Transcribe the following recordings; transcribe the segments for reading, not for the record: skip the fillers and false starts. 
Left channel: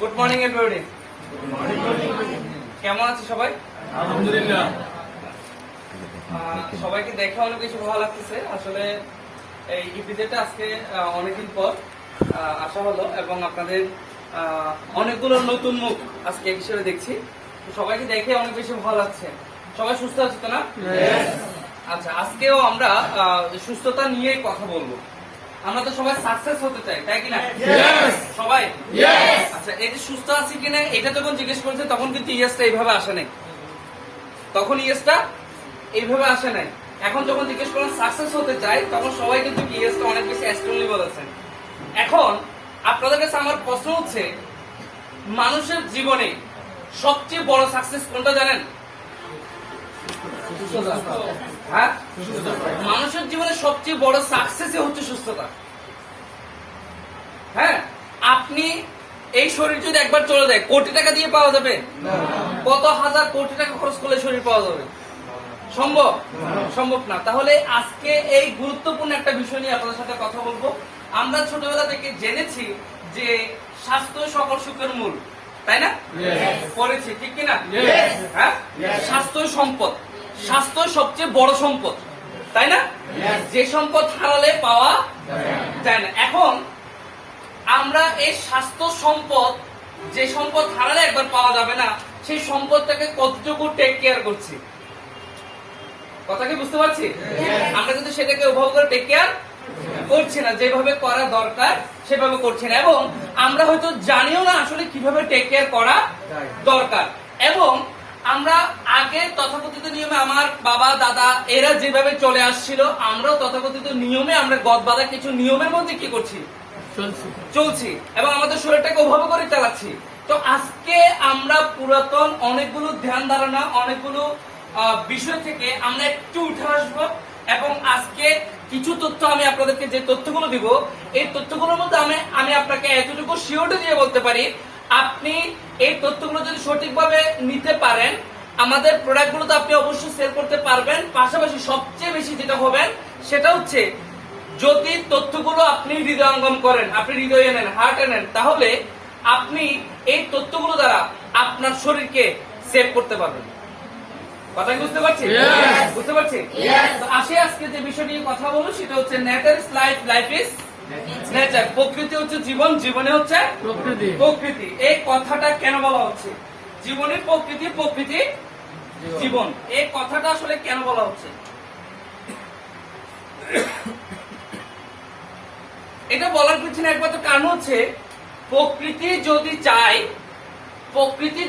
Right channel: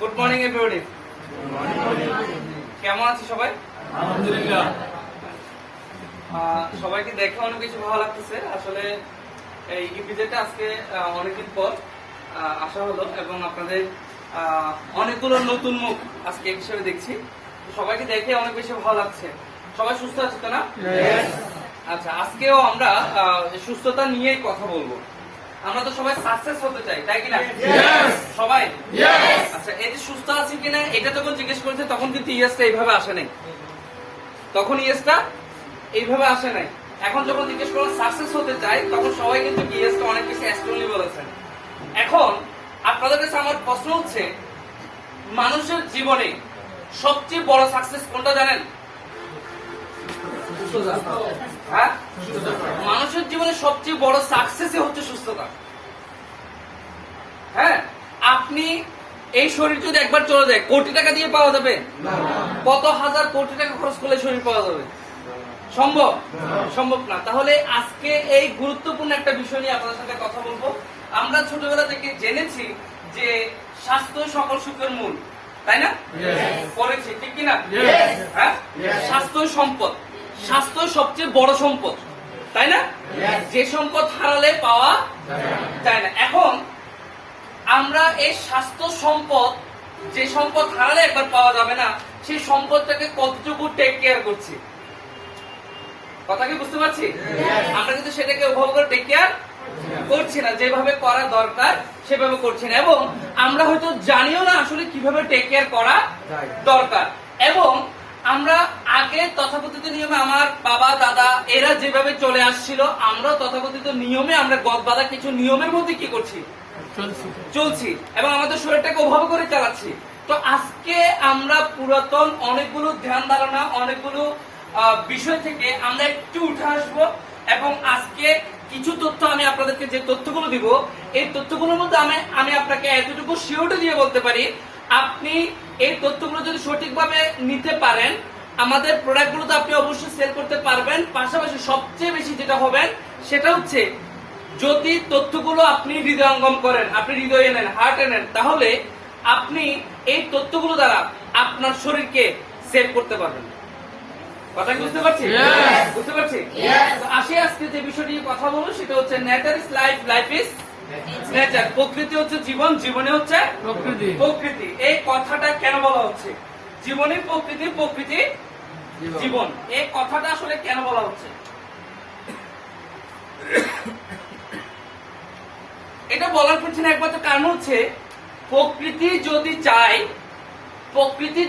Good morning everybody. কেমন আছে সবাই? আলহামদুলিল্লাহ। সবাইকে দেখে অনেক কিছু ভালো লাগতেছে। আসলে এই ইপিজেডটা আজকে অনেকদিন পর আসা হলো এবং আপনাদের অনেকগুলো নতুন মুখ আজকে হিসেবে দেখছি। সবাইকে দেখে অনেক বেশি ভালো লাগছে। সবাই সুস্থ আছে তো না? আচ্ছা, আজকেও আমরা সুস্থতা নিয়েই কথা বলবো। আমরা তো সবাই সাকসেস হতে চাই, তাই কিনা? সবাই আচ্ছা, এই যে সুস্থ আছি কিনা এটা যখন জিজ্ঞেস করেছে তখন কিন্তু ইয়েসটা এইভাবে আসে নাই। তখন ইয়েসটা এইভাবে আসে নাই। এখন যখন জিজ্ঞেস করলাম সাকসেস হতে চাই তখন সবাই কিন্তু ইয়েসটা অনেক বেশি স্ট্রংলি বলেছেন। এখন আপনাদের কাছে আমার প্রশ্ন হচ্ছে, মানুষের জীবনে সবচেয়ে বড় সাকসেস কোনটা জানেন? হ্যাঁ, মানুষের জীবনে সবচেয়ে বড় সাকসেসই হচ্ছে সুস্থতা। হ্যাঁ, আপনি এই শরীর যদি একবার চলে যায় কোটি টাকা দিয়ে পাওয়া যাবে? কত হাজার কোটি টাকা খরচ করলে শরীর পাওয়া যাবে? সম্ভব? সম্ভব না। তাহলে আজকে এই গুরুত্বপূর্ণ একটা বিষয় নিয়ে আপনাদের সাথে কথা বলবো। আমরা ছোটবেলা থেকে জেনেছি যে স্বাস্থ্য সকল সুখের মূল, তাই না? পড়েছি, ঠিক কিনা? হ্যাঁ, স্বাস্থ্য সম্পদ, স্বাস্থ্য সবচেয়ে বড় সম্পদ, তাই না? যে সম্পদ হারালে পাওয়া যায় না। এখন আমরা এই স্বাস্থ্য সম্পদ, যে সম্পদ হারালে একবার পাওয়া যাবে না, সেই সম্পদটাকে কতটুকু টেক কেয়ার করছি? কথা কি বুঝতে পারছি? আমরা কিন্তু সেটাকে ওভাবে করে টেক কেয়ার করছি না, যেভাবে করা দরকার সেভাবে করছি না, এবং আমরা হয়তো জানিও না আসলে কিভাবে টেক কেয়ার করা দরকার। এবং আমরা আগে তথাকথিত নিয়মে, আমার বাবা দাদা এরা যেভাবে চলে আসছিল, আমরাও তথাকথিত নিয়মে, আমরা গদ বাঁধা কিছু নিয়মের মধ্যে কি করছি? চলছি, এবং আমাদের শরীরটাকে ওভাবে করে চালাচ্ছি। তো আজকে আমরা পুরাতন অনেকগুলো ধ্যান ধারণা, অনেকগুলো বিষয় থেকে আমরা একটু উঠে আসবো, এবং আজকে কিছু তথ্য আমি আপনাদেরকে, যে তথ্যগুলো দিব, এই তথ্যগুলোর মধ্যে আমি আপনাকে এতটুকু শিওরিটি দিয়ে বলতে পারি, আপনি এই তথ্যগুলো যদি সঠিকভাবে নিতে পারেন, আমাদের প্রোডাক্টগুলোতে আপনি অবশ্যই সেল করতে পারবেন। পাশাপাশি সবচেয়ে বেশি যেটা হবেন সেটা হচ্ছে, যদি তথ্যগুলো আপনি হৃদয়ঙ্গম করেন, আপনি হৃদয়ে নেন, হার্টে নেন, তাহলে আপনি এই তথ্যগুলো দ্বারা আপনার শরীরকে সেভ করতে পারবেন। কথা বুঝতে পারছি? বুঝতে পারছি। আসে আজকে যে বিষয় নিয়ে কথা বলবো সেটা হচ্ছে nature is life, life is nature. প্রকৃতি হচ্ছে জীবন, জীবনে হচ্ছে প্রকৃতি। এই কথাটা কেন বলা হচ্ছে? জীবনে প্রকৃতি, প্রকৃতি জীবন, এই কথাটা আসলে কেন বলা হচ্ছে? এটা বলার পিছনে একমাত্র কারণ হচ্ছে, প্রকৃতি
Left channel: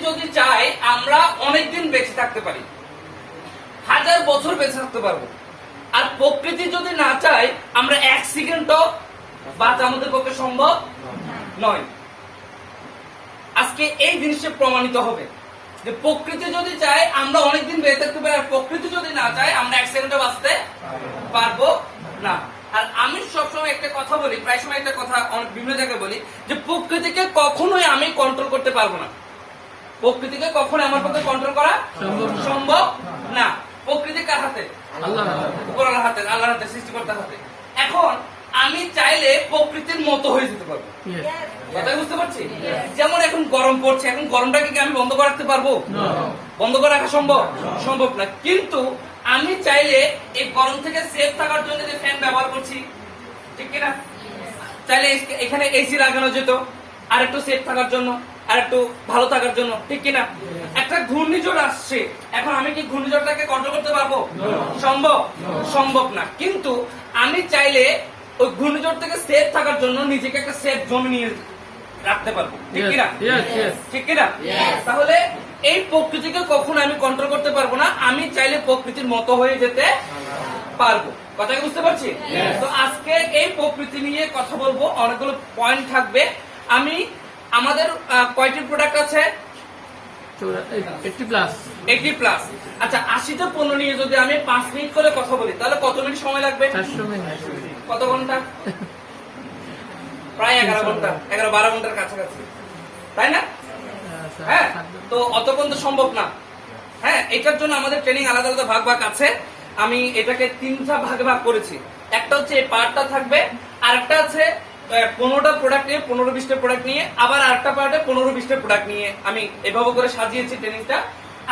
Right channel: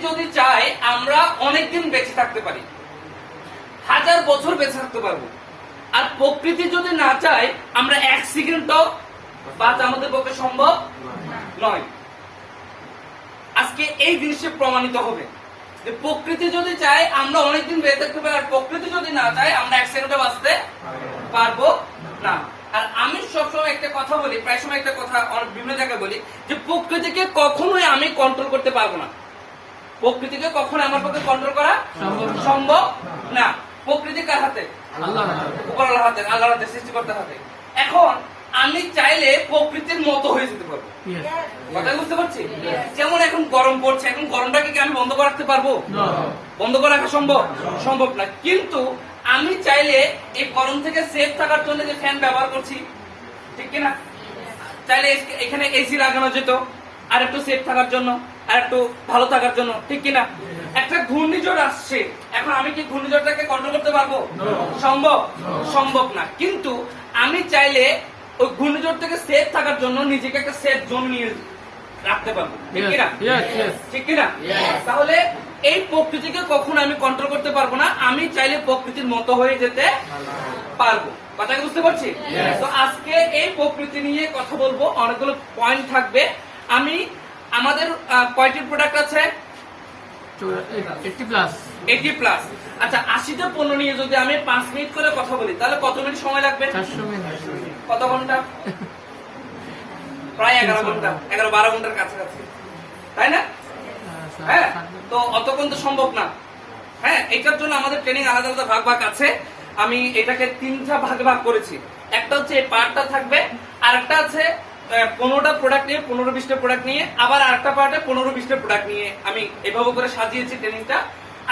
যদি চায় আমরা অনেকদিন বেঁচে থাকতে পারি, 1000 বছর বেঁচে থাকতে পারবো। আর প্রকৃতি যদি না চায় আমরা 1 সেকেন্ডও বাঁচা আমাদের পক্ষে সম্ভব নয়। আজকে এই জিনিসটা প্রমাণিত হবে যে প্রকৃতি যদি চায় আমরা অনেকদিন বেঁচে থাকতে পারি, আর প্রকৃতি যদি না চায় আমরা 1 সেকেন্ডও বাঁচতে পারবো না। আর আমি সবসময় একটা কথা বলি, প্রায় সময় একটা কথা অনেক বিভিন্ন জায়গায় বলি, যে প্রকৃতিকে কখনোই আমি কন্ট্রোল করতে পারবো না। প্রকৃতিকে কখনো আমার পক্ষে কন্ট্রোল করা সম্ভব না। প্রকৃতি কার হাতে? আল্লাহর হাতে, আল্লাহর হাতে, সৃষ্টিকর্তার হাতে। এখন আমি চাইলে প্রকৃতির মতো হয়ে যেতে পারবো। কথা বুঝতে পারছি? যেমন এখন গরম পড়ছে, এখন গরমটাকে কি আমি বন্ধ করে রাখতে পারবো? বন্ধ করে রাখা সম্ভব? সম্ভব না। কিন্তু আমি চাইলে এই গরম থেকে সেফ থাকার জন্য যে ফ্যান ব্যবহার করছি, ঠিক কিনা? চাইলে এখানে এসি লাগানো যেত আর একটু সেফ থাকার জন্য, আর একটু ভালো থাকার জন্য, ঠিক কিনা? একটা ঘূর্ণিঝড় আসছে, এখন আমি কি ঘূর্ণিঝড়টাকে কন্ট্রোল করতে পারবো? সম্ভব? সম্ভব না। কিন্তু আমি চাইলে ওই ঘূর্ণিঝড় থেকে সেফ থাকার জন্য নিজেকে একটা সেফ জোন নিয়ে রাখতে পারবো, ঠিক কিনা? ঠিক কিনা? তাহলে এই প্রকৃতিকে কখনো আমি কন্ট্রোল করতে পারবো না, আমি চাইলে প্রকৃতির মতো হয়ে যেতে পারবো। কথা বুঝতে পারছি? তো আজকে এই প্রকৃতি নিয়ে কথা বলবো, অনেকগুলো পয়েন্ট থাকবে। আমাদের কয়টি প্রোডাক্ট আছে? 80+। আচ্ছা, 80টা পণ্য নিয়ে যদি আমি 5 মিনিট করে কথা বলি, তাহলে কত মিনিট সময় লাগবে? কত ঘন্টা? প্রায় 11 ঘন্টা, 11-12 ঘন্টার কাছাকাছি, তাই না? হ্যাঁ, তো অতক্ষণ তো সম্ভব না। হ্যাঁ, এটার জন্য আমাদের ট্রেনিং আলাদা আলাদা ভাগ আছে। আমি এটাকে 3টা ভাগে ভাগ করেছি। একটা হচ্ছে এই পার্টটা থাকবে, আর একটা আছে 15টা প্রোডাক্ট নিয়ে 15-20টা প্রোডাক্ট নিয়ে আবার আরেকটা পার্টে 15-20টা প্রোডাক্ট নিয়ে আমি এভাবে করে সাজিয়েছি ট্রেনিংটা।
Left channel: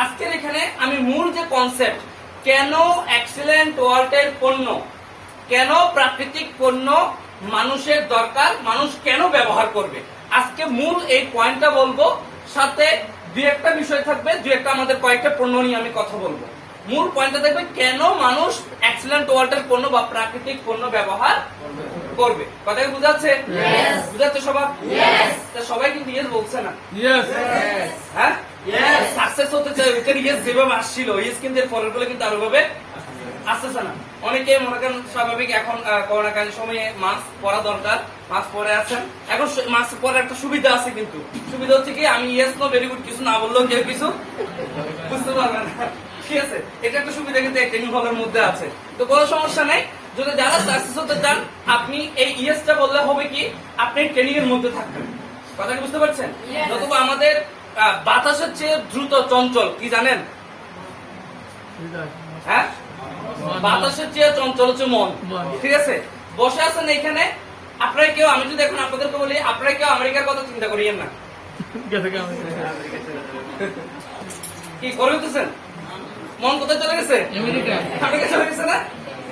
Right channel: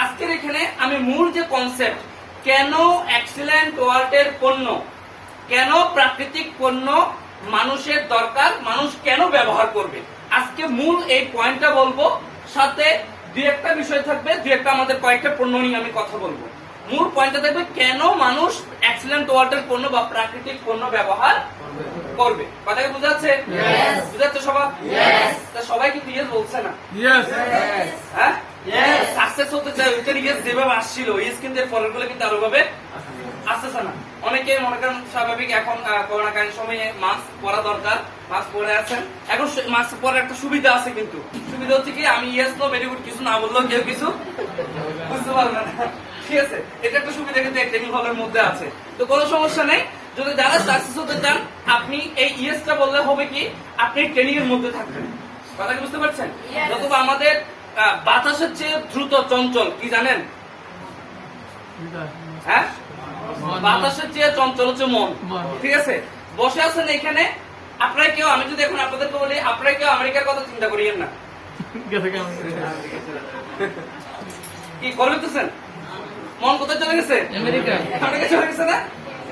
আজকের এখানে আমি মূল যে কনসেপ্ট, কেন এক্সিলেন্ট ওয়ার্ল্ডের পণ্য, কেন প্রাকৃতিক পণ্য মানুষের দরকার, মানুষ কেন ব্যবহার করবে, আজকে মূল এই পয়েন্টটা বলবো। সাথে দুই একটা বিষয় থাকবে, দুই একটা আমাদের কয়েকটা পণ্য নিয়ে আমি কথা বলবো। মূল পয়েন্টটা থাকবে কেন মানুষ এক্সিলেন্ট ওয়ার্ল্ডের পণ্য বা প্রাকৃতিক পণ্য ব্যবহার করবে। কথা কি বুঝাচ্ছে? বুঝাচ্ছে সবাই? সবাই কিন্তু ইয়েস বলছে না? হ্যাঁ, সাকসেস হতে চাই ওইখানে ইয়েস যেভাবে আসছিল, ইয়েস কিন্তু এর ফলের গুলো কিন্তু আরো ভাবে আসতেছে না। অনেকে মনে করেন স্বাভাবিক এখন করোনাকালীন সময়ে মাস্ক পরা দরকার, মাস্ক পরে আছেন। এখন মাস্ক পরার একটা সুবিধা আছে, কিন্তু সুবিধা হচ্ছে কি আমি ইয়েস নো ভেরি গুড কিছু না বললেও কেউ কিছু বুঝতে পারবে না। ঠিক আছে, এটা একটা সুবিধা কিন্তু এই ট্রেনিং হলের মধ্যে আছে। তো কোনো সমস্যা নেই, যদি যারা সাকসেস হতে চান আপনি এই ইয়েসটা বললে হবে কি আপনি ট্রেনিং এর মধ্যে থাকবেন। কথা কি বুঝতে পারছেন? নতুবা আমাদের বাতাসের চেয়ে দ্রুত চঞ্চল কি জানেন? হ্যাঁ, বাতাসের চেয়ে চঞ্চল হচ্ছে মন। ঠিক আছে, বসে আছেন এখানে আপনারা কেউ, আমি যদি এখন আপনাদেরকে বলি আপনারা কেউ আমেরিকার কথা চিন্তা করিয়েন না। কি করে হইতেছেন? মন কোথায় চলে গেছে? আমেরিকা চলে গেছে না?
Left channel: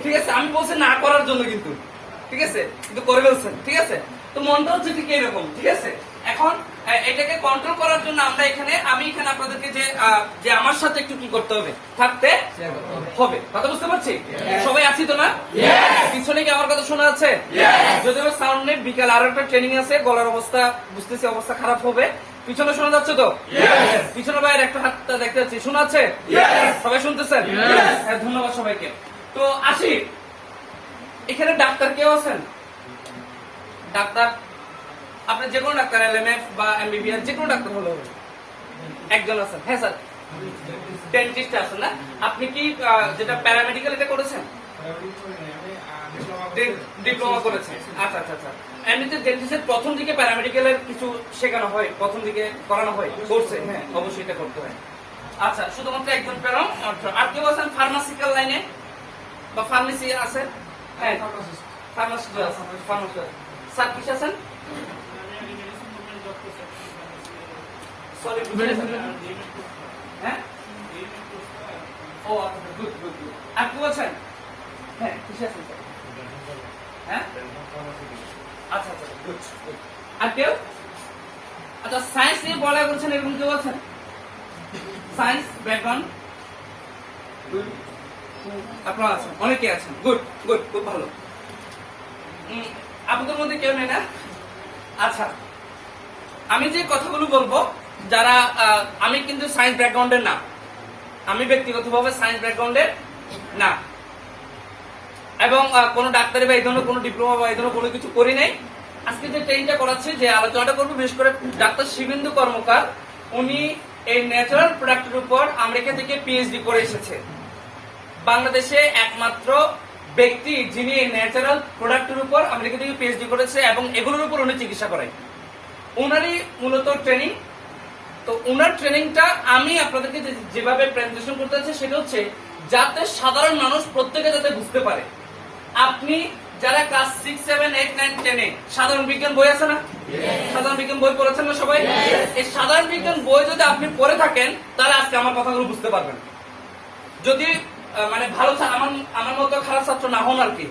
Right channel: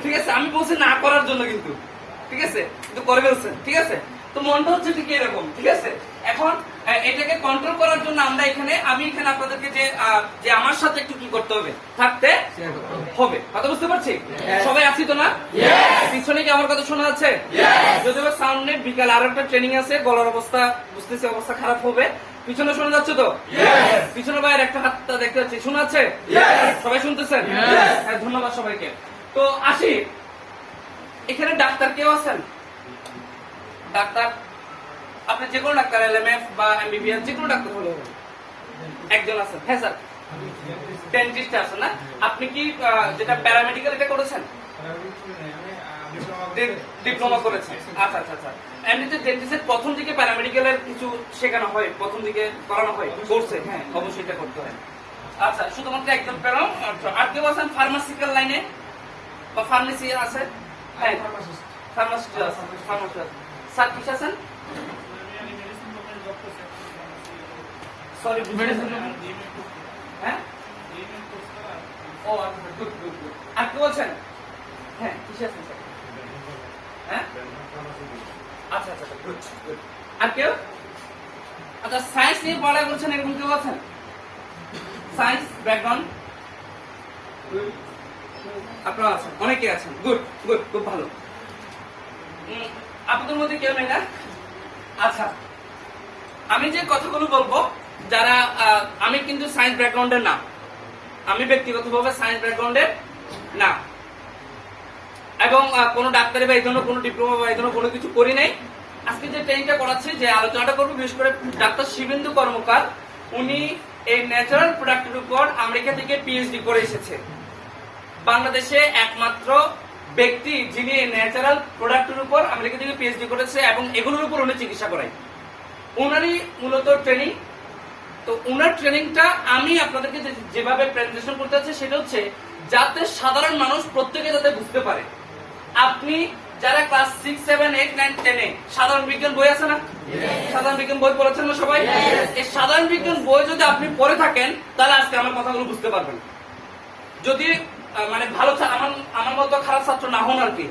ঠিক আছে, আমি বলছি না করার জন্য, কিন্তু ঠিক আছে কিন্তু করে ফেলছেন। ঠিক আছে, তো মনটা হচ্ছে ঠিক এরকম। ঠিক আছে, এখন এটাকে কন্ট্রোল করার জন্য আমরা এখানে, আমি এখানে আপনাদেরকে যে আমার সাথে একটু কি করতে হবে, থাকতে হবে। কথা বুঝতে পারছি? সবাই আছি তো না? পিছনে কি আমার কথা শোনা যাচ্ছে? যদিও সাউন্ড নেই, বিকাল আরো একটা ট্রেনিং আছে, গলার অবস্থা বুঝতেছি অবস্থা খারাপ হবে। পিছনে শোনা যাচ্ছে তো? পিছনে ভাইয়ের একটা হাতটা দেখতে পাচ্ছি, শোনা যাচ্ছে? সবাই শুনতেছেন? ধন্যবাদ সবাইকে। তো আসি, এখানে ডাক্তার কেউ আছেন? ডাক্তার আপনি যে কোনো ডাক্তার, এলএমএফ বা এমবিবিএস যে কোনো ডাক্তার হলে হবে। একজন আছেন? হ্যাঁ স্যার। ডেন্টিস্ট আছেন না? আপনি কি যেটা প্যারামেডিক্যাল এটা করেছেন? ডিপ্লোমা করেছেন? আচ্ছা আচ্ছা আচ্ছা। এমনিতে ডেন্টিস্টের প্রথম দিকে প্যারামেডিক্যালের কিছু শেখানো হয়, প্রথম দিকে করানো হয় কোর্সে? হ্যাঁ, অবশ্যই এটা করতে হয়। আচ্ছা, শুধুমাত্র একজন প্যারা। আর কেউ আছেন ফার্মাসিক্যাল লাইনে বা ফার্মেসি আছে? হ্যাঁ, ফার্মাসি আছে। ফার্মাসি আছে। স্যার কিছু আছেন? সরি, হ্যাঁ, ও আচ্ছা, গুড গুড গুড। আর কেউ আছেন? হ্যাঁ, কিছু আছেন স্যার? হ্যাঁ, আচ্ছা আচ্ছা, গুড গুড। আর কেউ? আচ্ছা, সায়েন্স নিয়ে পড়ালেখা করছেন এরকম কেউ আছেন? সায়েন্স ব্যাকগ্রাউন্ড আপনারা আছেন, অনেকে আছেন। গুড গুড, খুব ভালো। আপনাদের মধ্যে কেউ নেই না? আচ্ছা, আমি যে কথাগুলো বলবো, যারা আমি কিন্তু সায়েন্স ব্যাকগ্রাউন্ডের না, আমি ব্যক্তিগতভাবে সায়েন্স ব্যাকগ্রাউন্ডের না, এবং কোনো ডাক্তারি বা এই ধরনের কোনো ডিপ্লোমা বা এই ধরনের কোনো কিছু করি নাই। আজকে যে ট্রেনিংটা করাচ্ছি, যে আলোচনাটা করবো, বিশেষ করে ডাক্তার শিবেন্দু কর্মকার, উনি এই ন্যাচারাল প্রোডাক্টের উপর আমেরিকা থেকে পিএইচডি করে এসেছে। বাংলাদেশে একমাত্র ব্যক্তি যিনি ন্যাচারাল প্রোডাক্টের উপর আমেরিকা থেকে পিএইচডি করেছে এবং এগুলোর উপর উনি চিকিৎসা করায়। উনারই মূলত ট্রেনিং। তো উনার ট্রেনিংটা আমি আপনাদেরকে যেভাবে প্রেজেন্টেশন করতে চাচ্ছি সেটা হচ্ছে যাতে সাধারণ মানুষ প্রত্যেকে যাতে বুঝতে পারে। আপনি যারা ক্লাস 6, 7, 8, 9, 10 এ সাধারণ বিজ্ঞান বই আছে না? সাধারণ বিজ্ঞান বই পড়েছেন না সবাই? এই সাধারণ বিজ্ঞান বই যদি আপনি পড়ে থাকেন তাহলে আজকে আমার কথাগুলো বুঝতে পারবেন। যদি মানে ভালো, আমার মতো খারাপ ছাত্র না হন আর কি,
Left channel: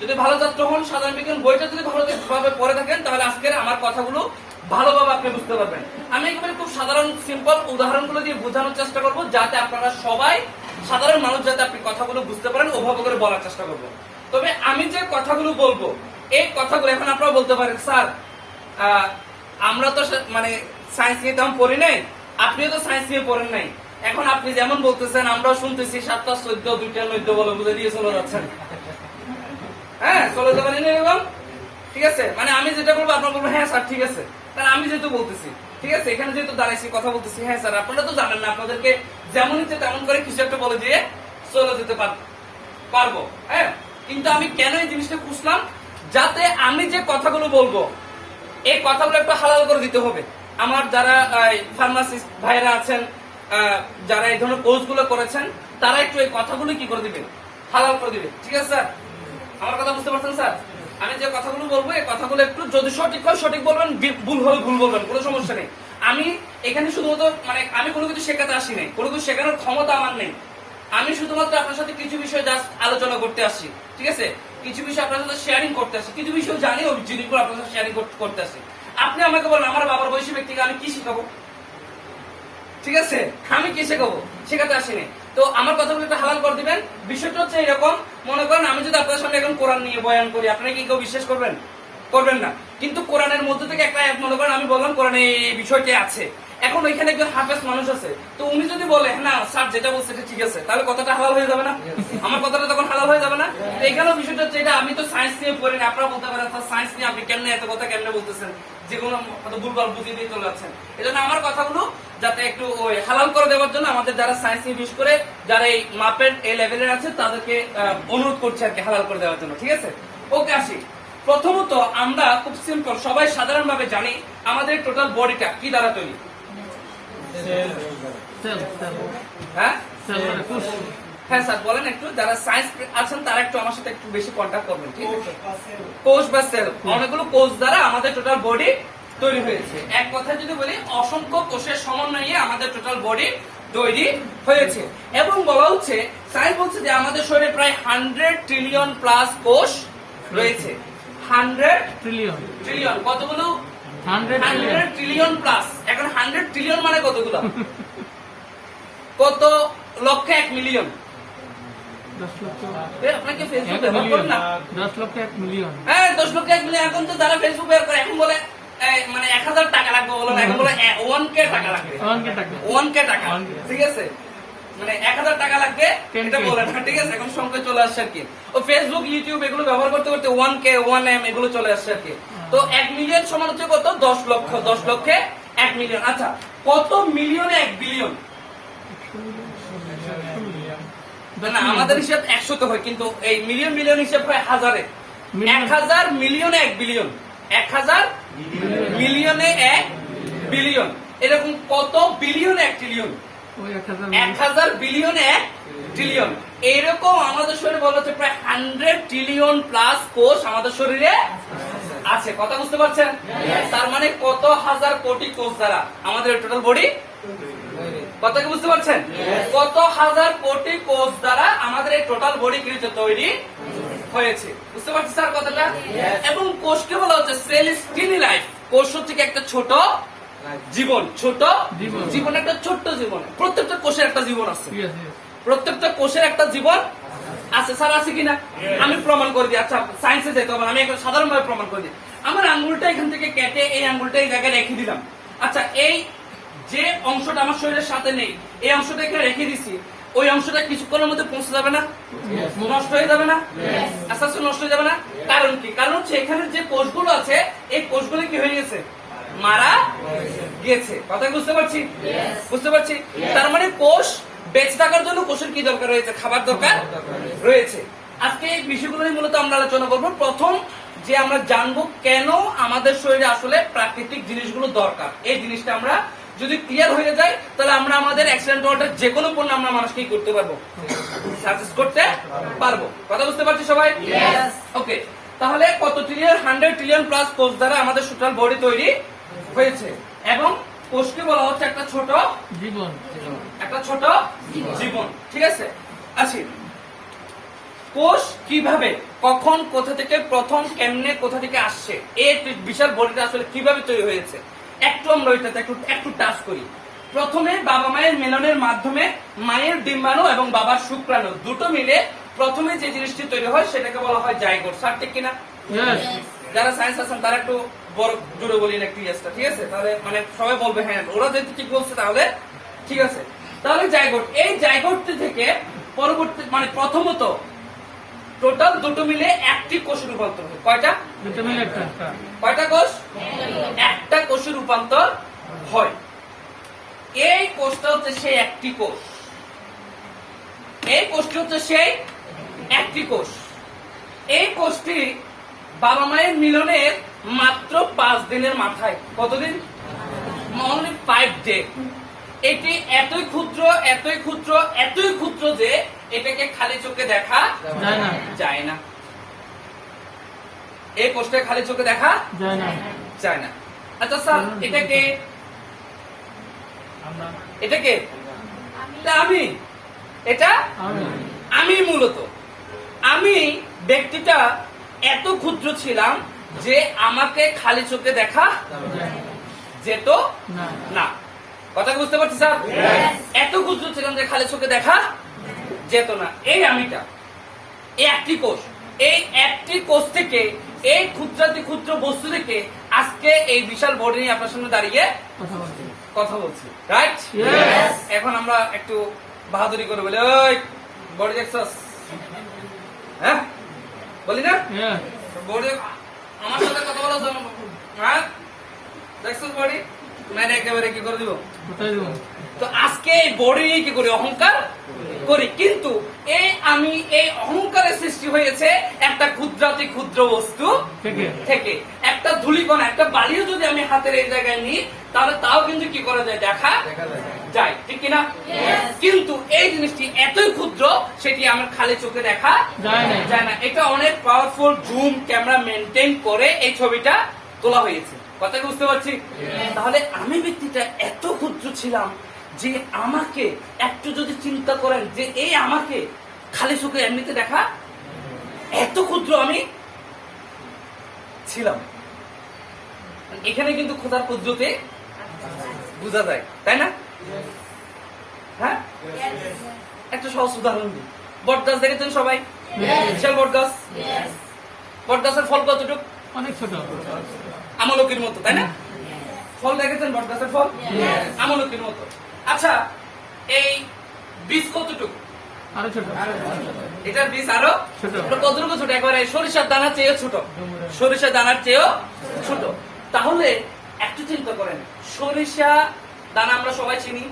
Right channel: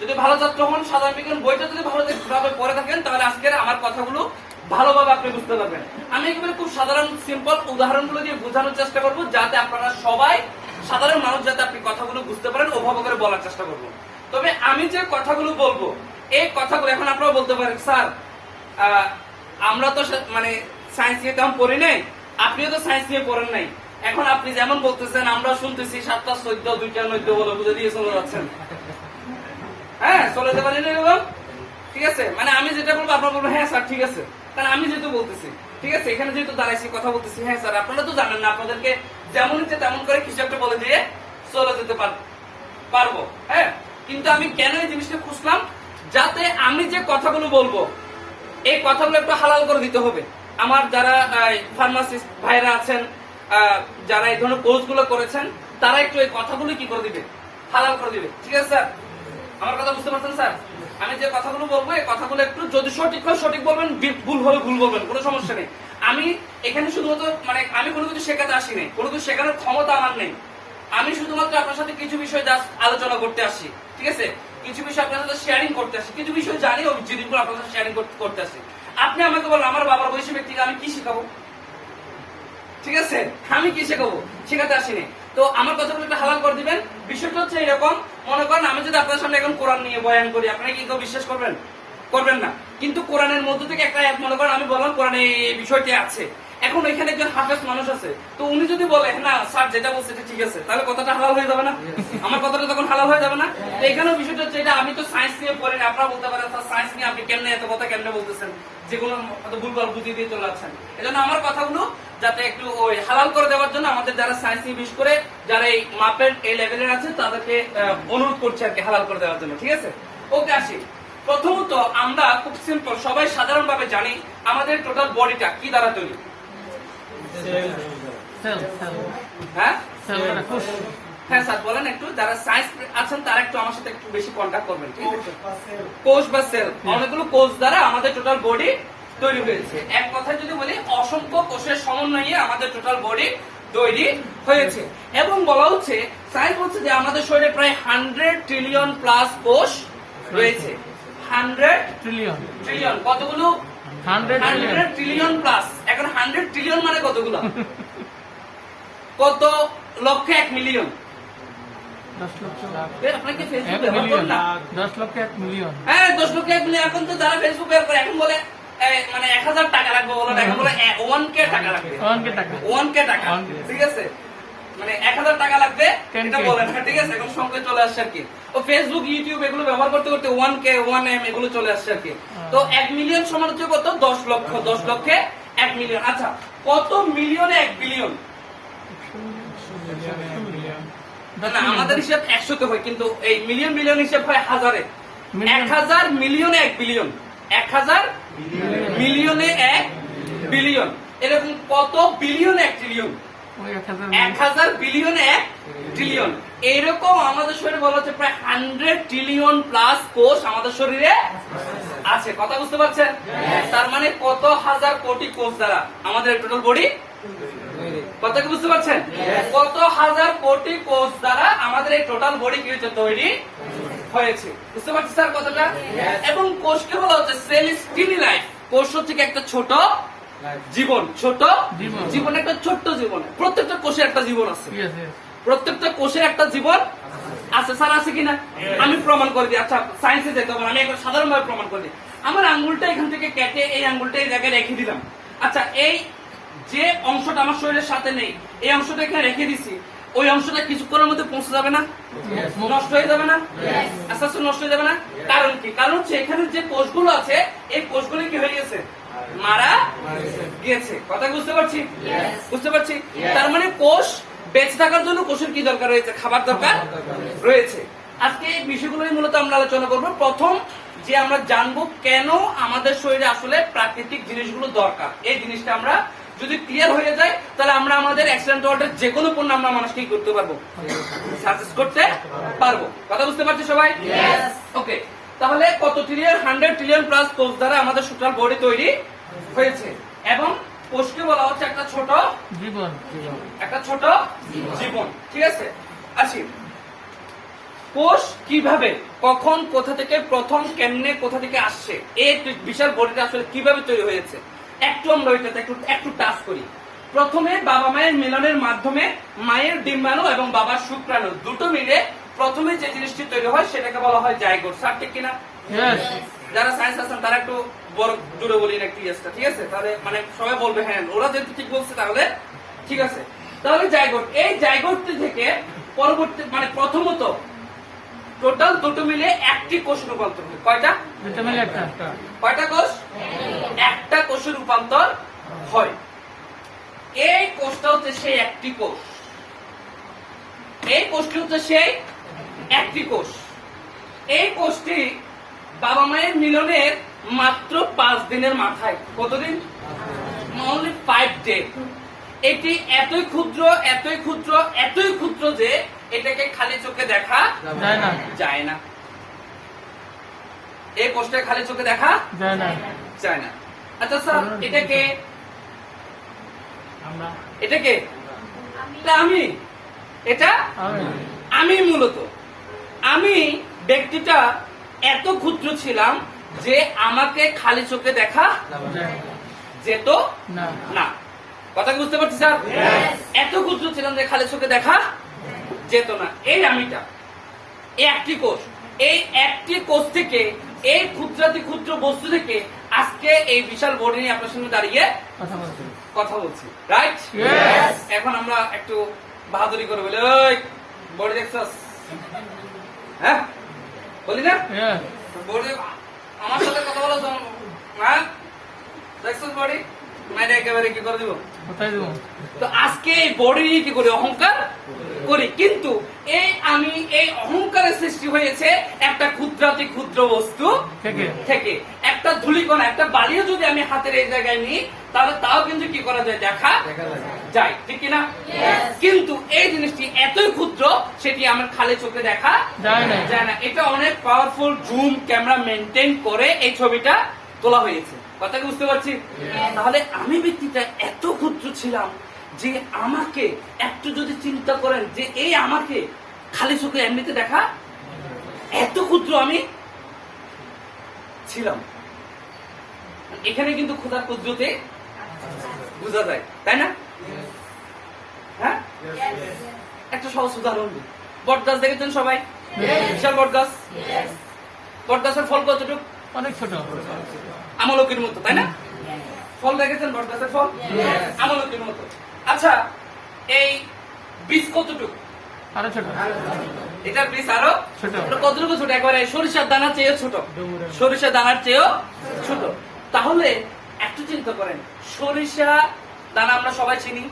যদি ভালো ছাত্র হন, সাধারণ বিজ্ঞান বইটা যদি ভালোভাবে পড়ে থাকেন তাহলে আজকের আমার কথাগুলো ভালোভাবে আপনি বুঝতে পারবেন। আমি একেবারে খুব সাধারণ সিম্পল উদাহরণগুলো দিয়ে বোঝানোর চেষ্টা করবো, যাতে আপনারা সবাই সাধারণ মানুষ যাতে আপনি কথাগুলো বুঝতে পারেন, ওভাবে করে বলার চেষ্টা করবো। তবে আমি যে কথাগুলো বলবো, এই কথাগুলো এখন আপনারা বলতে পারেন স্যার আমরা তো মানে সায়েন্স নিয়ে তেমন পড়ি নাই, আপনিও তো সায়েন্স নিয়ে পড়েন নাই, এখন আপনি যেমন বলতেছেন আমরাও শুনতেছি 7টা 14 2টা 9 বলে বুঝে দিয়ে চলে যাচ্ছেন। হ্যাঁ, চলে যাবেন এরকম। ঠিক আছে, মানে আমি যেটা বলবো আপনারা বলবো হ্যাঁ স্যার ঠিক আছে, কারণ আমি যেহেতু বলতেছি, ঠিক আছে, এখানে যেহেতু দাঁড়াইছি কথা বলতেছি, হ্যাঁ স্যার আপনারা তো জানেন না, আপনাদেরকে যেমন ইচ্ছে তেমন করে কিছু একটা বলে দিয়ে চলে যেতে পারবো। হ্যাঁ, কিন্তু আমি কেন এই জিনিসটা খুঁজলাম, যাতে আমি যে কথাগুলো বলবো এই কথাগুলো একটু হালাল করে দিতে হবে। আমার যারা ফার্মাসিস্ট ভাইরা আছেন, যারা এই ধরনের কোর্স গুলো করেছেন, তারা একটু এই কথাগুলো কি করে দিবে, হালাল করে দিবে। ঠিক আছে স্যার, আমার কথা বুঝতে পারছেন স্যার? আমি যে কথাগুলো বলবো এই কথাগুলো একটু যদি সঠিক হয় সঠিক বলবেন, ভুল হলে ভুল বলবেন, কোনো সমস্যা নেই। আমি এখানে শুধুমাত্র মানে আমি কোনো কিছু শেখাতে আসি নাই, কোনো কিছু শেখানোর ক্ষমতা আমার নেই। আমি শুধুমাত্র আপনার সাথে কিছু বিষয় জাস্ট আলোচনা করতে আসছি, ঠিক আছে? কিছু বিষয় আপনার সাথে শেয়ারিং করতে আসছি, কিছু বিষয় জানি ওই জিনিসগুলো আপনার সাথে শেয়ারিং করতে আসছি। আপনি আমাকে বলেন আমার বাবার বয়সী ব্যক্তিকে আমি কি শেখাবো? ঠিক আছে, আমি কি শেখাবো? শেখাতে আসিনি। তো আমার কথাগুলো একটু হালাল করে দিবেন। বিষয়টা হচ্ছে এরকম, মনে করেন আমি যদি আপনার সামনে এখন কোরআন নিয়ে বয়ান করি, আপনারা কি কেউ বিশ্বাস করবেন? করবেন না। কিন্তু কোরআনের মধ্যে থেকে একটা আয়াত মনে করেন আমি বললাম কোরআনে এই বিষয়টি আছে, এখন ওইখানে একজন হাফেজ মানুষ আছে, তো উনি যদি বলে না স্যার যেটা বলছে ঠিক আছে, তাহলে কথাটা হালাল হয়ে যাবে না? আমার কথাটা তখন হালাল হয়ে যাবে না? তো এখানেও বিষয়টা হচ্ছে এটা, আমি তো সায়েন্স নিয়ে পড়িনি, আপনারা বলতে পারেন সায়েন্স নিয়ে আপনি কেমনে এত কথা কেমনে বলতেছেন, যেগুলো ভুলভাল বুঝিয়ে দিয়ে চলে যাচ্ছেন। এই জন্য আমার কথাগুলো যাতে একটু ওই হালাল করে দেওয়ার জন্য আমাদের যারা সায়েন্স নিয়ে বিশেষ করে যারা এই মাপের এই লেভেলের আছে তাদেরকে অনুরোধ করছি আর কি হালাল করে দেওয়ার জন্য, ঠিক আছে? ওকে, আসি। প্রথমত আমরা খুব সিম্পল সবাই সাধারণভাবে জানি আমাদের টোটাল বডিটা কি দ্বারা তৈরি? হ্যাঁ হ্যাঁ স্যার বলেন একটু, যারা সায়েন্স আছেন তারা একটু আমার সাথে একটু বেশি কন্ট্যাক্ট করবেন, ঠিক আছে? কোষ বা সেল, অনেকগুলো কোষ দ্বারা আমাদের টোটাল বডি তৈরি হয়েছে। এক কথায় যদি বলি অসংখ্য কোষের সমন্বয়ে আমাদের টোটাল বডি তৈরি হয়েছে। এবং বলা হচ্ছে সায়েন্স বলছে যে আমাদের শরীরে প্রায় 100 ট্রিলিয়ন প্লাস কোষ রয়েছে। 100 ট্রিলিয়ন কতগুলো? 100 ট্রিলিয়ন প্লাস। এখন 100 ট্রিলিয়ন মানে কতগুলো? কত লক্ষ 1 মিলিয়ন? 10 লক্ষ আপনাকে ফেসবুক ব্যবহার করেন না? 10 লক্ষ 1 মিলিয়ন। হ্যাঁ 10 লক্ষ 1 মিলিয়ন। এখন তো যারা ফেসবুক ব্যবহার করে এখন বলে মানে 1000 টাকা লাগবে, বলো না, এখন বলে 1K টাকা লাগবে। 1K টাকা, ঠিক আছে? মানে 1000 টাকা লাগবে এটা বলে না, ঠিক আছে? এখন সংখ্যা চলে আসছে আর কি। ও ফেসবুক ইউটিউব এগুলো ব্যবহার করতে করতে 1K 1M এগুলো চলে আসছে আর কি। তো 1 মিলিয়ন সমান হচ্ছে কত? 10 লক্ষ। 10 লক্ষে 1 মিলিয়ন। আচ্ছা, কত মিলিয়নে 1 বিলিয়ন? না আমাদের হিসাব 100 তো হয়, কিন্তু এই মিলিয়ন মিলিয়ন হিসাব হয় হাজারে। 1000 মিলিয়নে 1 বিলিয়ন, 1000 মিলিয়নে 1 বিলিয়ন, এরকম কত বিলিয়নে 1 ট্রিলিয়ন? 1000 বিলিয়নে 1 ট্রিলিয়ন। এইরকম আমাদের শরীরে বলা হচ্ছে প্রায় 100 ট্রিলিয়ন প্লাস কোষ আমাদের শরীরে আছে। কথা বুঝতে পারছেন? তার মানে কত হাজার কোটি কোষ দ্বারা আমাদের টোটাল বডি, কথা কি বুঝতে পারছেন? কত হাজার কোটি কোষ দ্বারা আমাদের এই টোটাল বডি কি হয়েছে? তৈরি হয়েছে। বুঝতে পারছি স্যার কথাটা? এবং কোষকে বলা হচ্ছে সেল ইজ টিনি লাইফ। কোষ হচ্ছে কি একটা ছোট জীবন, ছোট জীবন, একটা ছোট্ট জীবন। প্রত্যেকটা কোষের একটা জীবন আছে, প্রত্যেকটা কোষের একটা জীবন আছে। স্যার আছে কিনা? আমি প্রমাণ করে দিই। আচ্ছা সায়েন্সে যেতে হবে, আমি একটা সাধারণভাবে প্রমাণ করে দিই। আমার আঙ্গুলটা এখান থেকে কেটে এই আঙ্গুলটা এই জায়গায় রেখে দিলাম। আচ্ছা, এই যে অংশটা আমার শরীরের সাথে নেই, এই অংশটা এখানে রেখে দিছি, ওই অংশটা কিছুক্ষণের মধ্যে পৌঁছে যাবে না? নষ্ট হয়ে যাবে না? আস্তে আস্তে নষ্ট হয়ে যাবে না? কারণ কি? কারণ হচ্ছে এখানে যে কোষগুলো আছে এই কোষগুলো কি হয়ে গেছে? মারা গেছে। কথা বুঝতে পারছি? বুঝতে পারছি। তার মানে কোষ বেঁচে থাকার জন্য কোষের কি দরকার রয়েছে? খাবার দরকার রয়েছে। আজকে এই বিষয়গুলো মূলত আমরা আলোচনা করবো। প্রথম যে আমরা জানবো কেন আমাদের শরীরে আসলে প্রাকৃতিক জিনিসগুলো দরকার, এই জিনিসটা আমরা যদি ক্লিয়ার হয়ে যায় তাহলে আমরা আমাদের অ্যাক্সিডেন্ট ওয়ার্ল্ডের যে কোনো পণ্য আমরা মানুষকে করতে পারবো, সাজেস্ট করতে পারবো। কথা বুঝতে পারছি সবাই? ওকে, তাহলে কত ট্রিলিয়ন? 100 ট্রিলিয়ন প্লাস কোষ দ্বারা আমাদের টোটাল বডি তৈরি হয়েছে। এবং কোষকে বলা হচ্ছে একটা ছোট জীবন, একটা ছোট জীবন, ঠিক আছে? আসি, কোষ কিভাবে, কখন, কোথা থেকে, প্রথম কেমনে, কোথা থেকে আসছে, এই বিশাল বডিটা আসলে কিভাবে তৈরি হয়েছে একটু আমরা ওইটাতে একটু টাচ করি। প্রথমে বাবা মায়ের মিলনের মাধ্যমে মায়ের ডিম্বাণু এবং বাবার শুক্রাণু দুটো মিলে প্রথমে যে জিনিসটি তৈরি হয় সেটাকে বলা হয় জাইগোট। স্যার ঠিক কিনা? যারা সায়েন্স আছেন তারা একটু বড় জুড়ে বলি না একটু ইয়েসটা, ঠিক আছে? তাহলে মানে সবাই বলবে হ্যাঁ, ওরা যেহেতু ঠিক বলছে তাহলে ঠিক আছে। তাহলে জাইগোট, এই জাইগোটটি থেকে পরবর্তী মানে প্রথমত টোটাল দুটো মিলে একটি কোষে রূপান্তর হয়। কয়টা? দুটো মিলে একটা। কয়টা কোষ? একটা কোষে রূপান্তর হয়। এই কোষটা হচ্ছে সেই একটি কোষ, এই কোষটি হচ্ছে সেই একটি কোষ। এই কোষটি বাবা মায়ের মিলনের মাত্র 5 দিনের মাথায়, কতদিন? Only 5 day. এটি এতই ক্ষুদ্র, এতই ক্ষুদ্র, এতই ক্ষুদ্র যে এটাকে খালি চোখে দেখা যায় না। এই কোষটা খালি চোখে দেখা যায় না। যায় না। আচ্ছা স্যার, এটা কে? এটা কে? এটা আমি। এটা আমি। আমি মূলত আমি ব্যক্তিটা এত ক্ষুদ্র ছিলাম যে আমাকে খালি চোখে দেখা যায় যেত না। না। কথা কি বুঝতে পারছি স্যার? এত ক্ষুদ্র ছিলাম যে খালি চোখে দেখা যেত না। এই আমিটা, এই একটি কোষ, এই একটি কোষ থেকে, এই ক্ষুদ্রাতি ক্ষুদ্র বস্তু থেকে আজকে এই বিশাল বডি নিয়ে আপনার সামনে দাঁড়িয়ে কথা বলছি। কথা বলছি, রাইট? Yes. এখন আমরা একটু বাহাদুরি করে বলি, ওই বডি দেখছস? হ্যাঁ বলি না? Yes. বডি আমার সাথে কথা বলো তো, হ্যাঁ দেখছস বডি? মাইনে একেবারে কি করে দিব? কোথায় দেবো? তো আজকে এই বডি নিয়ে কি করি? অহংকার করি। কিন্তু এই অহংকারের সৃষ্টি হয়েছে একটা ক্ষুদ্রাতি ক্ষুদ্র বস্তু থেকে। থেকে। একটা ধূলিকণা, একটা বালিও যদি আমি হাতের এই জায়গায় নিই, তাহলে তাও কিন্তু কি করা যায়? দেখা যায়, ঠিক কিনা? কিন্তু এই জিনিসটি এতই ক্ষুদ্র, সেটি আমার খালি চোখে দেখা যায় না। যায় না। এটা অনেক পাওয়ারফুল জুম ক্যামেরা মেনটেন করে এই ছবিটা তোলা হয়েছে। কথা কি বুঝতে পারছি? তাহলে আমি ব্যক্তিটা এত ক্ষুদ্র ছিলাম যে আমাকে একটু যদি চিন্তা করেন যে এই আমাকে খালি চোখে এমনিতে দেখা, এত ক্ষুদ্র আমি ছিলাম। এখানে কিন্তু খোদার কুদরতে বোঝা যায়, তাই না? হ্যাঁ, একটা সহজ উদাহরণ দিই। বট গাছ দেখেছেন সবাই? বিশাল বট গাছ। বট গাছের ফল কতটুকু? অনেক ছোট। আমলকির মতো, তাই না? ফল দেখেছেন বট গাছের ফল? আমলকির মতো। আচ্ছা, এই বীজ কতটুকু? আরো ছোট। এটার বীজ আরো ছোট। ওটা কতটুকু ছোট? একেবারে সরিষার দানার চেয়েও ছোট। সরিষার দানার চেয়েও ছোট। তাহলে একটু চিন্তা করেন, সরিষা দানা আমরা সবাই চিনি।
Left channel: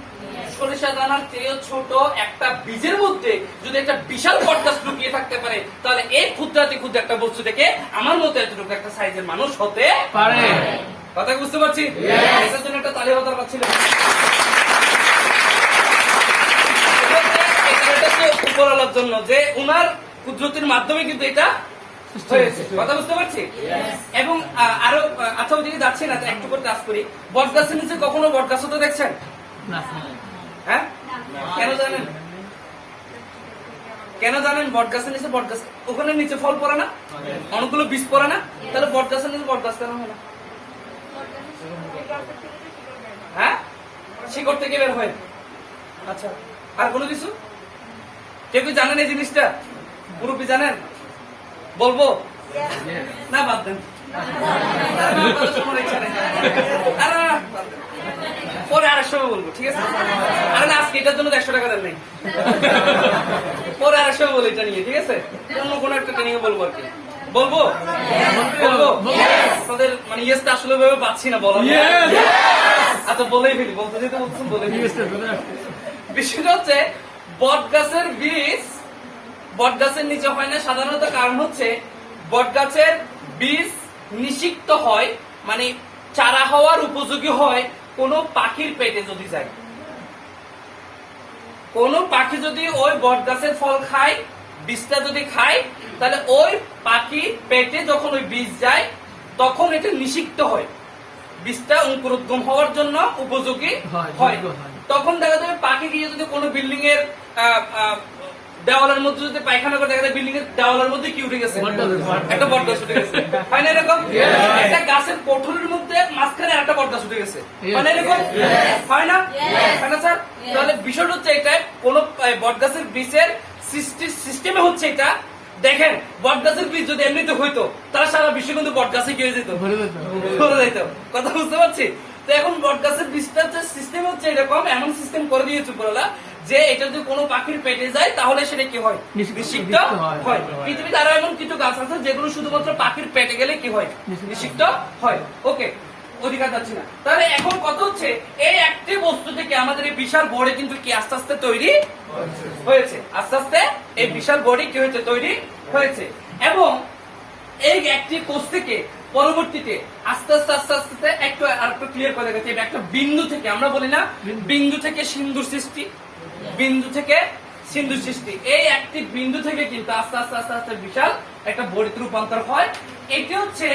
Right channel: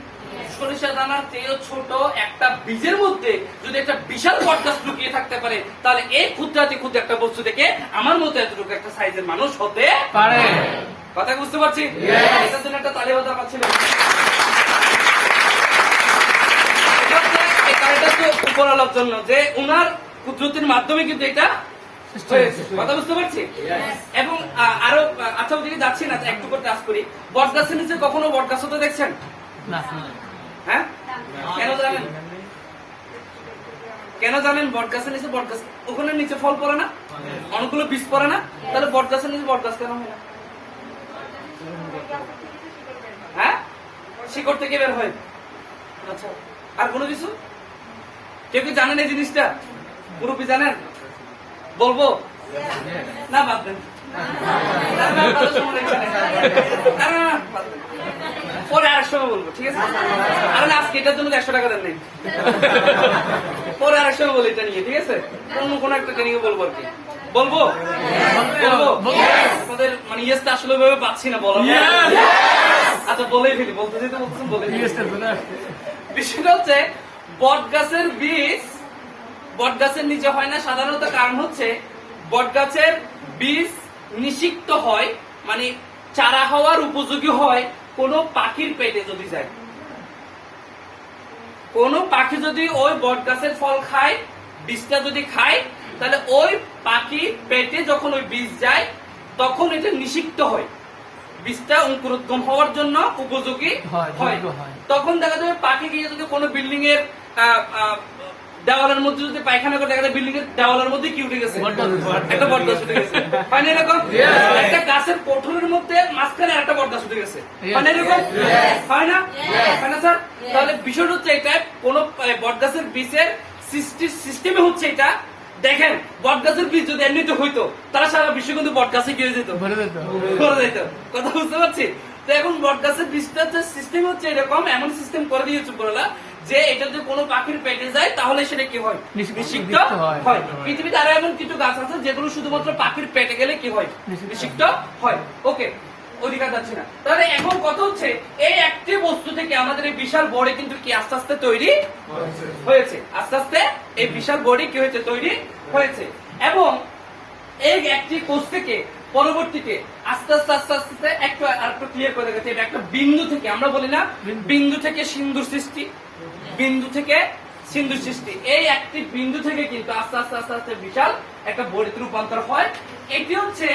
সরিষা দানার চেয়েও ছোট একটা বীজের মধ্যে যদি একটা বিশাল বটগাছ লুকিয়ে থাকতে পারে, তাহলে এই ক্ষুদ্রাতি ক্ষুদ্র একটা বস্তু থেকে আমার মতো এতটুকু একটা সাইজের মানুষ হতে পারে। কথা কি বুঝতে পারছি? এটার জন্য একটা তালি হওয়া দরকার ছিল। উপরালার জন্য যে উনার কুদরতির মাধ্যমে কিন্তু এটা হয়েছে। কথা বুঝতে পারছি? এবং আরো আচ্ছা, ওদিকে যাচ্ছি না, তাই একটু করে টাচ করি। বট গাছের নিচে কখনো বট গাছ হতে দেখছেন? না। হ্যাঁ, কেন জানেন? কেন জানেন? বট গাছের নিচে বট গাছ, ওখানে নিচে ফল পড়ে না, অনেকগুলো বীজ পড়ে না, তাহলে বট গাছের নিচে বট গাছ কেন হয় না? হ্যাঁ, শিকড় থেকে বের হয়। আচ্ছা, আর কোনো কিছু কেউ কি জানেন এই জিনিসটা? মুরব্বী জানেন? বলবো না, বাদ দেন। পরে আরেক সময় বলবো, ঠিক আছে? আরে না, আজকে এটার জন্য 100 টাকা দেন নাই। পরে আরেক সময় বলি এটা নিয়ে, ঠিক আছে? অন্য কোনো একটা ট্রেনিং এ বলবো আর কি। বলবো বলবো তাদের মানে ইয়েসটা আসলে ভাবে পাচ্ছি না, বলো। আচ্ছা, বলেই ফেলি, বলতে যেতে বলতেছেন, বলে ফেলি। বিষয়টা হচ্ছে বট গাছের বীজ বট গাছের নিচে হয় না সাধারণত। কারণ হচ্ছে বট গাছের বীজ নিষিক্ত হয়, মানে চারা হওয়ার উপযোগী হয় কোন পাখির পেটে যদি যায়। কোন পাখি যদি ওই বট গাছের ফল খায়, বীজটা যদি খায়, তাহলে ওই পাখি পেটে যখন ওই বীজ যায় তখন এটা নিষিক্ত হয়, বীজটা অঙ্কুরোদ্গম হওয়ার জন্য উপযোগী হয়। তখন দেখা যাবে পাখি গিয়ে যদি কোনো বিল্ডিং এর দেওয়ালের মধ্যে যদি পায়খানা করে, দেখা যায় বিল্ডিং এর দেওয়ালের মধ্যে কি উঠে গেছে? একটা বট গাছ উঠে গেছে। হয় না এরকম? একটা গাছের কোঠরের মধ্যে মাঝখানে একটা বট গাছ উঠে গেছে। হয় না এরকম? হয় না? হয় না স্যার? তাহলে বিষয় হচ্ছে এটা, কোন বট গাছের বীজের সিস্টেমে হচ্ছে এটা। দেখেন, বট গাছের বীজ যদি এমনিতে হইতো, তারা সারা বিশ্ব কিন্তু বট গাছে গিয়ে যেত, ভরে যেত। কথা বুঝতে পারছি? তো এখন বট গাছের বীজটা সিস্টেম হচ্ছে এরকম, এমন সিস্টেম করে দিয়েছে উপরওয়ালা যে এটা যদি কোনো পাখির পেটে যায় তাহলে সেটা কি হয়? নিষিক্ত হয়। পৃথিবীতে আরো এমন কিছু গাছ আছে যেগুলো শুধুমাত্র পাখির পেটে গেলে কি হয়? নিষিক্ত হয়। ওকে, অধিকার যাচ্ছে না। তাহলে এখন কত হচ্ছে, এই একটি বস্তু থেকে আমাদের এই বিশাল বডি কিন্তু কি আস্তে আস্তে তৈরি হয়েছে। আস্তে আস্তে এই বিশাল বডি কি হয়েছে? তৈরি হয়েছে। এবং এই একটি কোষ থেকে পরবর্তীতে আস্তে আস্তে আস্তে আস্তে একটু আর একটু ক্লিয়ার করে গেছে। এটা একটা বিন্দু থেকে, আমরা বলি না বিন্দু থেকে সিন্ধুর সৃষ্টি, বিন্দু থেকে সিন্ধু সৃষ্টি। এই একটি বিন্দু থেকে কিন্তু আস্তে আস্তে আস্তে আস্তে বিশাল একটা বড়িতে রূপান্তর হয়। এটি হচ্ছে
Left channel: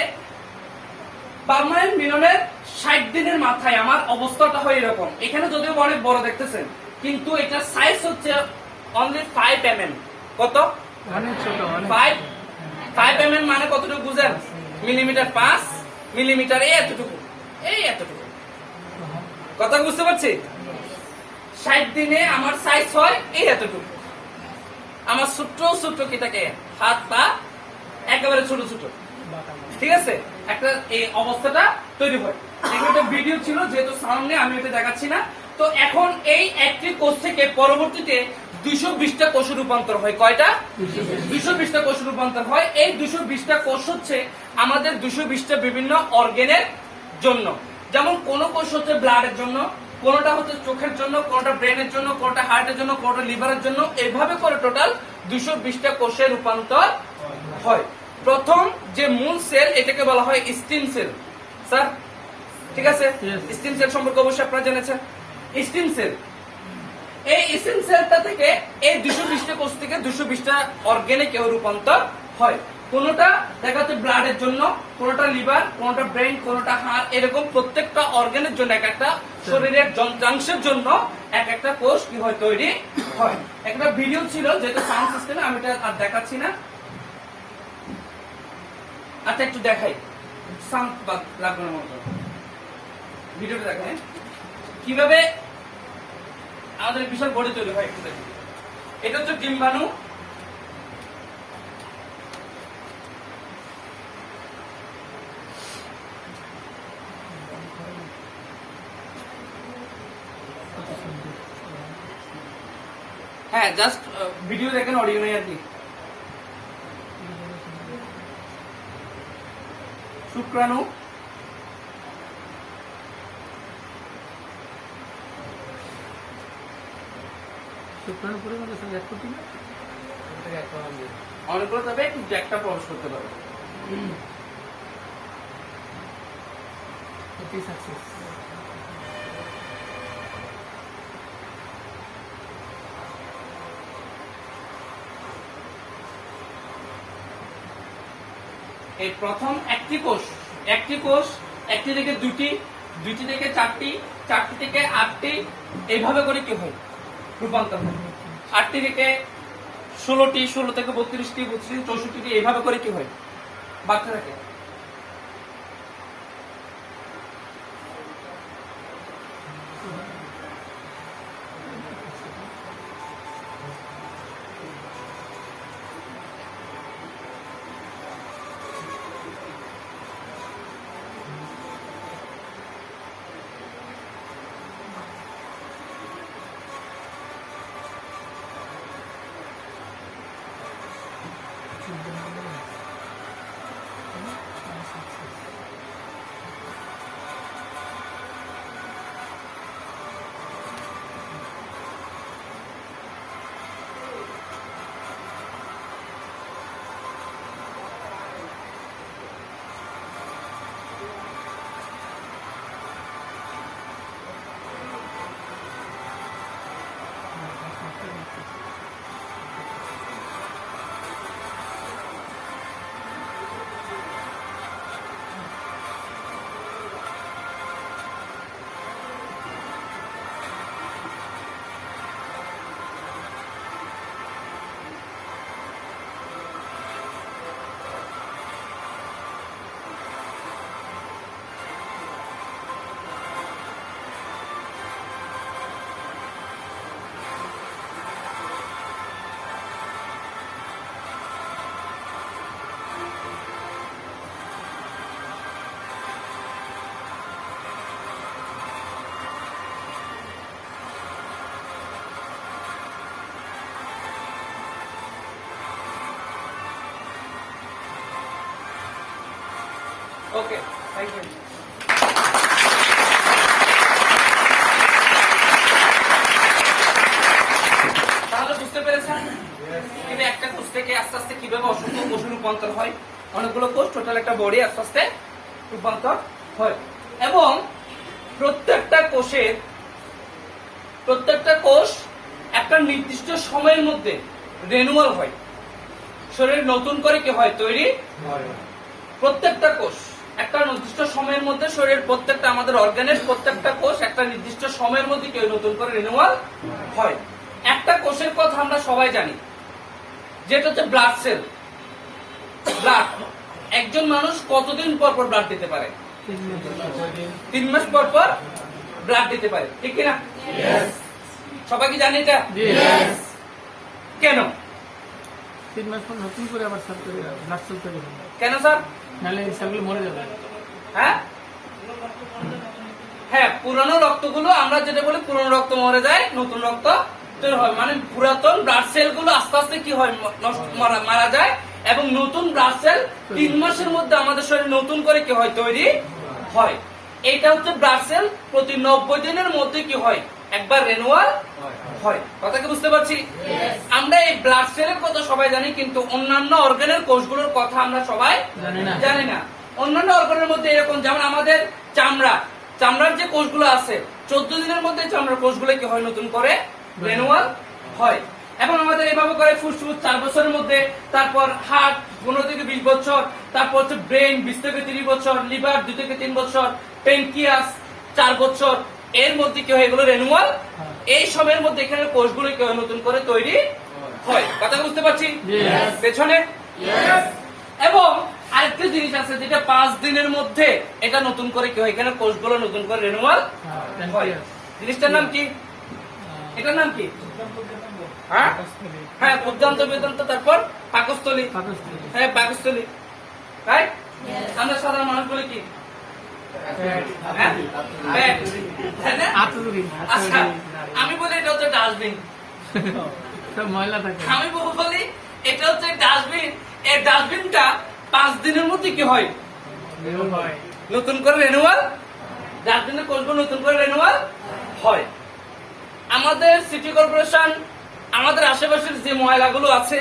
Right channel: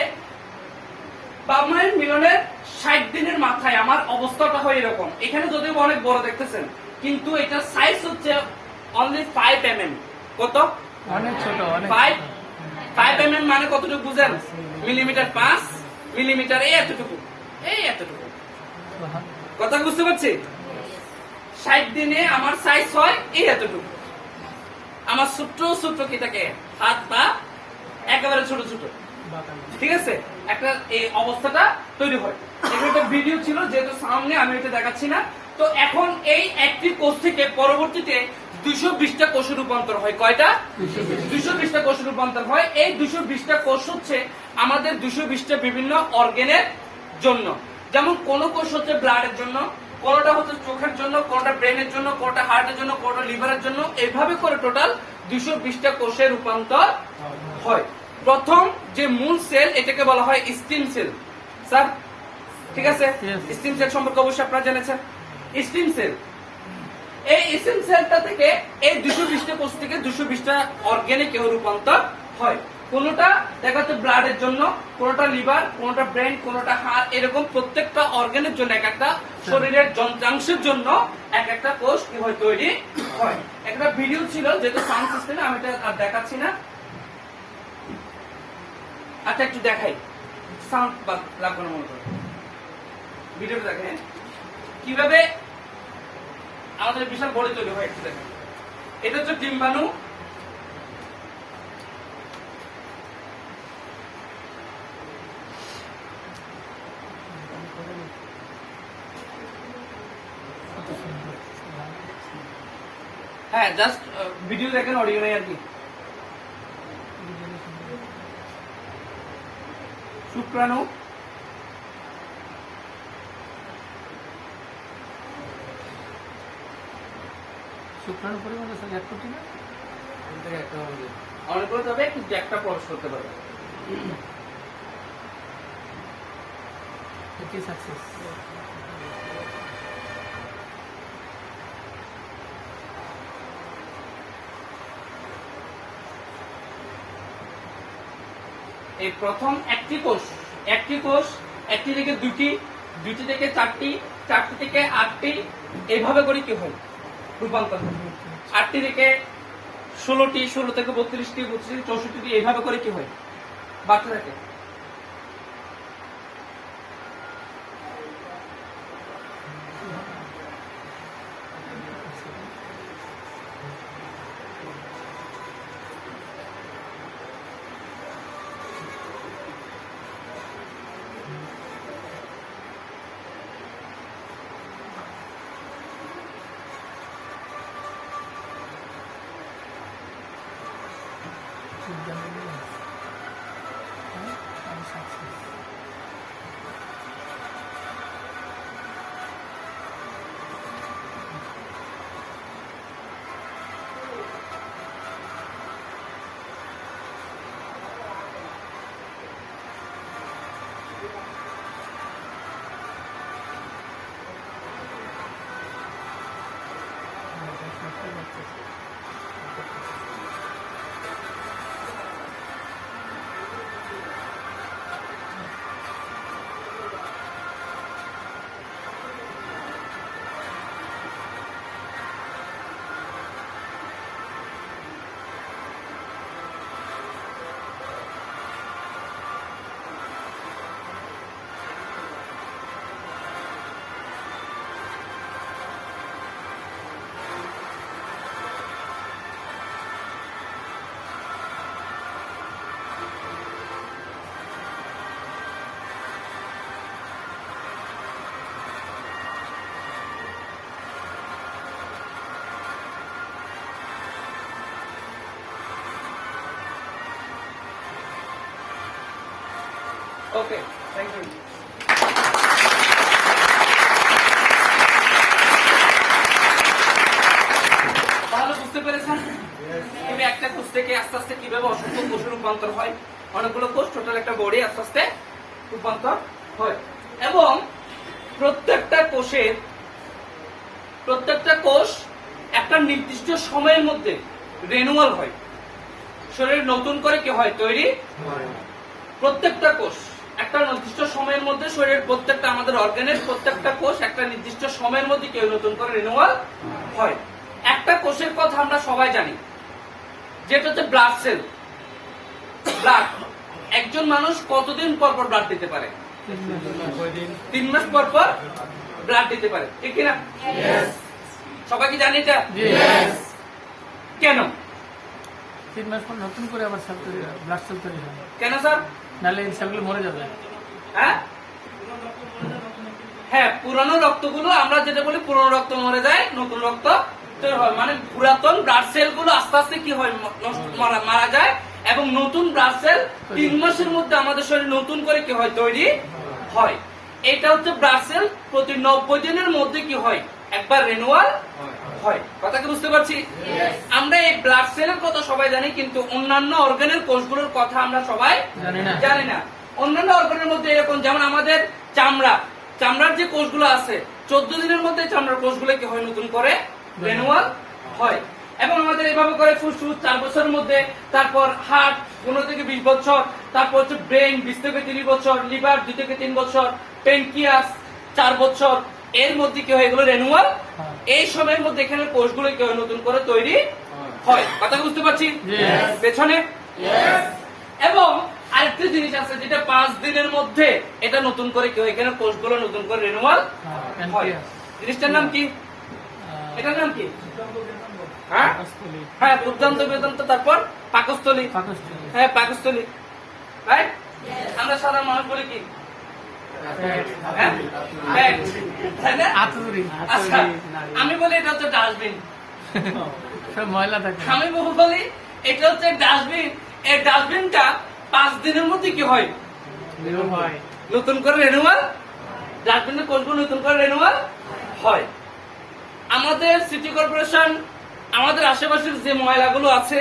বাবমায়ের মিলনের 60 দিনের মাথায় আমার অবস্থাটা হয় এরকম। এখানে যদিও অনেক বড় দেখতেছেন, কিন্তু এটা সাইজ হচ্ছে অনলি 5 mm। কত? অনেক ছোট, অনেক 5 mm মানে কতটুকু বুঝেন? মিলিমিটার, 5 মিলিমিটার, এই এতটুকু, এই এতটুকু। কথা বুঝতে পারছি? 60 দিনে আমার সাইজ হয় এই এতটুকু। আমার ছোট্ট ছোট্ট কি থাকে, হাত পা একেবারে ছোট ছোট, ঠিক আছে? একটা এই অবস্থাটা তৈরি হয়। এখানে তো ভিডিও ছিল, যেহেতু সামনে আমি এটা দেখাচ্ছি না। তো এখন এই একটি কোষ থেকে পরবর্তীতে 220টা কোষে রূপান্তর হয়। কয়টা? 220টা কোষে রূপান্তর হয়। এই 220টা কোষ হচ্ছে আমাদের 220টা বিভিন্ন অর্গানের জন্য। যেমন কোন কোষ হচ্ছে ব্লাডের জন্য, কোনটা হচ্ছে চোখের জন্য, কোনটা ব্রেনের জন্য, কোনটা হার্টের জন্য, কোনটা লিভারের জন্য। এইভাবে করে টোটাল 220টা কোষে রূপান্তর হয়। প্রথম যে মূল সেল, এটাকে বলা হয় স্টিম সেল। স্যার ঠিক আছে? Yes. স্টিম সেল সম্পর্কে অবশ্যই আপনারা জেনেছেন। স্টিম সেল, এই স্টিম সেলটা থেকে এই 220টা কোষ থেকে 220টা অর্গানে কেউ রূপান্তর হয়। কোনটা দেখা যাচ্ছে ব্লাডের জন্য, কোনটা লিভার, কোনটা ব্রেন, কোনটা হার্ট, এরকম প্রত্যেকটা অর্গানের জন্য এক একটা শরীরের যন্ত্রাংশের জন্য এক একটা কোষ কি হয়, তৈরি হয়। একটা ভিডিও ছিল, যেহেতু সাউন্ড সিস্টেমে আমি এটা আর দেখাচ্ছি না। আচ্ছা একটু দেখাই, সাউন্ড লাগবে না মতো, ভিডিওটা দেখাই কিভাবে আমাদের বিশাল বডি তৈরি হয়। একটু দেখেন, এটা হচ্ছে ডিম্বাণু। হ্যাঁ, জাস্ট ভিডিও দেখেন, অডিও নেই আর কি। শুক্রাণু, শুক্রাণু পরিমাণ আছে 1 কোটি না? অনেকগুলো তবে কিন্তু একটা প্রবেশ করতে পারে। এটি সাকসেস। এই প্রথম একটি কোষ, একটি থেকে দুটি, দুটি থেকে চারটি, চারটি থেকে 8টি, এইভাবে করে কি হয় রূপান্তর হয়। 8টি থেকে 16টি, 16 থেকে 32টি, 32 64টি, এইভাবে করে কি হয় বাড়তে থাকে। ওকে, থ্যাংক ইউ। তাহলে বুঝতে পেরেছেন কিভাবে একটা কোষ থেকে আস্তে আস্তে কিভাবে অসংখ্য কোষে রূপান্তর হয়। অনেকগুলো কোষ, টোটাল একটা বডি আস্তে আস্তে রূপান্তর হয়। এবং প্রত্যেকটা কোষ একটা নির্দিষ্ট সময়ের মধ্যে রেনুয়াল হয়, শরীর নতুন করে কি হয় তৈরি, প্রত্যেকটা কোষ একটা নির্দিষ্ট সময়ের মধ্যে শরীরের প্রত্যেকটা আমাদের অর্গানের প্রত্যেকটা কোষ একটা নির্দিষ্ট সময়ের মধ্যে কেউ নতুন করে রিনিউয়াল হয়। একটা কোষের কথা আমরা সবাই জানি, যেটা হচ্ছে ব্লাড সেল। ব্লাড, একজন মানুষ কতদিন পর পর ব্লাড দিতে পারে? 3 মাস পর পর ব্লাড দিতে পারে, ঠিক কিনা? সবাই কি জানি এটা? কেন? 3 মাস পর নতুন করে আবার সব করে ব্লাড সেল তৈরি হয়, কেন স্যার? নাহলে এই সেলগুলো মরে যাবে। হ্যাঁ হ্যাঁ, পুরনো রক্তগুলো, আমরা যেটা বলি পুরনো রক্ত মরে যায়, নতুন রক্ত তৈরি হয়। মানে পুরাতন ব্লাড সেল গুলো আস্তে আস্তে কি হয়, মারা যায়, এবং নতুন ব্লাড সেল 3 মাসের মধ্যে আমাদের শরীরে নতুন করে কি হয় তৈরি হয়। এটা হচ্ছে ব্লাড সেল প্রতি 90 দিনের মধ্যে কি হয় একবার রিনিউয়াল হয়। কথা কি বুঝতে পারছি? আমরা এই ব্লাড সেলের কথা সবাই জানি, কিন্তু অন্যান্য অর্গানের কোষগুলোর কথা আমরা সবাই জানি না। অন্যান্য অর্গানের মধ্যে এরকম, যেমন আমাদের চামড়ার যে কোষগুলো আছে 14 দিনের মধ্যে চামড়ার কোষগুলো কি হয় নতুন করে রিনিউয়াল হয়। এবং আমাদের এইভাবে করে ফুসফুস 4 বছরের মধ্যে, তারপর হার্ট 15 থেকে 20 বছর, তারপর হচ্ছে ব্রেন 20 থেকে 30 বছর, লিভার 2 থেকে 3 বছর, পেনক্রিয়াস 4 বছর, এর মধ্যে কি হয় এগুলো রিনিউয়াল। এই সময়ের মধ্যে এখানে কোষগুলো কি হয় নতুন করে তৈরি হয়। কথা বুঝতে পারছি পেছনে? এবং আরেকটা জিনিস আছে যেটা 5 দিনের মধ্যে এটা নতুন করে কি হয়, এখানে কোষগুলো নতুন করে রিনিউয়াল হয়। জিনিসটার নাম কি? এটার নাম কি? হ্যাঁ হ্যাঁ, ক্ষুদ্রান্ত বেদান্ত, তারপর পাকস্থলী। হ্যাঁ, পাকস্থলী, রাইট। আমরা সাধারণ মানুষ বলে কি? হ্যাঁ? আচ্ছা, আমি বলি এটা হচ্ছে ডাস্টবিন। ময়লা থাকে, আমি বলি এটা হচ্ছে ডাস্টবিন। এই ডাস্টবিনটা 5 দিনের মধ্যে কি হয় নতুন করে রিনিউয়াল। ডাস্টবিনের কোষগুলো নতুন করে রিনিউয়াল হয়। আমাদের সিটি কর্পোরেশন আমাদের আশেপাশের যে ময়লাগুলো আছে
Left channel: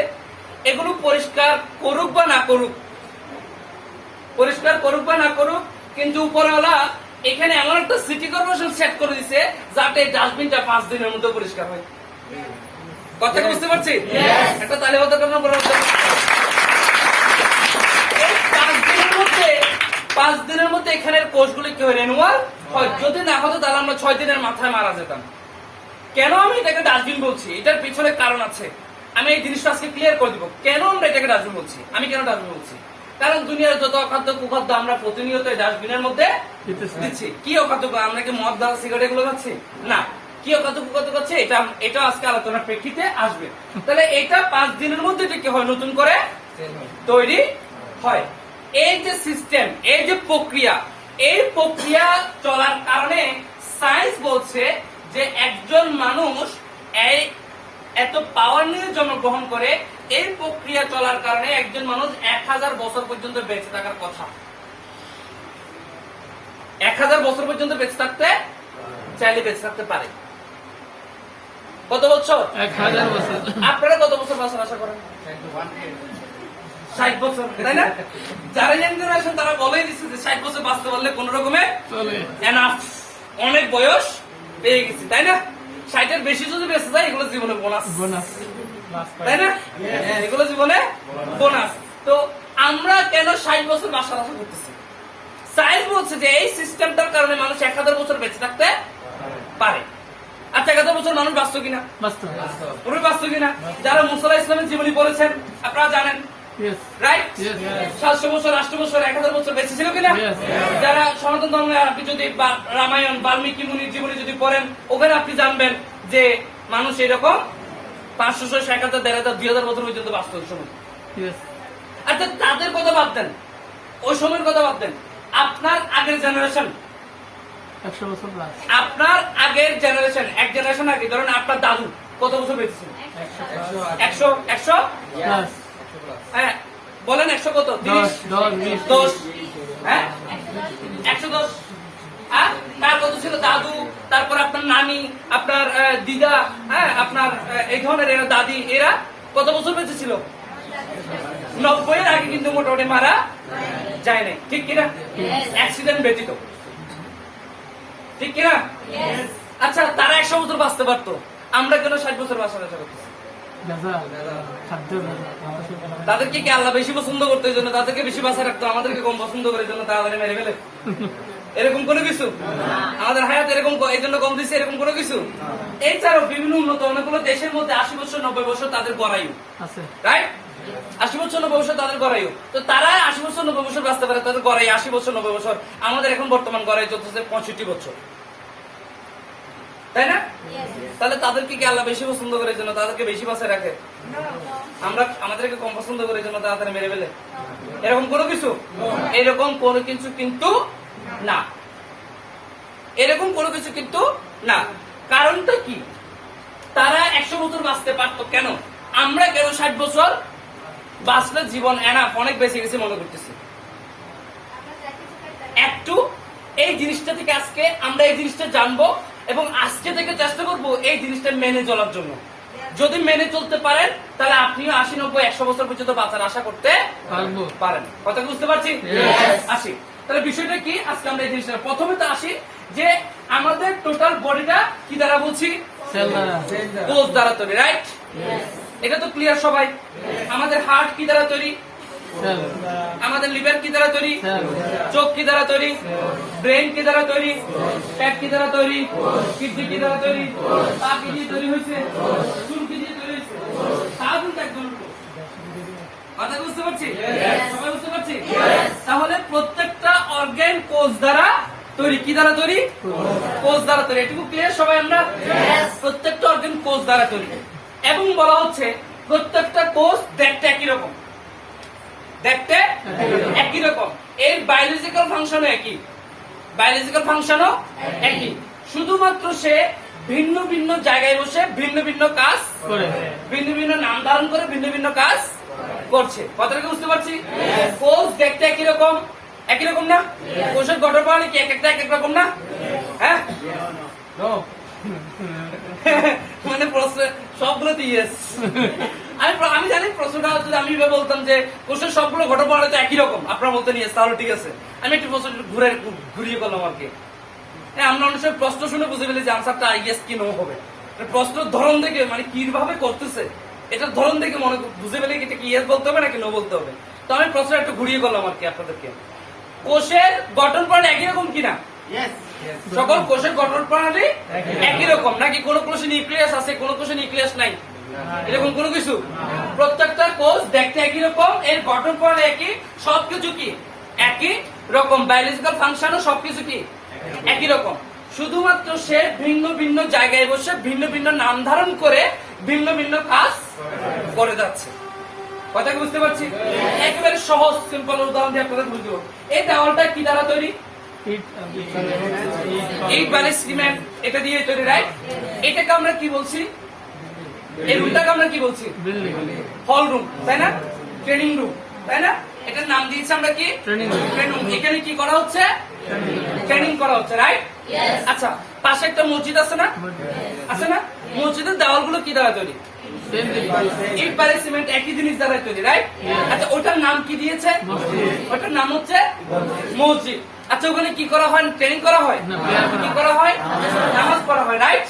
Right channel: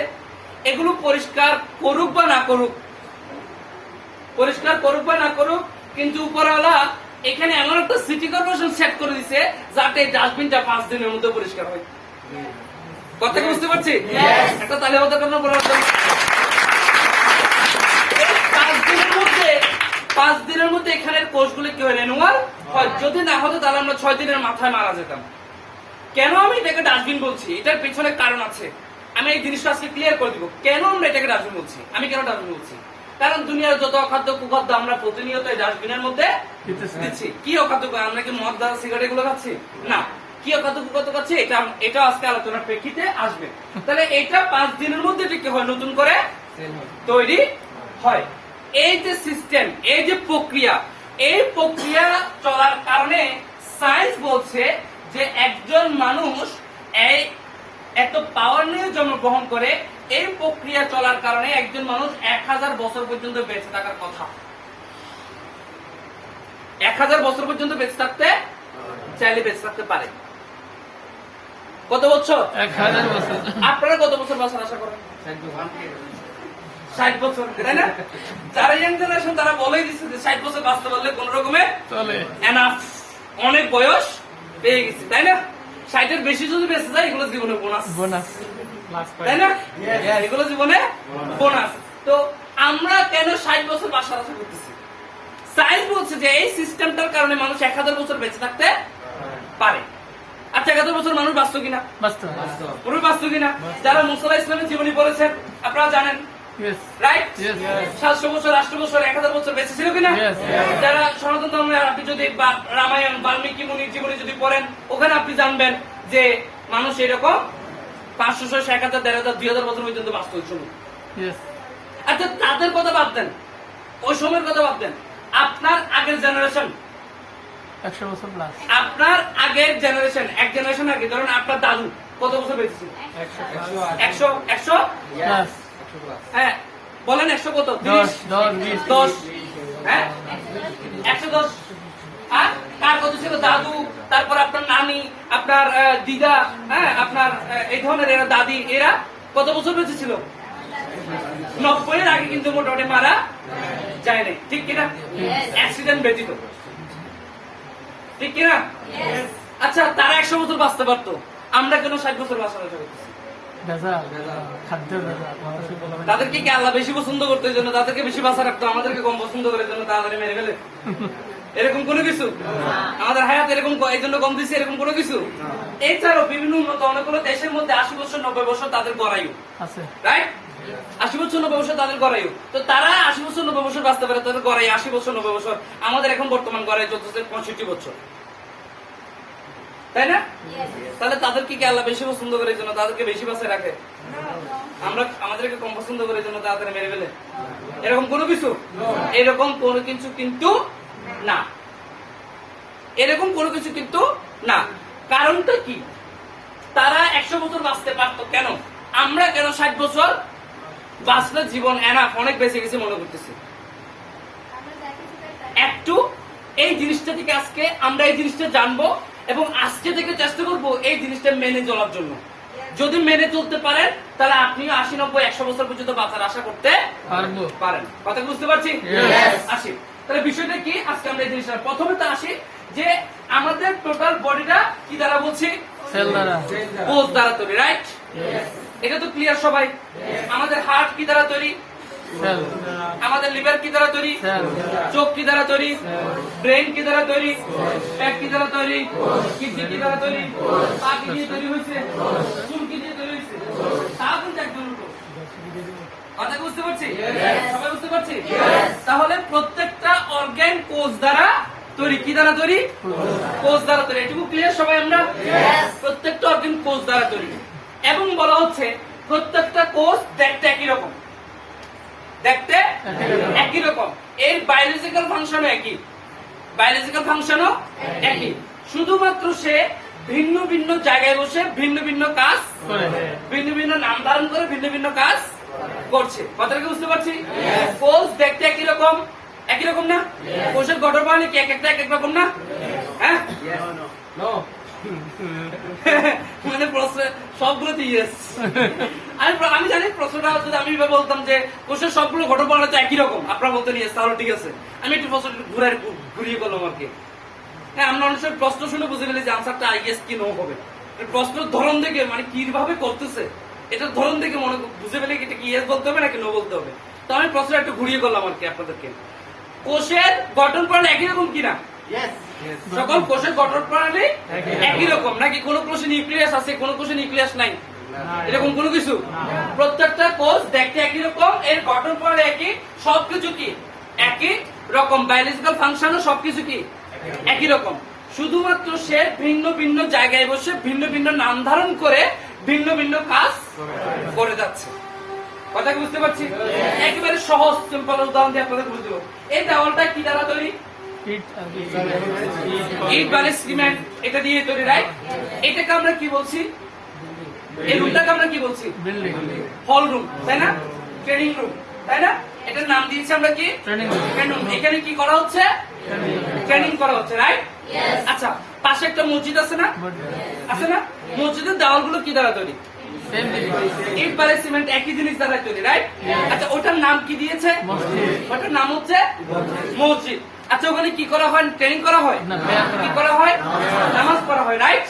এগুলো পরিষ্কার করুক বা না করুক, কিন্তু উপরওয়ালা এখানে এমন একটা সিটি কর্পোরেশন সেট করে দিছে যাতে ডাস্টবিনটা 5 দিনের মধ্যে পরিষ্কার হয়। কথা কি বুঝতে পারছি? একটা তালি হতে পারবো। 5 দিনের মধ্যে এখানের কোষগুলো কি হয় রিনিউয়াল হয়। যদি না হতো তাহলে আমরা 6 দিনের মাথায় মারা যেতাম। কেন আমি এটাকে ডাস্টবিন বলছি, এটার পিছনে কারণ আছে। আমি এই জিনিসটা আজকে ক্লিয়ার করে দিব কেন আমরা এটাকে ডাস্টবিন বলছি। আমি কেন ডাস্টবিন বলছি? কারণ দুনিয়ার যত অখাদ্য কুখাদ্য আমরা প্রতিনিয়ত এই ডাস্টবিনের মধ্যে দিচ্ছি। কি অখাদ্য? আমরা কি মদ, দাঁড়া, সিগারেট এগুলো খাচ্ছি না। কি অখাদ্য কুখাদ্য খাচ্ছি, এটা আজকে আলোচনার প্রেক্ষিতে আসবে। তাহলে এটা 5 দিনের মধ্যে এটা কি হয় নতুন করে তৈরি হয়। এই যে সিস্টেম, এই যে প্রক্রিয়া, এই প্রক্রিয়া চলার কারণে সায়েন্স বলছে যে একজন মানুষ এত পাওয়ার নিয়ে জন্মগ্রহণ করে, এই প্রক্রিয়া চলার কারণে একজন মানুষ 1000 বছর পর্যন্ত বেঁচে থাকার কথা। 1000 বছর পর্যন্ত বেঁচে থাকতে চাইলে বেঁচে থাকতে পারে। কত বছর? 1000 বছর। আপনারা কত বছর বাঁচার আশা করেন? 60 বছর, তাই না? যারা ইয়াং জেনারেশন তারা বলেই দিচ্ছে যে 60 বছর বাঁচতে পারলে কোন রকমে এনাফ, অনেক বয়স পেয়ে গেছি, তাই না? 60-এর বেশি যদি বেঁচে যায় এগুলো জীবনে বোনাস, তাই না? এগুলো জীবনে বোনাস। তো আমরা কেন 60 বছর বাঁচার আশা করতেছি? সায়েন্স বলছে যে এই সিস্টেমটার কারণে মানুষ 1000 বছর বেঁচে থাকতে পারে। আচ্ছা, 1000 বছর মানুষ বাঁচত কিনা? বাঁচত কিনা? যারা মুসা ইসলামের জীবনী পড়েছেন আপনারা জানেন, রাইট? 700 বছর, 800 বছর, 1000 বছর বেঁচে ছিল কিনা? যারা সনাতন ধর্মে আপনি যদি রামায়ণ, বাল্মীকি মুনির জীবনী যদি পড়েন, ওখানে আপনি জানবেন যে মানুষ এরকম 500, 600, 1000, 1500, 2000 বছর পর্যন্ত বাঁচত ওই সময়। আচ্ছা, তাদের কথা বাদ দেন, ওই সময়ের কথা বাদ দেন। আপনার আগের জেনারেশন, 100 বছর প্লাস। আপনার আগের জেনারেশন, এক জেনারেশন আগে ধরেন আপনার দাদু কত বছর বেঁচেছিল? 100 প্লাস। হ্যাঁ বলেন, 100 কত? 10। হ্যাঁ 110। হ্যাঁ, তার কত ছিল? দাদু, তারপর আপনার নানি, আপনার দিদা, হ্যাঁ আপনার এই ধরনের এরা দাদি, এরা কত বছর বেঁচে ছিল? 90-এর আগে কিন্তু মোটামুটি মারা যায় নাই, ঠিক কিনা? অ্যাক্সিডেন্ট ব্যতীত, ঠিক কিনা? আচ্ছা, তারা 100 বছর বাঁচতে পারতো, আমরা কেন 60 বছর বাঁচার আশা করতেছি? ভেজাল, খাদ্য ভেজাল, মানুষের ভেজাল। তাদেরকে কি আল্লাহ বেশি পছন্দ করতে জন্য তাদেরকে বেশি বাঁচা রাখতো, আমাদেরকে কম পছন্দ করার জন্য তাড়াতাড়ি মেরে ফেলে? এরকম কোনো কিছু? আমাদের হায়াত এরকম এই জন্য কম দিচ্ছে, এরকম কোনো কিছু? এছাড়াও বিভিন্ন উন্নত অনেকগুলো দেশের মধ্যে 80 বছর 90 বছর তাদের গড়ায়ু, আছে। রাইট? 80 বছর 90 বছর তাদের গড়ায়ু। তো তারা 80 বছর 90 বছর বাঁচতে পারে, তাদের গড়াই 80 বছর 90 বছর। আমাদের এখন বর্তমান গড়াই চলতেছে 65 বছর, তাই না? তাহলে তাদেরকে কি আল্লাহ বেশি পছন্দ করে জন্য তাদেরকে বেশি বাঁচায় রাখে? আমরা আমাদেরকে কম পছন্দ করে জন্য তাড়াতাড়ি মেরে ফেলে? এরকম কোনো কিছু? এরকম কোনো কিছু কিন্তু না, এরকম কোনো কিছু কিন্তু না। কারণটা কি? তারা 100 বছর বাঁচতে পারতো, কেন আমরা কেন 60 বছর বাঁচলে জীবন এনাফ, অনেক বেঁচে গেছে মনে করতেছি? একটু এই জিনিসটা থেকে আজকে আমরা এই জিনিসটা জানবো এবং আজকে থেকে চেষ্টা করব এই জিনিসটা মেনে চলার জন্য। যদি মেনে চলতে পারেন তাহলে আপনিও 80 90 100 বছর পর্যন্ত বাঁচার আশা করতে পারবো। পারেন। কথা বুঝতে পারছি? আসি তাহলে বিষয়টা কি, আজকে আমরা এই জিনিসটা প্রথমে তো আসি যে আমাদের টোটাল বডিটা কি দ্বারা বলছি? সেল দ্বারা। কোষ দ্বারা তৈরি, রাইট? এটা তো ক্লিয়ার সবাই। আমাদের হার্ট কি দ্বারা তৈরি? সেল। আমাদের লিভার কি দ্বারা তৈরি? সেল। চোখ কি দ্বারা তৈরি? ব্রেন কি দ্বারা তৈরি? পেট কি দ্বারা তৈরি? কিডনি কি দ্বারা তৈরি? পা কি দিয়ে তৈরি হয়েছে? চুল কি দিয়ে তৈরি হয়েছে? তাও কিন্তু একজন লোক। কথা বুঝতে পারছি? সবাই বুঝতে পারছি? তাহলে প্রত্যেকটা অর্গান কোষ দ্বারা তৈরি। কি দ্বারা তৈরি? কোষ দ্বারা তৈরি। এটুকু ক্লিয়ার সবাই আমরা? প্রত্যেকটা অর্গান কোষ দ্বারা তৈরি এবং বলা হচ্ছে প্রত্যেকটা কোষ দেখতে একই রকম, দেখতে একই রকম। এর বায়োলজিক্যাল ফাংশনও একই, বায়োলজিক্যাল ফাংশনও একই, শুধুমাত্র সে ভিন্ন ভিন্ন জায়গায় বসে ভিন্ন ভিন্ন কাজ করে। ভিন্ন ভিন্ন নাম ধারণ করে ভিন্ন ভিন্ন কাজ করছে। কথাটা কি বুঝতে পারছি? কোষ দেখতে একই রকম, একই রকম না? কোষের গঠন প্রণালী কি এক একটা এক এক রকম না? হ্যাঁ, মানে প্রশ্ন সবগুলোতে ইয়েস। আমি জানি প্রশ্নটা যদি আমি এভাবে বলতাম যে কোষের সবগুলো গঠন প্রণালী তো একই রকম, আপনারা বলতেন ইয়েস, তাহলে ঠিক আছে। আমি একটু প্রশ্ন ঘুরিয়ে বললাম আর কি। হ্যাঁ, আমরা অনেক সময় প্রশ্ন শুনে বুঝে গেলে যে আনসারটা ইয়েস কি নো হবে। প্রশ্নের ধরন দেখে মানে কিভাবে করতেছে এটার ধরন দেখে মনে বুঝে পেলে এটা কি ইয়েস বলতে হবে নাকি নো বলতে হবে। তো আমি প্রশ্নটা একটু ঘুরিয়ে করলাম আর কি আপনাদেরকে। কোষের গঠন প্রণালী একই রকম কিনা? সকল কোষের গঠন প্রণালী একই রকম নাকি? কোন কোষে নিউক্লিয়াস আছে, কোন কোষে নিউক্লিয়াস নাই, এরকম কোনো কিছু? প্রত্যেকটা কোষ দেখতে একই রকম, এর গঠন প্রণালী একই, সবকিছু কি একই রকম, বায়োলজিক্যাল ফাংশনও সবকিছু কি একই রকম। শুধুমাত্র সে ভিন্ন ভিন্ন জায়গায় বসে ভিন্ন ভিন্ন নাম ধারণ করে ভিন্ন ভিন্ন কাজ করে যাচ্ছে। কথা কি বুঝতে পারছি? একেবারে সহজ সিম্পল উদাহরণ দিয়ে আপনাদের বুঝতে পারবো। এই দেওয়ালটা কি দ্বারা তৈরি? ইট বালি সিমেন্ট, এটা দিয়ে তৈরি, রাইট? এটাকে আমরা কি বলছি? এই রুমটাকে আমরা কি বলছি? হল রুম, তাই না? ট্রেনিং রুম, তাই না? এটার নাম দিয়েছি আমরা কি? Training room. এখানে কি করা হচ্ছে? ট্রেনিং করা হচ্ছে, রাইট? আচ্ছা, পাশে একটা মসজিদ আছে না? আছে না? মসজিদের দেওয়ালগুলো কি দ্বারা তৈরি? ইট বালি সিমেন্ট, একই জিনিস দ্বারা তৈরি, রাইট? আচ্ছা, ওটার নাম কি দিয়েছে? ওটার নাম হচ্ছে মসজিদ। আচ্ছা, ওখানে কি করা হয়? ট্রেনিং করা হয়? কি করা হয়? নামাজ পড়া হয়, রাইট?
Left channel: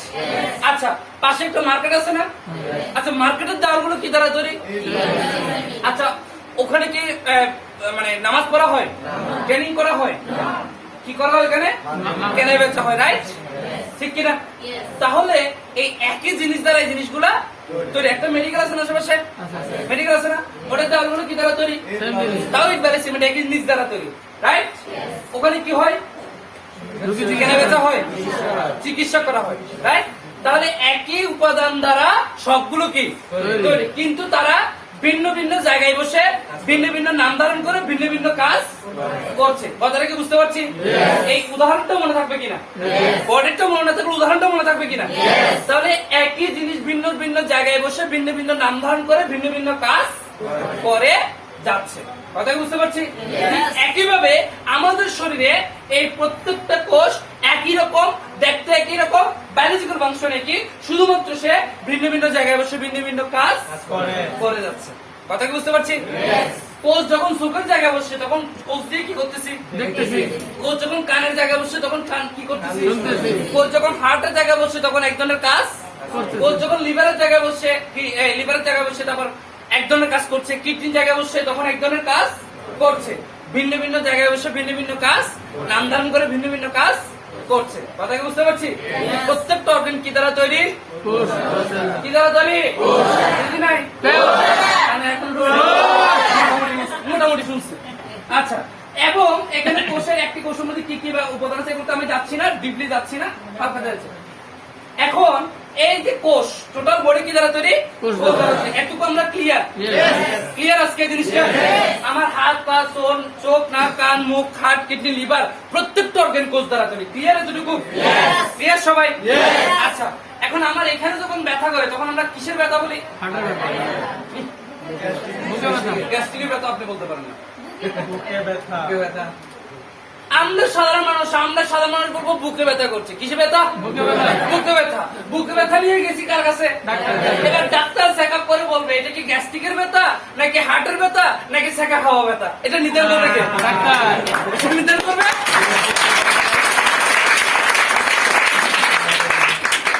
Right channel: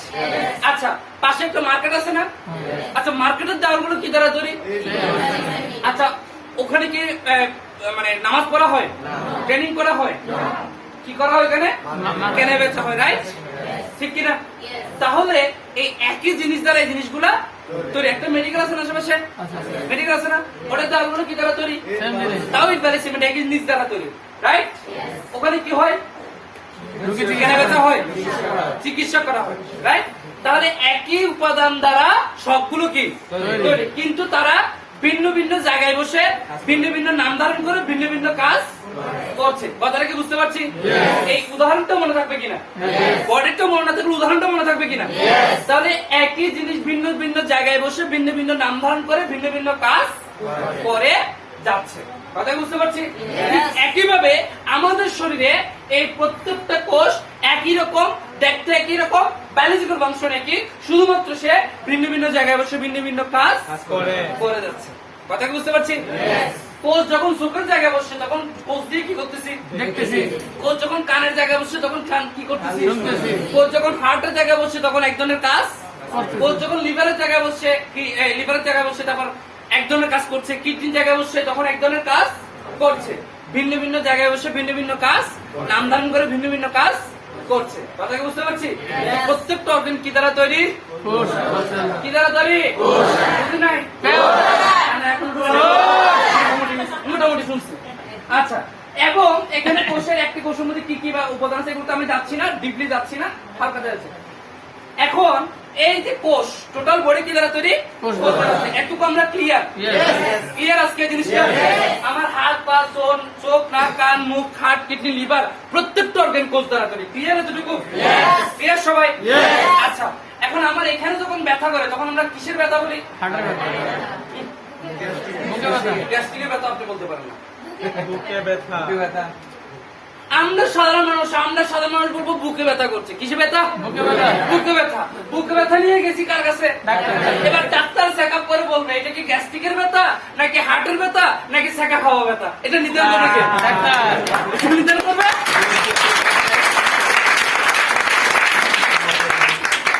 আচ্ছা, পাশে একটা মার্কেট আছে না? আচ্ছা, মার্কেটের দেওয়ালগুলো কি দ্বারা তৈরি? আচ্ছা, ওখানে কি মানে নামাজ পড়া হয়? ট্রেনিং করা হয়? কি করা হয়? ওখানে কেনা বেচা হয়, রাইট? ঠিক কিনা? তাহলে এই একই জিনিস দ্বারা এই জিনিসগুলা তৈরি। একটা মেডিকেল আছে না আশেপাশে? মেডিকেল আছে না? ওটার দেওয়ালগুলো কি দ্বারা তৈরি? তাও ইট বালি সিমেন্ট, একই জিনিস দ্বারা তৈরি, রাইট? ওখানে কি হয়? কেনা বেচা হয়, চিকিৎসা করা হয়, রাইট? তাহলে একই উপাদান দ্বারা সবগুলো কি তৈরি, কিন্তু তারা ভিন্ন ভিন্ন জায়গায় বসে ভিন্ন ভিন্ন নাম ধারণ করে ভিন্ন ভিন্ন কাজ করছে। কথাটা কি বুঝতে পারছি? এই উদাহরণটা মনে থাকবে কিনা? বডিটা মনে না থাকলে উদাহরণটা মনে থাকবে কিনা? তাহলে একই জিনিস ভিন্ন ভিন্ন জায়গায় বসে ভিন্ন ভিন্ন নাম ধারণ করে ভিন্ন ভিন্ন কাজ করে যাচ্ছে। কথা বুঝতে পারছি? একইভাবে আমাদের শরীরে এই প্রত্যেকটা কোষ একই রকম, দেখতে একই রকম, বায়োলজিক্যাল ফাংশন একই, শুধুমাত্র সে ভিন্ন ভিন্ন জায়গায় বসে ভিন্ন ভিন্ন কাজ করে যাচ্ছে। কথা কি বুঝতে পারছি? কোষ যখন চোখের জায়গায় বসছে তখন কোষ দিয়ে কি করতেছি? দেখতেছি। কোষ যখন কানের জায়গায় বসছে তখন কান কি করতেছি? কোষ যখন হার্টের জায়গায় বসছে তখন এক ধরনের কাজ কোষ যখন লিভারের জায়গায় বসছে, লিভারের জায়গায় বসছে, তারপর এক ধরনের কাজ করছে, কিডনির জায়গায় বসছে তখন এক ধরনের কাজ করছে, ভিন্ন ভিন্ন জায়গায় বসে ভিন্ন ভিন্ন কাজ, নাম ধারণ করে ভিন্ন ভিন্ন কাজ করছে। কথা কি বুঝতে পারছি? প্রত্যেকটা অর্গান কি দ্বারা তৈরি? কি দ্বারা তৈরি? বুঝি নাই? এখন মোটামুটি শুনছি। আচ্ছা, এবং এখানে কোষের একটি কোষের মধ্যে কি কি উপাদান আছে এগুলো আমি যাচ্ছি না, ডিপলি যাচ্ছি না, হালকা যাচ্ছে। এখন এই যে কোষ, টোটাল বডি কি দ্বারা তৈরি? কোষ দ্বারা তৈরি। এটুকু আমরা ক্লিয়ার? ক্লিয়ার আজকে জিনিসটা? আমার হাত পা, চোখ, নাক, কান, মুখ, হার্ট, কিডনি, লিভার প্রত্যেকটা অর্গান কোষ দ্বারা তৈরি। ক্লিয়ার এতটুকু? ক্লিয়ার সবাই? আচ্ছা, এখন আমার এখানে যখন ব্যথা করে তখন আমরা কিসের ব্যথা বলি? গ্যাস্ট্রিকের ব্যথা আপনি বলতে পারেন না। আমরা সাধারণ মানুষ বলবো বুকে ব্যথা করছে। কিসে ব্যথা? বুকে ব্যথা। বুকে ব্যথা নিয়ে গেছি কার কাছে? এবার ডাক্তার চেক আপ করে বলবে এটা কি গ্যাস্ট্রিকের ব্যথা নাকি হার্টের ব্যথা নাকি সেকা খাওয়া ব্যথা। এটা নির্ধারণ করবে কে? নির্ধারণ করবে।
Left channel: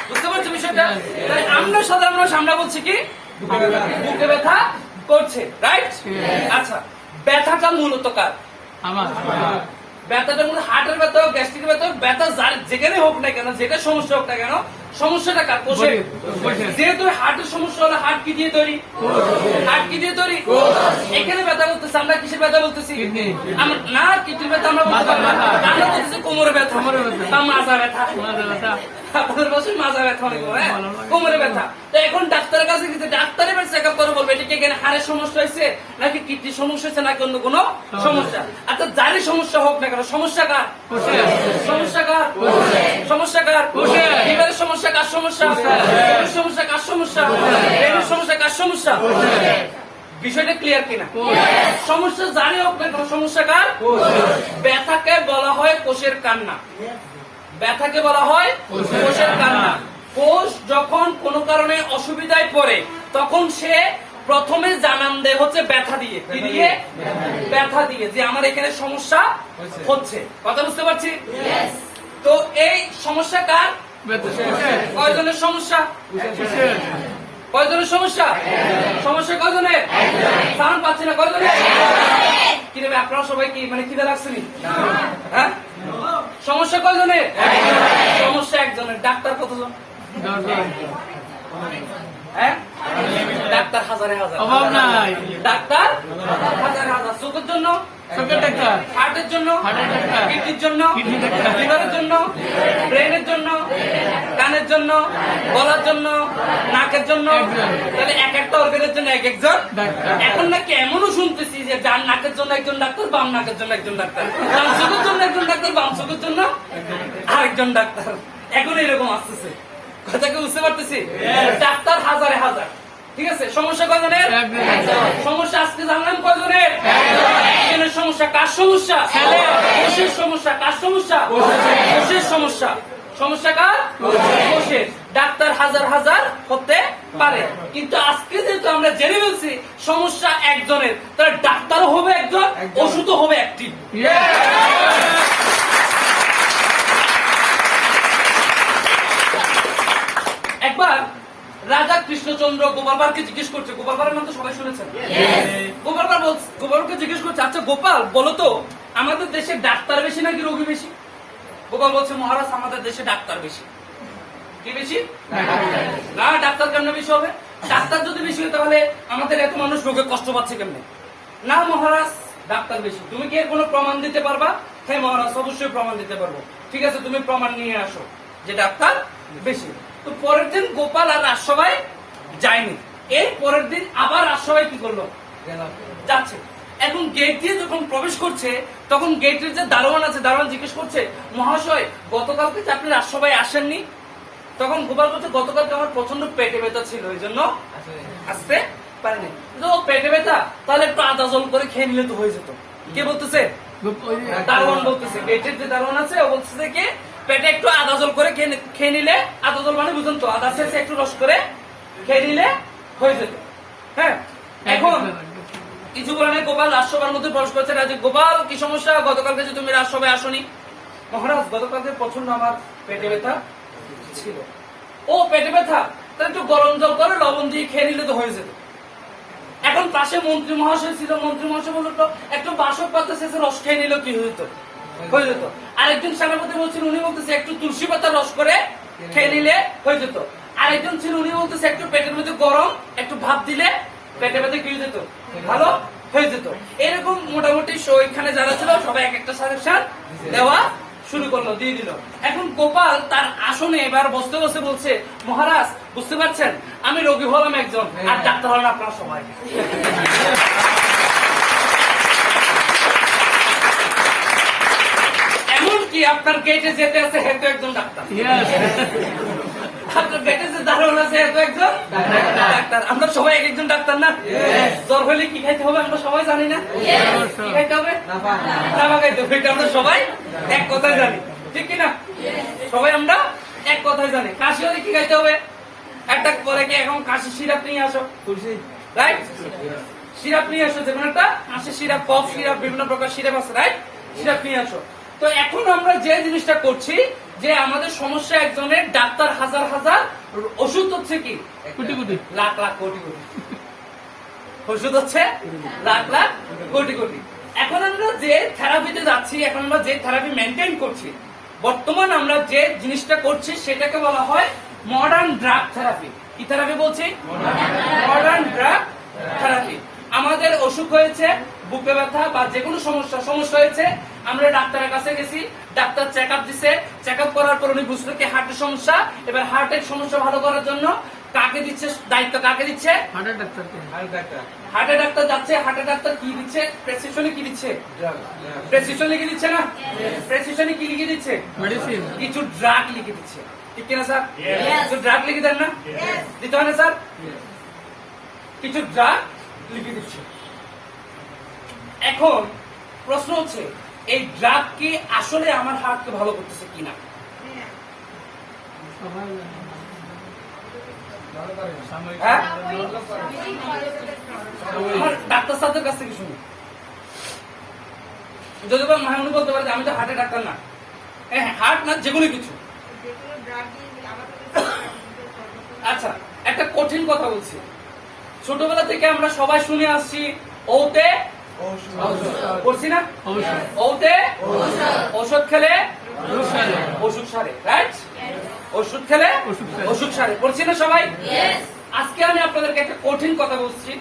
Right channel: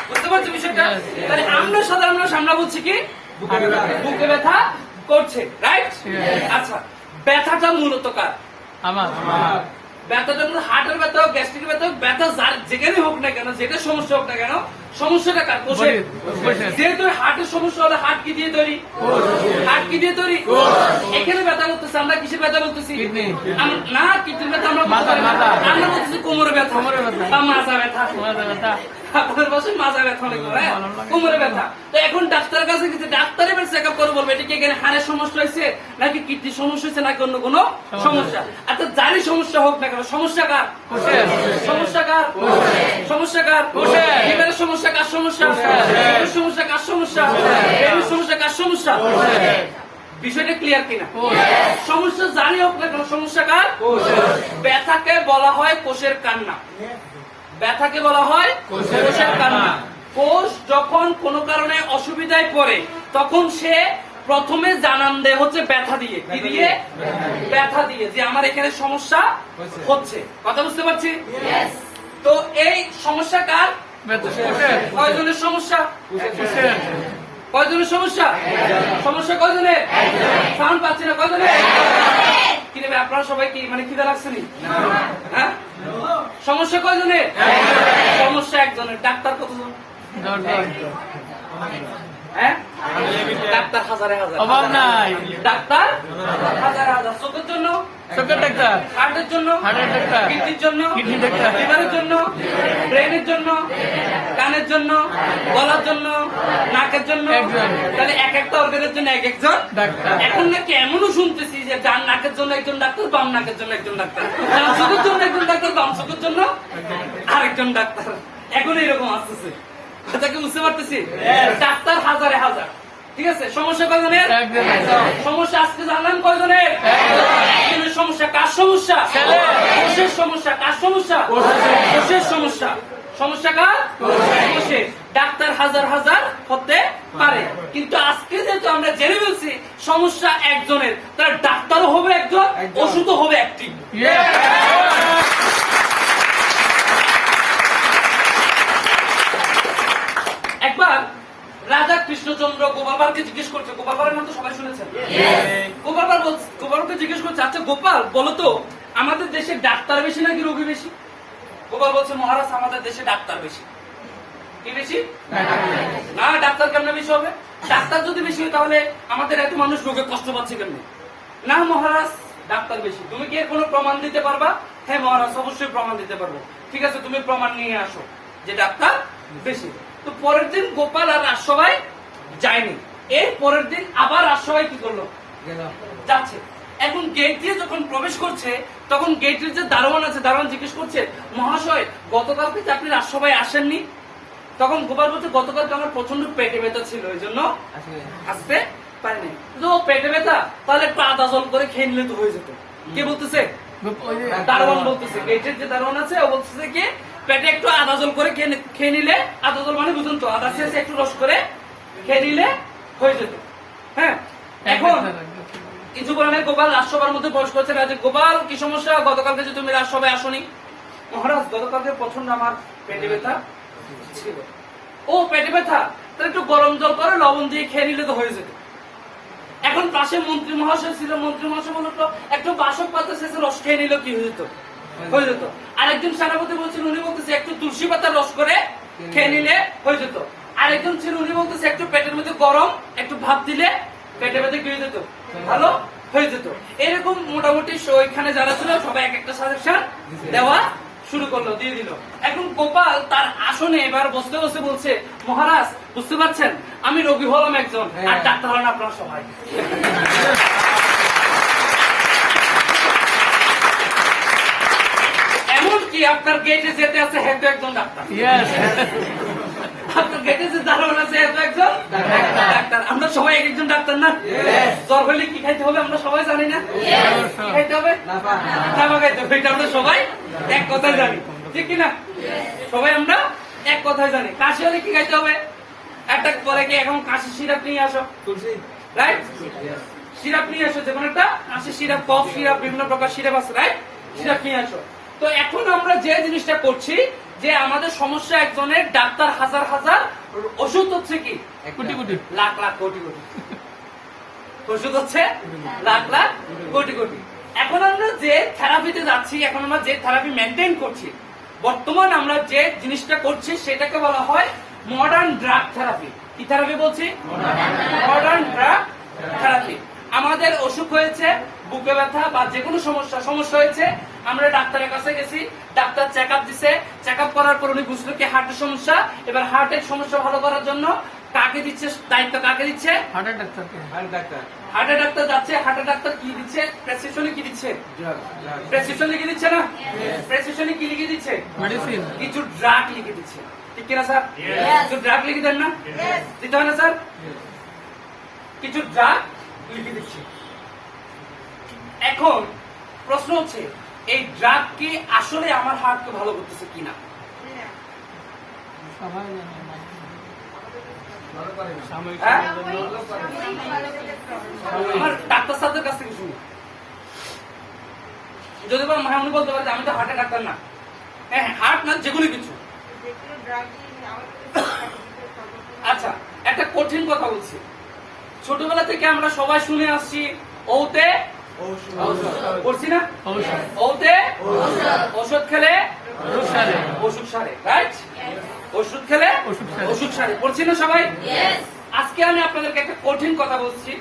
বুঝতে পারছো বিষয়টা? তাহলে আমরা সাধারণ মানুষ আমরা বলছি কি বুকে ব্যথা করছে, রাইট? আচ্ছা, ব্যথাটা মূলত কার? আমার। ব্যথাটা মূলত হার্টের ব্যথা হোক, গ্যাস্ট্রিকের ব্যথা হোক, ব্যথা যার যেখানে হোক না কেন, যেটা সমস্যা হোক না কেন, সমস্যাটা কার? কোষের। যেহেতু হার্টের সমস্যা হলে হার্ট কি দিয়ে তৈরি? হার্ট কি দিয়ে তৈরি? এখানে ব্যথা করতেছে, আমরা কিসের ব্যথা বলতেছি? না, কিডনির ব্যথা আমরা বলতেছি কোমরে ব্যথা বা মাজা ব্যথা। আপনাদের পাশে মাজা ব্যথা অনেক, হ্যাঁ, কোমরে ব্যথা। তো এখন ডাক্তারের কাছে গেছে, ডাক্তার এবার চেক আপ করে বলবে এটা কি এখানে হাড়ের সমস্যা হয়েছে নাকি কিডনির সমস্যা হয়েছে নাকি অন্য কোনো সমস্যা। অর্থাৎ যারই সমস্যা হোক না কেন, সমস্যা কার? সমস্যা কার? সমস্যা কার? লিভারের সমস্যা কার? সমস্যা। সমস্যা কার? সমস্যা। ব্রেনের সমস্যা কার? সমস্যা। বিষয়টা ক্লিয়ার কিনা? সমস্যা জানি হোক না কেন, সমস্যা কার? ব্যথাকে বলা হয় কোষের কান্না। ব্যথাকে বলা হয় কোষের কান্না। কোষ যখন কোনো কারণে অসুবিধায় পড়ে তখন সে প্রথমে জানান দেয় হচ্ছে ব্যথা দিয়ে। কি দিয়ে? ব্যথা দিয়ে, যে আমার এখানে সমস্যা হচ্ছে। কথা বুঝতে পারছি? তো এই সমস্যা কার? কয়জনের সমস্যা? কয়জনের সমস্যা? সমস্যা কয়জনের? সাউন্ড পাচ্ছি না, কয়জনের? কি নেবে আপনারা সবাই কি মানে খিদে লাগছেনি? হ্যাঁ, সমস্যা কয়জনের? সমস্যা একজনের। ডাক্তার কতজন? হ্যাঁ, ডাক্তার হাজারে হাজার। ডাক্তার হাজারে হাজার। চোখের জন্য চোখের ডাক্তার, হার্টের জন্য কিডনির জন্য, লিভারের জন্য, ব্রেনের জন্য, কানের জন্য, গলার জন্য, নাকের জন্য। তাহলে এক একটা অর্গানের জন্য এক একজন। এখন নাকি এমনও শুনতেছি যে ডান নাকের জন্য একজন ডাক্তার, বাম নাকের জন্য একজন ডাক্তার, ডান চোখের জন্য একজন ডাক্তার, বাম চোখের জন্য আরেকজন ডাক্তার। এখন এরকম আসতেছে। কথা কি বুঝতে পারতেছি? ডাক্তার হাজারে হাজার। ঠিক আছে, সমস্যা কয়জনের? সমস্যা আজকে জানলাম কয়জনের? সমস্যা কার? সমস্যা কোষের। সমস্যা কার? সমস্যা কোষের। সমস্যা সমস্যা কার? কোষের। ডাক্তার হাজার হাজার হতে পারে, কিন্তু আজকে যেহেতু আমরা জেনে বলছি সমস্যা একজনের, তাহলে ডাক্তারও হবে একজন, ওষুধও হবে একটি। একবার রাজা কৃষ্ণচন্দ্র গোপালকে জিজ্ঞেস করছে, গোপালের নাম তো সবাই শুনেছেন। গোপালকে জিজ্ঞেস করছে, আচ্ছা গোপাল বলতো আমাদের দেশে ডাক্তার বেশি নাকি রোগী বেশি? গোপাল বলছে, মহারাজ আমাদের দেশে ডাক্তার বেশি। কি বেশি? না, ডাক্তার কেমনে বেশি হবে? ডাক্তার যদি বেশি হয় তাহলে আমাদের এত মানুষ রোগে কষ্ট পাচ্ছে কেমনে? না মহারাজ, ডাক্তার বেশি। তুমি কি এর কোনো প্রমাণ দিতে পারবা? হ্যাঁ মহারাজ, অবশ্যই প্রমাণ দিতে পারবো। ঠিক আছে, তুমি প্রমাণ নিয়ে আসো যে ডাক্তার বেশি। তো পরের দিন গোপাল আর রাজসভায় যায়নি। এর পরের দিন আবার রাজসভায় কি করলো? যাচ্ছে। এখন গেট দিয়ে যখন প্রবেশ করছে তখন গেটের যে দারোয়ান আছে, দারোয়ান জিজ্ঞেস করছে, মহাশয় গতকালকে যে আপনি রাজসভায় আসেননি? তখন গোপাল বলছে, গতকালকে আমার প্রচন্ড পেটে ব্যথা ছিল, এই জন্য আসতে পারিনি। তো পেটে ব্যথা, তাহলে একটু আদা জল করে খেয়ে নিলে তো হয়ে যেত। কে বলতেছে? দারোয়ান বলতেছে। গেটের যে দারোয়ান আছে ও বলতেছে কি পেটে একটু আদা জল করে খেয়ে নিলে, আদা জল মানে বুঝুন তো, আদা শেষে একটু রস করে খেয়ে নিলে হয়ে যেত। হ্যাঁ, এখন কিছু কারণে গোপাল রাজসভার মধ্যে প্রবেশ করছে। রাজা, গোপাল কি সমস্যা? গতকালকে যে তুমি রাজসভায় আসনি? মহারাজ গতকালকে প্রচন্ড আমার পেটে ব্যথা ছিল। ও পেটে ব্যথা, তাহলে একটু গরম জল করে লবণ দিয়ে খেয়ে নিলে তো হয়ে যেত। এখন পাশে মন্ত্রী মহাশয় ছিল, মন্ত্রী মহাশয় বলতো একটু বাসক পাতা শেষে রস খেয়ে নিল কি হয়ে যেত, হয়ে যেত। আরেকজন সেনাপতি বলছিল, উনি বলতেছে একটু তুলসী পাতার রস করে খেয়ে নিলে হয়ে যেত। আরেকজন ছিল, উনি বলতেছে একটু পেটের মধ্যে গরম একটু ভাত দিলে পেটে ব্যথা কি হয়ে যেত, ভালো হয়ে যেত। এরকম মোটামুটি এখানে যারা ছিল সবাই এক একটা সাজেশন দেওয়া শুরু করলো, দিয়ে দিল। এখন গোপাল তার আসনে এবার বসতে বসে বলছে, মহারাজ বুঝতে পারছেন আমি রোগী হলাম একজন, আর ডাক্তার হলেন আপনার সবাই। এমনকি আপনার গেটে যেতে আছে হেতু একজন ডাক্তার, আপনার গেটে যে দারোয়ান আছে হেতু একজন ডাক্তার। আমরা সবাই এক একজন ডাক্তার না? জ্বর হলে কি খাইতে হবে আমরা সবাই জানি না? কি খাইতে হবে? নাফা খাইতে হবে। এটা আমরা সবাই এক কথায় জানি, ঠিক কিনা? সবাই আমরা এক কথায় জানি। কাশি হলে কি খাইতে হবে? একটা করে কি এখন কাশি সিরাপ নিয়ে আসো, রাইট? সিরাপ নিয়ে আসো, যেমন একটা কাশি সিরাপ, কফ সিরাপ, বিভিন্ন প্রকার সিরাপ আছে, রাইট? সিরাপ নিয়ে আসো। তো এখন আমরা যে জিনিসটা করছি যে আমাদের সমস্যা একজনের, ডাক্তার হাজার হাজার, ওষুধ হচ্ছে কি কোটি কোটি, লাখ লাখ কোটি কোটি, ওষুধ হচ্ছে লাখ লাখ কোটি কোটি। এখন আমরা যে থেরাপিতে যাচ্ছি, এখন আমরা যে থেরাপি মেনটেন করছি, বর্তমান আমরা যে জিনিসটা করছি সেটাকে বলা হয় মডার্ন ড্রাগ থেরাপি। কি থেরাপি বলছি? Modern drug therapy. আমাদের অসুখ হয়েছে, বুকে ব্যথা বা যে কোনো সমস্যা হয়েছে, আমরা ডাক্তারের কাছে গেছি, ডাক্তার চেক আপ দিছে, চেক আপ করার পর উনি বুঝলো কি হার্টের সমস্যা। এবার হার্টের সমস্যা ভালো করার জন্য কাকে দিচ্ছে দায়িত্ব, কাকে দিচ্ছে? হার্টের ডাক্তার। হার্টের ডাক্তার যাচ্ছে, হার্টের ডাক্তার কি দিচ্ছে? প্রেসক্রিপশনে কি দিচ্ছে? প্রেসক্রিপশন লিখে দিচ্ছে না? প্রেসক্রিপশনে কি লিখে দিচ্ছে? মেডিসিন, কিছু ড্রাগ লিখে দিচ্ছে, ঠিক কিনা স্যার? কিছু ড্রাগ লিখে দেন না? দিতে হয় না স্যার? কিছু ড্রাগ লিখে দিচ্ছে। এখন প্রশ্ন হচ্ছে এই ড্রাগ কি আসলে আমার হার্টকে ভালো করতেছে কিনা? হ্যাঁ, আমার ডাক্তার সাহেবের কাছ থেকে শুনি। যদি বা উনি বলতে পারে যে আমি তো হার্টের ডাক্তার না, হ্যাঁ হার্ট না যে কোনো কিছু। আচ্ছা, একটা কঠিন কথা বলছি। ছোটবেলা থেকে আমরা সবাই শুনে আসছি ওতে পড়ছি না? ওতে ওষুধ খেলে ওষুধ সারে, রাইট? ওষুধ খেলে ওষুধ সারে, পড়ছি না সবাই? আজকে আমি আপনাদেরকে একটা কঠিন কথা বলছি।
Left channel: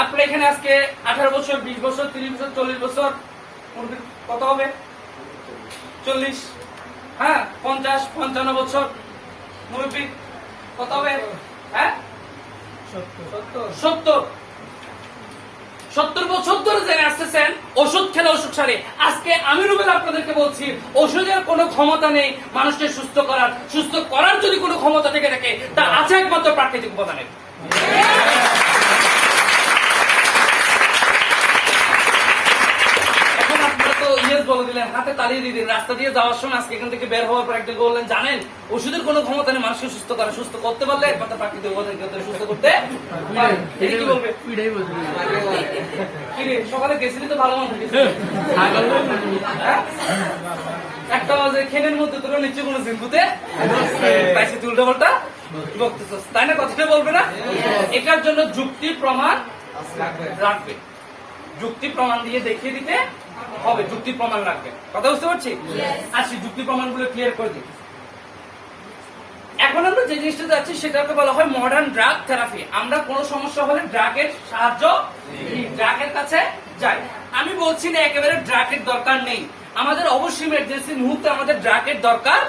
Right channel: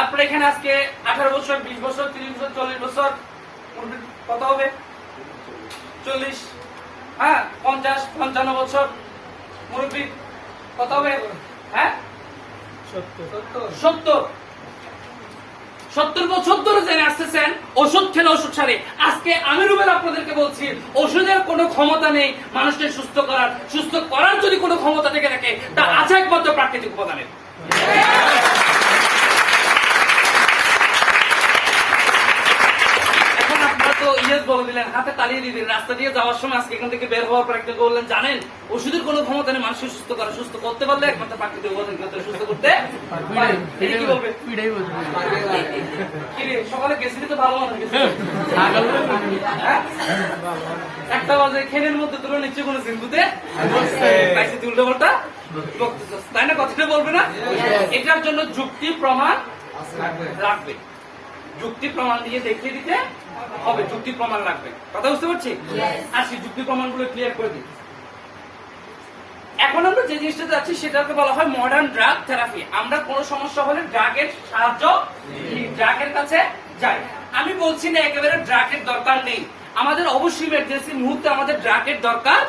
আপনারা এখানে আজকে 18 বছর, 20 বছর, 30 বছর, 40 বছর, কত হবে? 40, হ্যাঁ 50, 55 বছর মুরব্বী কত হবে? হ্যাঁ 70 বছর ধরে জেনে আসতেছেন ওষুধ খেলে ওষুধ সারে। আজকে আমি রুবেল আপনাদেরকে বলছি ওষুধের কোনো ক্ষমতা নেই মানুষকে সুস্থ করার। সুস্থ করার যদি কোনো ক্ষমতা থেকে থাকে তা আছে একমাত্র প্রাকৃতিক উপাদানে। এখন আপনারা তো ইয়েস বলে দিলেন, হাতে তালিয়ে দিয়ে দিলেন। রাস্তা দিয়ে যাওয়ার সময় আজকে এখান থেকে বের হওয়ার পর একটা বললেন, জানেন ওষুধের কোনো ক্ষমতা নেই মানুষকে সুস্থ করা। সুস্থ করতে পারলে একমাত্র প্রাকৃতিক উপাদান সুস্থ করতে পারে। এটা কি বলবে? কি রে, সকালে গেছিলি তো ভালো মতো গেছিলি, একটা বাজে খেলের মধ্যে তোরা নিশ্চয় কোনো জিম্বুতে পাইছি উল্টো পাল্টা বক্তব্য, তাই না? কথাটা বলবে না? এটার জন্য যুক্তি প্রমাণ রাখবে, যুক্তি প্রমাণ দিয়ে দেখিয়ে দিতে হবে, যুক্তি প্রমাণ লাগবে। কথা বুঝতে পারছি? আসি যুক্তি প্রমাণগুলো ক্লিয়ার করে দিই। এখন আমরা যে জিনিসটা যাচ্ছি সেটাকে বলা হয় মডার্ন ড্রাগ থেরাপি। আমরা কোন সমস্যা হলে ড্রাগের সাহায্য, ড্রাগের কাছে যাই। আমি বলছি না একেবারে ড্রাগের দরকার নেই, আমাদের অবশ্যই ইমার্জেন্সি মুহূর্তে আমাদের ড্রাগের দরকার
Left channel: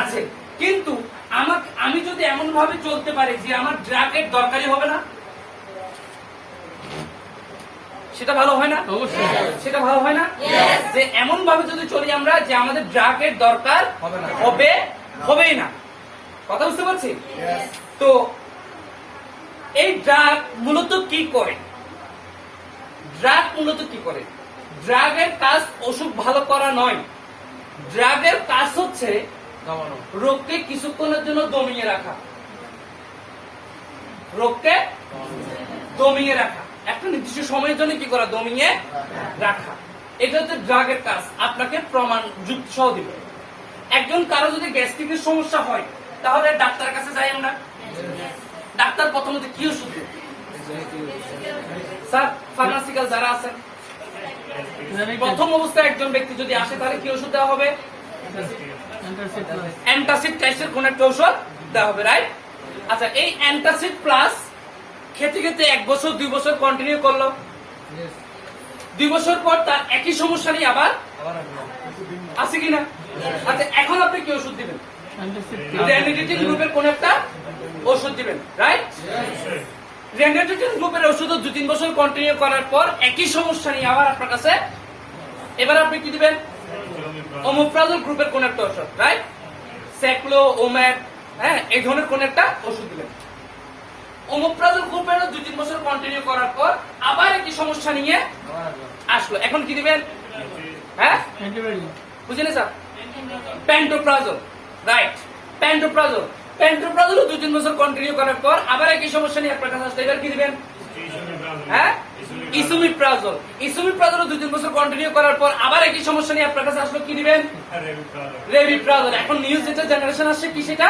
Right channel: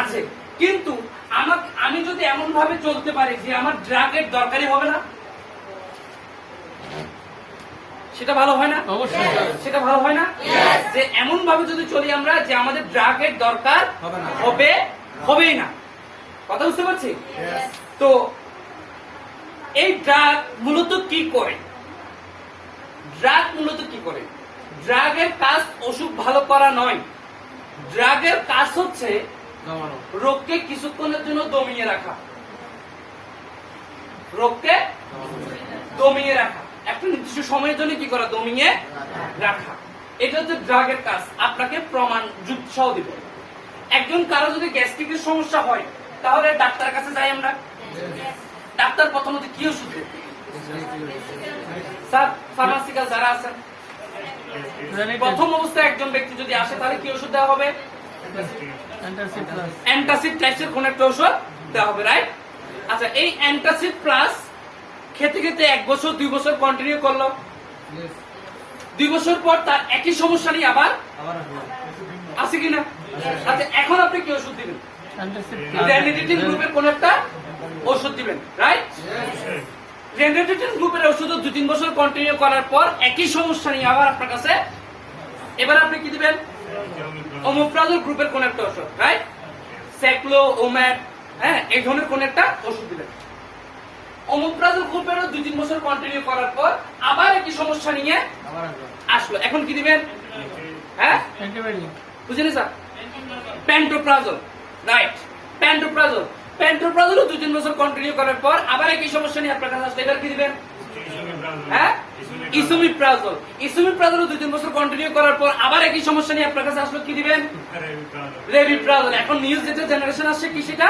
আছে। কিন্তু আমি যদি এমন ভাবে চলতে পারি যে আমার ড্রাগের দরকারই হবে না, সেটা ভালো হয় না? অবশ্যই সেটা ভালো হয় না? যে এমন ভাবে যদি চলি আমরা যে আমাদের ড্রাগের দরকার হবেই না। কথা বুঝতে পারছি? তো এই ড্রাগ মূলত কি করে? ড্রাগ মূলত কি করে? ড্রাগের কাজ অসুখ ভালো করা নয়, ড্রাগের কাজ হচ্ছে রোগকে কিছুক্ষণের জন্য দমিয়ে রাখা, রোগকে দমিয়ে রাখা, একটা নির্দিষ্ট সময়ের জন্য কি করা? দমিয়ে রাখা। এটা হচ্ছে ড্রাগের কাজ। আপনাকে প্রমাণ যুক্তি সহ দিব। একজন কারো যদি গ্যাস্ট্রিকের সমস্যা হয় তাহলে ডাক্তারের কাছে যাই আমরা। ডাক্তার প্রথমত কি ওষুধ দেবে? স্যার ফার্মাসিক্যাল যারা আছেন, প্রথম অবস্থায় একজন ব্যক্তি যদি আসে তাহলে কি ওষুধ দেওয়া হবে? অ্যান্টাসিড টাইপের কোন একটা ওষুধ দেওয়া হবে, রাইট? আচ্ছা, এই অ্যান্টাসিড প্লাস খেতে খেতে 1 বছর 2 বছর কন্টিনিউ করলো, 2 বছর পর তার একই সমস্যা নিয়ে আবার আছে কিনা? আচ্ছা, এখন আপনি কি ওষুধ দিবেন? রেনিডিটিন গ্রুপের কোন একটা ওষুধ দিবেন, রাইট? রেনিডিটিন গ্রুপের ওষুধ 2-3 বছর কন্টিনিউ করার পর একই সমস্যা নিয়ে আবার আপনার কাছে, এবার আপনি কি দিবেন? ওমোপ্রাজল গ্রুপের কোন একটা ওষুধ, রাইট? স্যাক্লো, ওম্যাট, হ্যাঁ, এই ধরনের কোন একটা ওষুধ দিবেন। ওমোপ্রাজল গ্রুপের 2-3 বছর কন্টিনিউ করার পর আবার একই সমস্যা নিয়ে আসলো, এখন কি দিবেন? হ্যাঁ, বুঝলেন স্যার? Pantoprazole, right? প্যান্টোপ্রাজল 2-3 বছর কন্টিনিউ করার পর আবার একই সমস্যা নিয়ে আপনার কাছে আসলে, এবার কি দিবেন? হ্যাঁ, ইসোমিপ্রাজল 2-3 বছর কন্টিনিউ করার পর আবার একই সমস্যা নিয়ে আপনার কাছে আসলো, কি দিবেন? রেভিপ্রাজল। এখন নিউজ যেটা জেনারেশন আসছে কি সেটা?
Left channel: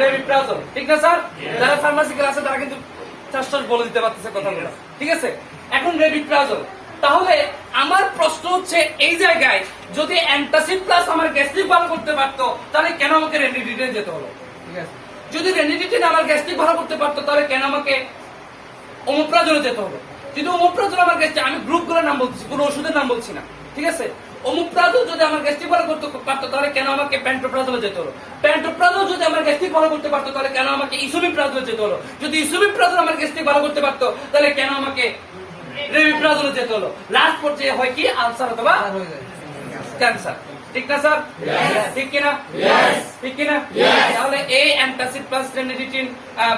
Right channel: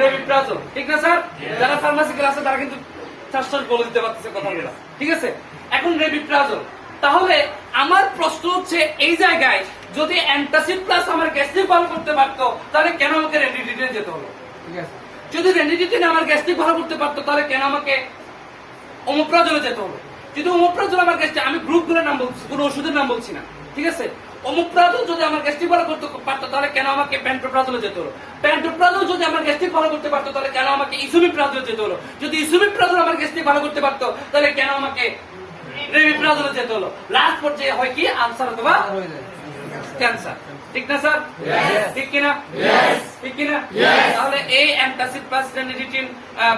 রেভিপ্রাজল, ঠিক না স্যার? যারা ফার্মাসিক্যাল আছে তারা কিন্তু চাষ বলে দিতে পারতেছে কথাগুলো, ঠিক আছে? এখন রেভিপ্রাজল। তাহলে আমার প্রশ্ন হচ্ছে এই জায়গায় যদি অ্যান্টাসিড প্লাস আমার গ্যাস্ট্রিক ভালো করতে পারতো তাহলে কেন আমাকে রেনিডিটিনে যেতে হলো? যদি রেনিডিটিন আমার গ্যাস্ট্রিক ভালো করতে পারতো তাহলে কেন আমাকে ওমোপ্রাজলে যেতে হবে? যদি ওমোপ্রাজল আমার গ্যাস্ট্রিক, আমি গ্রুপগুলোর নাম বলছি, কোনো ওষুধের নাম বলছি না, ঠিক আছে? ওমোপ্রাজল যদি আমার গ্যাস্ট্রিক ভালো করতে পারতো তাহলে কেন আমাকে প্যান্টোপ্রাজলে যেতে হলো? প্যান্টোপ্রাজল যদি আমার গ্যাস্ট্রিক ভালো করতে পারতো তাহলে কেন আমাকে ইসোমিপ্রাজলে যেতে হলো? যদি ইসোমিপ্রাজল আমার গ্যাস্ট্রিক ভালো করতে পারতো তাহলে কেন আমাকে রেভিপ্রাজলে যেতে হলো? লাস্ট পর্যায়ে হয় কি আলসার অথবা ক্যান্সার, ঠিক না স্যার? ঠিক কিনা? ঠিক কিনা? তাহলে এই অ্যান্টাসিড প্লাস রেনিডিটিন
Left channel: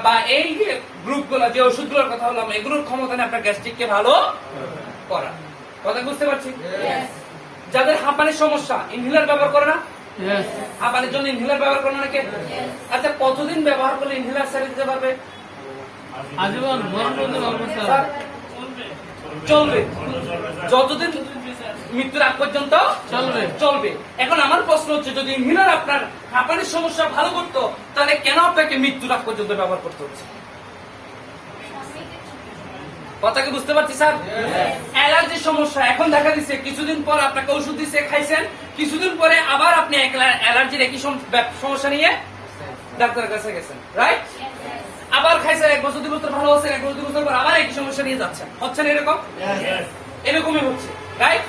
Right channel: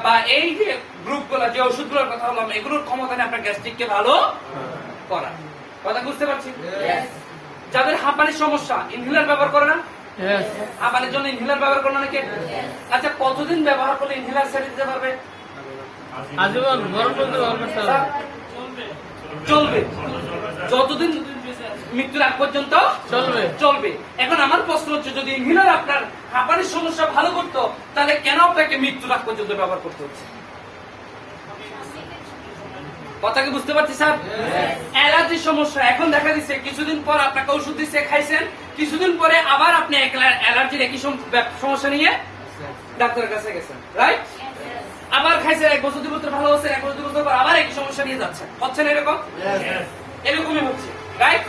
বা এই যে গ্রুপগুলো, যে ওষুধগুলোর কথা বললাম, এগুলোর ক্ষমতা নেই আপনার গ্যাস্ট্রিককে ভালো করা। কথা বুঝতে পারছি? যাদের হাঁপানির সমস্যা ইনহেলার ব্যবহার করে না? হাঁপানির জন্য ইনহেলার ব্যবহার করে না অনেকে? আচ্ছা, কতদিন ব্যবহার করলে ইনহেলার ছেড়ে দিতে পারবে? আজীবন গরম বলতে পারবেন স্যার, চলবে যতদিন মৃত্যুর আগ পর্যন্ত চলবে। এখন আমার প্রশ্ন হচ্ছে, যদি ইনহেলার আপনার হাঁপানির সমস্যা ভালো করতো তাহলে কেন আপনাকে মৃত্যুর আগ পর্যন্ত ব্যবহার করতে হচ্ছে? কথা কি বুঝতে পারছি স্যার? অ্যালার্জির সমস্যা এখন দেখা দিচ্ছে, কিছুদিন পর আপনাকে ওষুধ দিচ্ছে, খাইছেন, কিছুদিন পরে আবার আপনি অ্যালার্জির একই সমস্যা নিয়ে ডাক্তারের কাছে গেছেন, রাইট? আবার খাইছেন, 1 বছর 2 বছর ভালো হচ্ছে, 1 বছর 2 বছর পর আবার একই সমস্যা নিয়ে যাচ্ছেন, হচ্ছে না এরকম? এরকমই হচ্ছে, রাইট?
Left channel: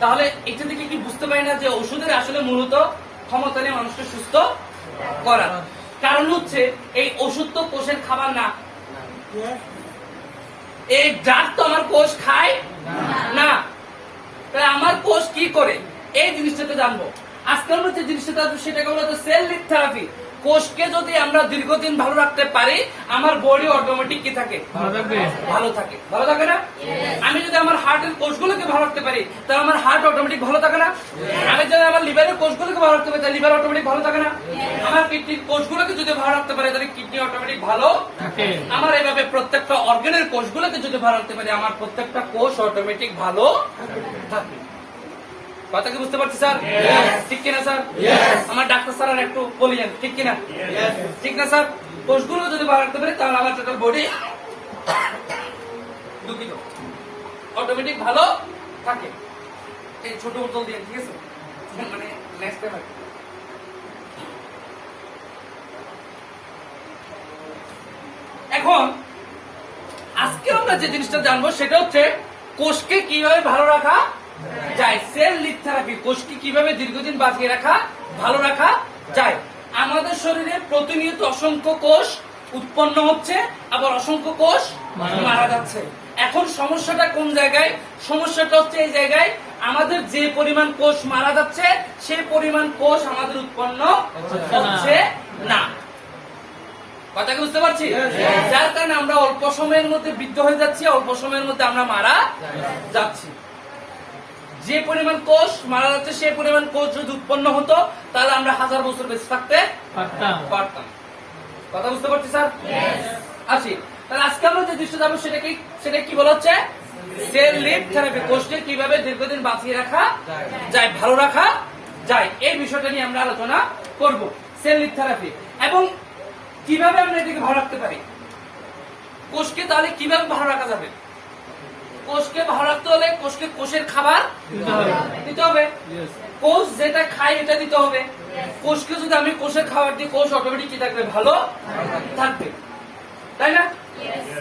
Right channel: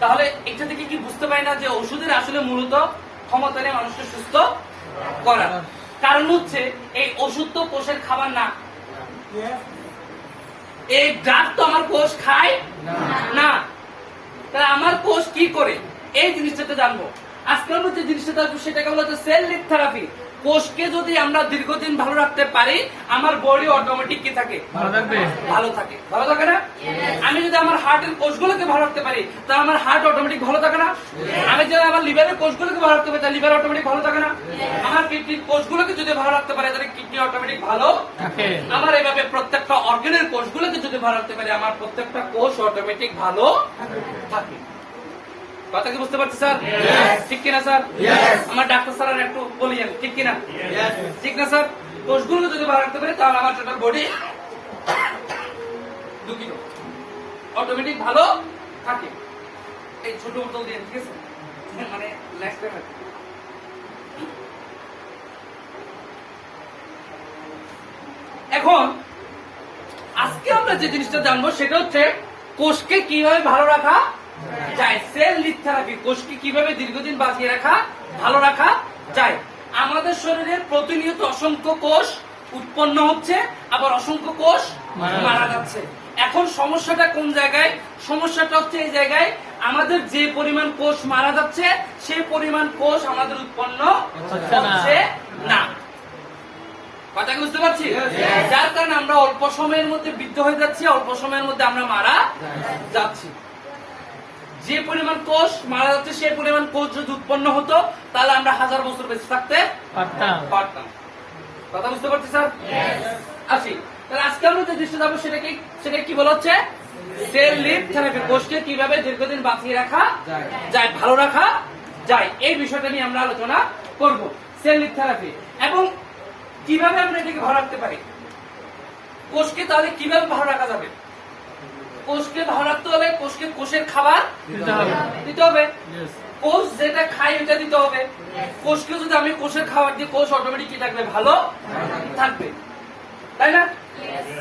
তাহলে এটা থেকে কি বুঝতে পারি না যে ওষুধের আসলে মূলত ক্ষমতা নেই মানুষকে সুস্থ করার? কারণ হচ্ছে এই ওষুধ তো কোষের খাবার না, এই ড্রাগ তো আমার কোষ খায় না, তাহলে আমার কোষ কি করে এই জিনিসটা তো জানবো। আজকাল যে জিনিসটা জানবো সেটাকে বলা হচ্ছে সেল লিড থেরাপি। কোষকে যদি আমরা দীর্ঘদিন ভালো রাখতে পারি আমার বডি অটোমেটিক কি থাকে? ভালো থাকে। ভালো থাকে না? আমি যদি আমার হার্টের কোষগুলোকে ভালো রাখতে পারি তাহলে আমার হার্ট অটোমেটিক ভালো থাকে না? আমি যদি আমার লিভারের কোষগুলোকে ভালো রাখতে পারি তাহলে লিভার অটোমেটিক ভালো থাকে না? আমার কিডনির কোষগুলোকে যদি ভালো রাখতে পারি তাহলে কিডনি অটোমেটিক ভালো থাকে। আমার এভাবে প্রত্যেকটা অর্গানের কোষগুলোকে যদি ভালো রাখতে পারি আমার প্রত্যেকটা কোষ অটোমেটিক ভালো থাকে। কথা কি বুঝতে পারছি স্যার? ঠিক কিনা স্যার? আমার ডাক্তার স্যার একটু বলি, ঠিক কিনা? ঠিক না স্যার? কোষগুলো যদি ভালো রাখতে পারি তাহলে আমার টোটাল বডি দুঃখিত অটোমেটিক ভালো থাকে। এই ছোট বোতল দিয়ে, ঠিক আছে? মানে নেক্সট টাইম এখন আজকে আমরা যে জিনিসটা জানবো সেটা হচ্ছে কোষকে কিভাবে ভালো রাখা যায়। সেল লিড থেরাপি, কোষকে কিভাবে দীর্ঘদিন বাঁচিয়ে রাখা, ভালো রাখা যায়। আমাদের শরীরে প্রতিনিয়ত অসংখ্য কোষ উৎপন্ন হচ্ছে, আবার অসংখ্য কোষ মারা যাচ্ছে। এখন সমস্যাটা কোন জায়গায়? সমস্যাটা হচ্ছে এই জায়গায়, আমাদের যে পরিমাণ কোষ মারা যাচ্ছে সেই পরিমাণ কোষ আমাদের উৎপন্ন হচ্ছে না। কথা কি বুঝতে পারছি? যার কারণে আমরা অল্প সময়ের মধ্যে বৃদ্ধ হয়ে যাচ্ছি, অল্প সময়ের মধ্যে আমরা মারা যাচ্ছি। যে পরিমাণ কোষ মারা যাচ্ছে সেই পরিমাণ কোষ যদি উৎপন্ন হতো তাহলে আমরা 1000 বছর বেঁচে থাকতে পারতাম। কথা বুঝতে পারছি স্যার? আছি। তাহলে আজকে আমরা যে দৃশ্য যাবো সেটা কি বলা হচ্ছে? Cell lead therapy. কোষকে কিভাবে দীর্ঘদিন বাঁচিয়ে রাখা যায়, ভালো রাখা যায়, এই বিষয়টা নিয়ে আমরা আলোচনা করব। Cell lead therapy. এবং কিভাবে আমরা এটাকে ভালো রাখতে পারি? কোষকে তাহলে কিভাবে ভালো রাখা যাবে? কোষকে ভালো রাখতে হলে কোষকে কোষের খাবার দিতে হবে। কোষ যেটা খায় এটা দিতে হবে। কোষকে যদি আমি কোষের খাবার দিই, কোষ অটোমেটিক কি থাকবে? ভালো থাকবে, তাই না?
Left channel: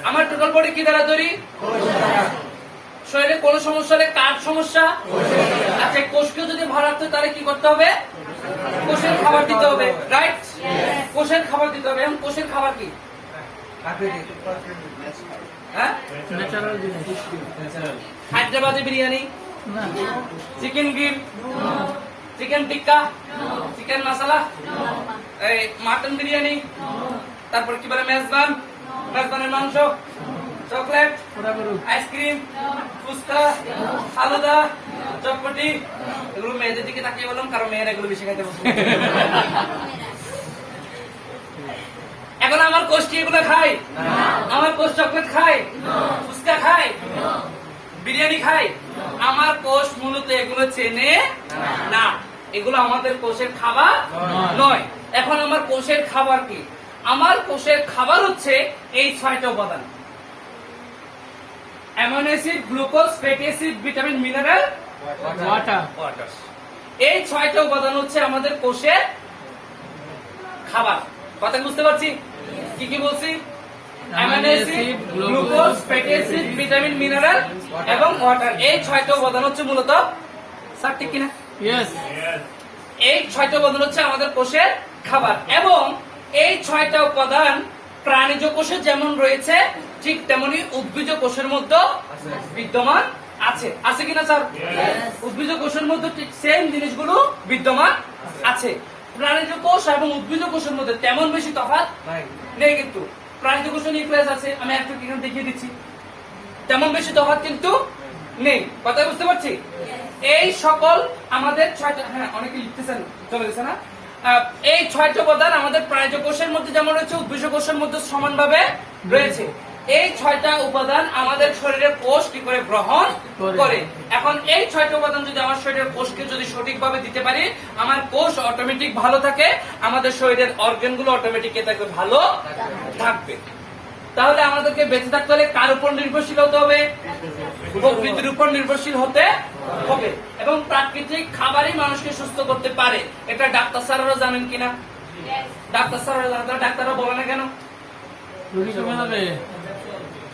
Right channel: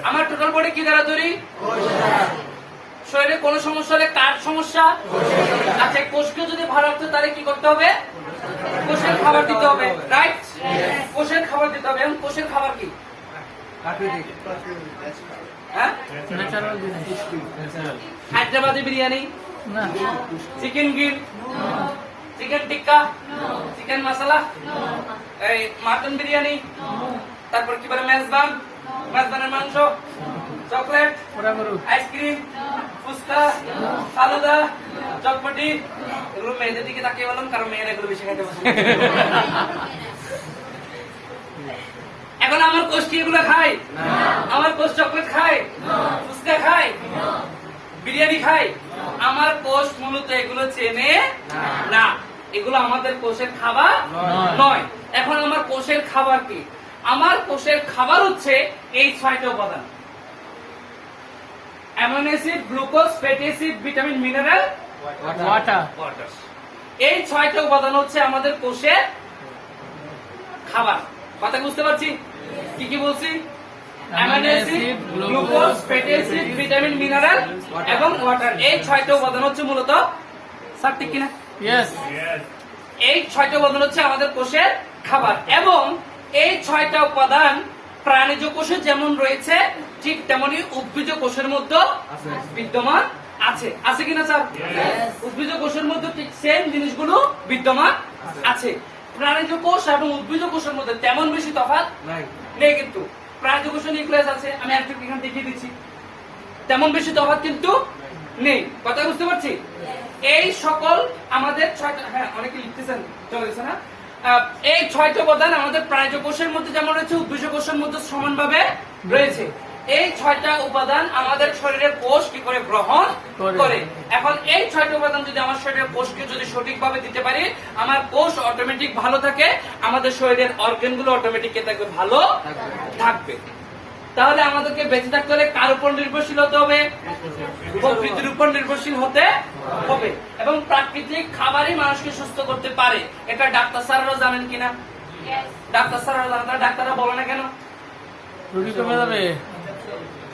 আমার টোটাল বডি কি দ্বারা তৈরি? শরীরে কোনো সমস্যা হলে কার সমস্যা? আচ্ছা, কোষকে যদি ভালো রাখতে তাহলে কি করতে হবে? কোষের খাবার দিতে হবে, রাইট? কোষের খাবার দিতে হবে। এখন কোষের খাবার কি? হ্যাঁ, ন্যাচারাল জিনিস হায়দ্রাবাদি বিরিয়ানি, না চিকেন গ্রিল, চিকেন টিক্কা, চিকেন মশলা, এই মাটন বিরিয়ানি, তারপর কি বলে মেজবান, মেজবানের মাংস, চকলেট, ওরা বলুন আইসক্রিম, ফুচকা, ফালুদা, চটপটি, এগুলো মেয়েদের দিকে তাকিয়ে বললাম কারণ মেয়েরা এগুলো বেশি খাইতে পছন্দ করে। এখন আমার কোষ কি এগুলো খায়? আমার কোষ চকলেট খায়, ফুচকা খায়, বিরিয়ানি খায়? আমার কোষ মূলত এগুলো চেনে না, এগুলো আমাদের কোষের খাবার নয়। এখন আমার কোষের খাবার কি? আমার কোষের খাবার হচ্ছে এই 6টা উপাদান: amino acid, glucose, fatty acid, vitamin, mineral, water. এই 6টা উপাদান হচ্ছে আমাদের কোষের খাবার। কথা বুঝতে পারছি? কি কি বলছি? Amino acid, glucose, fatty acid, vitamin, mineral এবং ওয়াটার। এই 6টা উপাদান হচ্ছে মূলত, স্যার ঠিক কিনা? ইয়েস এই 6টা উপাদান হচ্ছে আমাদের কোষের খাবার। এবং এই 6টা উপাদান প্রাণীজ কোষে যেমন রয়েছে ঠিক তেমনি উদ্ভিজ কোষের মধ্যে বিদ্যমান আছে। আছে কিনা স্যার? উদ্ভিজ কোষের মধ্যে ঠিক সেম জিনিসগুলো বিদ্যমান আছে। প্রাণীজ কোষ এবং উদ্ভিজ কোষের মধ্যে তেমন বেশি তফাৎ নেই, কিন্তু প্রাণীজ কোষে নিউক্লিয়াস আছে, আমি একটু এখানে দেখিয়ে দিচ্ছি, তেমন বেশি তফাৎ কিন্তু নেই। কথা বুঝতে পারছি? এই সকল আমাদের 6টা, হ্যাঁ অনেকে লিখতেছেন, চলে গেছে না? এই 6টা উপাদান আমাদের প্রাণীজ কোষের মধ্যে যেমন রয়েছে উদ্ভিজ কোষের মধ্যে সমানভাবে রয়েছে। এই 6টা উপাদান আমাদের শরীরের কোষ কি করে গ্রহণ করে। এখন এই 6টা উপাদান যদি আমার শরীরের কোষকে যদি সঠিকভাবে দিতে পারি, আমার কোষ অটোমেটিক ভালো থাকে, আমাদের শরীরের অর্গান গুলো অটোমেটিক থাকবে, ভালো থাকবে। তাহলে আমাদেরকে বেঁচে থাকতে হলে কার উপর নির্ভরশীল হতে হবে? প্রকৃতির উপর নির্ভরশীল হতে হবে। এবং প্রাকৃতিক খাবারই মানুষকে সুস্থ করতে পারে, এটা ডাক্তার স্যাররা জানেন কিনা? ডাক্তার স্যাররা জানেন, তারা ডাক্তাররা বলে না কেন? রুগী কমে যাবে,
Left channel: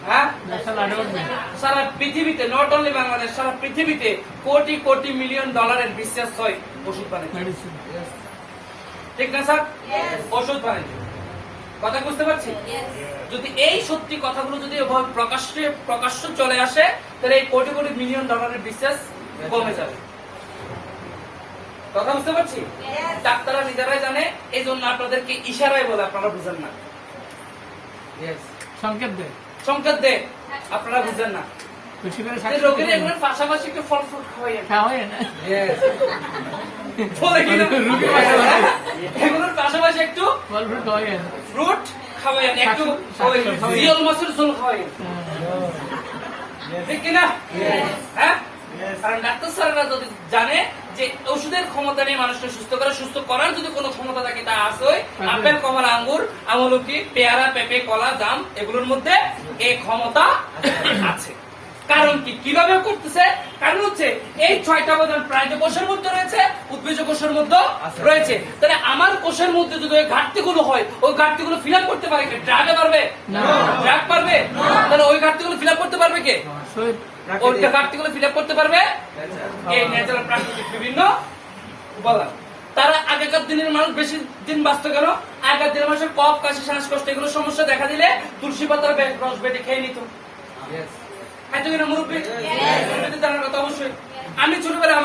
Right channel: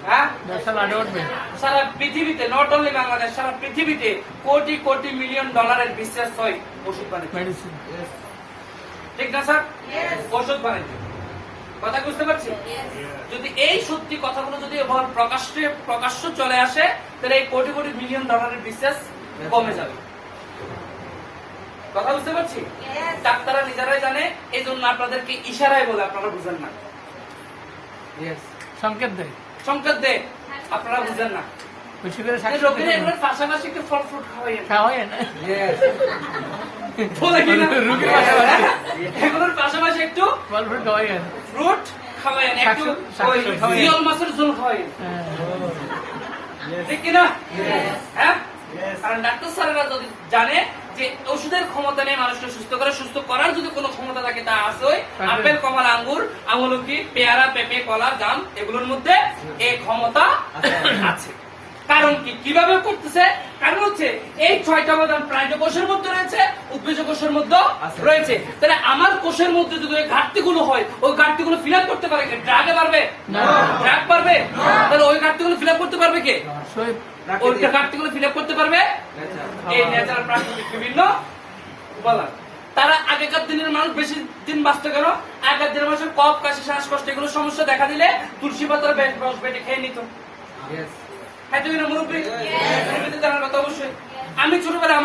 হ্যাঁ, ব্যবসা লাড়ে উঠবে। সারা পৃথিবীতে, নট অনলি বাংলাদেশ, সারা পৃথিবীতে কোটি কোটি মিলিয়ন ডলারের বিজনেস হয় ওষুধ বাণিজ্য, মেডিসিন ঠিক না স্যার? ওষুধ বাণিজ্য। কথা বুঝতে পারছি? যদি এই সত্যি কথাগুলো যদি প্রকাশ্য চলে আসে, তাহলে এই কোটি কোটি মিলিয়ন ডলারের বিজনেস কমে যাবে। কথা বুঝতে পারছি? ডাক্তাররা নিজেরাই জানে, এই জন্য আপনাদেরকে ইশারায় বলে, আপনারা বুঝেন না। সংকেত দেয়, সংকেত দেয়, আপনারা বুঝেন না। বেশি করে রোগীরা এগুলোর পাশাপাশি একটু ফল ফ্রুট খাওয়াইয়েন, খাওয়া হয় না বলে কিনা? এগুলোর পাশাপাশি একটু ফল ফ্রুট খাওয়া হয় না। ফ্রুট খাওয়াইয়েন, একটু শাকসবজি খাওয়াইয়েন। জিয়ল মাছের ঝোল খাওয়াইয়েন, ঠিক কিনা? হ্যাঁ, কারণ ডাক্তার স্যারেরা যদি জানে যে ওষুধের ক্ষমতা নেই মানুষকে সুস্থ করে, সুস্থ করার যদি কোনো ক্ষমতা থাকে তা আছে আপেল, কমলা, আঙ্গুর, আমলকি, পেয়ারা, পেঁপে, কলা, জাম, এগুলোর মধ্যে এই ক্ষমতা আছে। কারণ কি, কিভাবে করতেছে? কারণ হচ্ছে এই 6টা উপাদান প্রাণীজ কোষের মধ্যে রয়েছে, উদ্ভিজ কোষের মধ্যে রয়েছে। তাহলে আমার কোষের মধ্যে যদি ওই ঘাটতিগুলো হয়, ওই ঘাটতিগুলো ফিল আপ করতে পারে কে? ড্রাগে পারবে? ড্রাগ পারবে? তাহলে ওই ঘাটতিগুলো ফিল আপ করতে পারবে কে? ওই ঘাটতিগুলো ফিল আপ করতে পারবে এই ন্যাচারাল প্রাকৃতিক বিভিন্ন উপাদান। তারা আগেকার দিনের মানুষ বেশি দিন বাঁচত কেন? আগেকার দিনের মানুষের কফ, কাশি, শ্বাসকষ্ট এগুলো সমস্যা দেখা দিলে তুলসী পাতার রস বেটে খেয়ে নিত। অবশ্যই। আমি ছোটবেলায়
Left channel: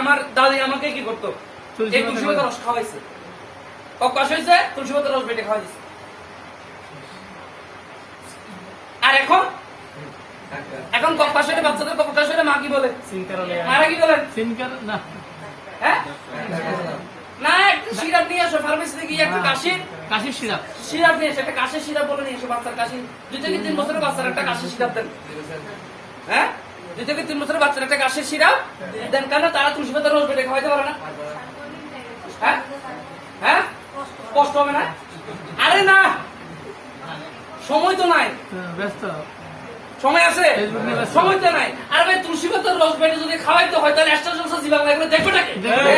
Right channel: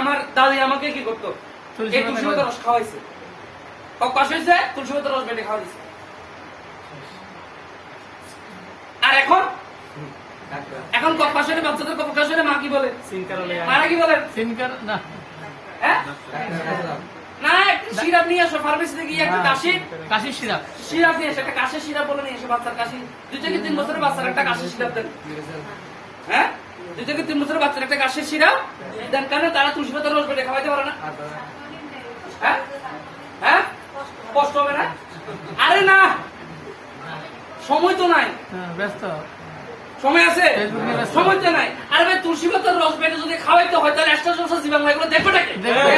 আমার দাদি আমাকে কি করতো? এই তুলসী পাতার রস খাওয়াইছে। কফ কাশি হয়েছে, তুলসী পাতার রস বেটে খাওয়াইছে। আর এখন কফ কাশি হলে, বাচ্চাদের কফ কাশি হলে মা কি বলে? মারা কি বলেন? না হ্যাঁ, না একটু সিরাপ নিয়ে আসো, ফার্মেসিতে গিয়ে একটু কাশির সিরাপ সিরাপ নিয়ে এসো, একটা কাশির সিরাপ বলে নিয়ে এসো। বাচ্চার কাশি 2 থেকে 3 বছরের বাচ্চার একটা কাশির সিরাপ দেন। হ্যাঁ, 2 থেকে 3 বছরের বাচ্চার একটা কাশির সিরাপ দেন, কেন? তারা তুলসী পাতার রস বেটে খাওয়াইতে পারে না। হ্যাঁ, হ্যাঁ, কষ্ট হবে না? আরে না, সময় তো নাই। ব্যস্ত। সময় আছে? ফেসবুক নিয়ে ব্যস্ত। সময় তো নাই। আরে ভাই তুলসী পাতার রস বেটে যদি খাওয়াইতে হয় তাহলে এক্সট্রা জলসা জি বাংলা এগুলো দেখবে নাকি? দেখবে।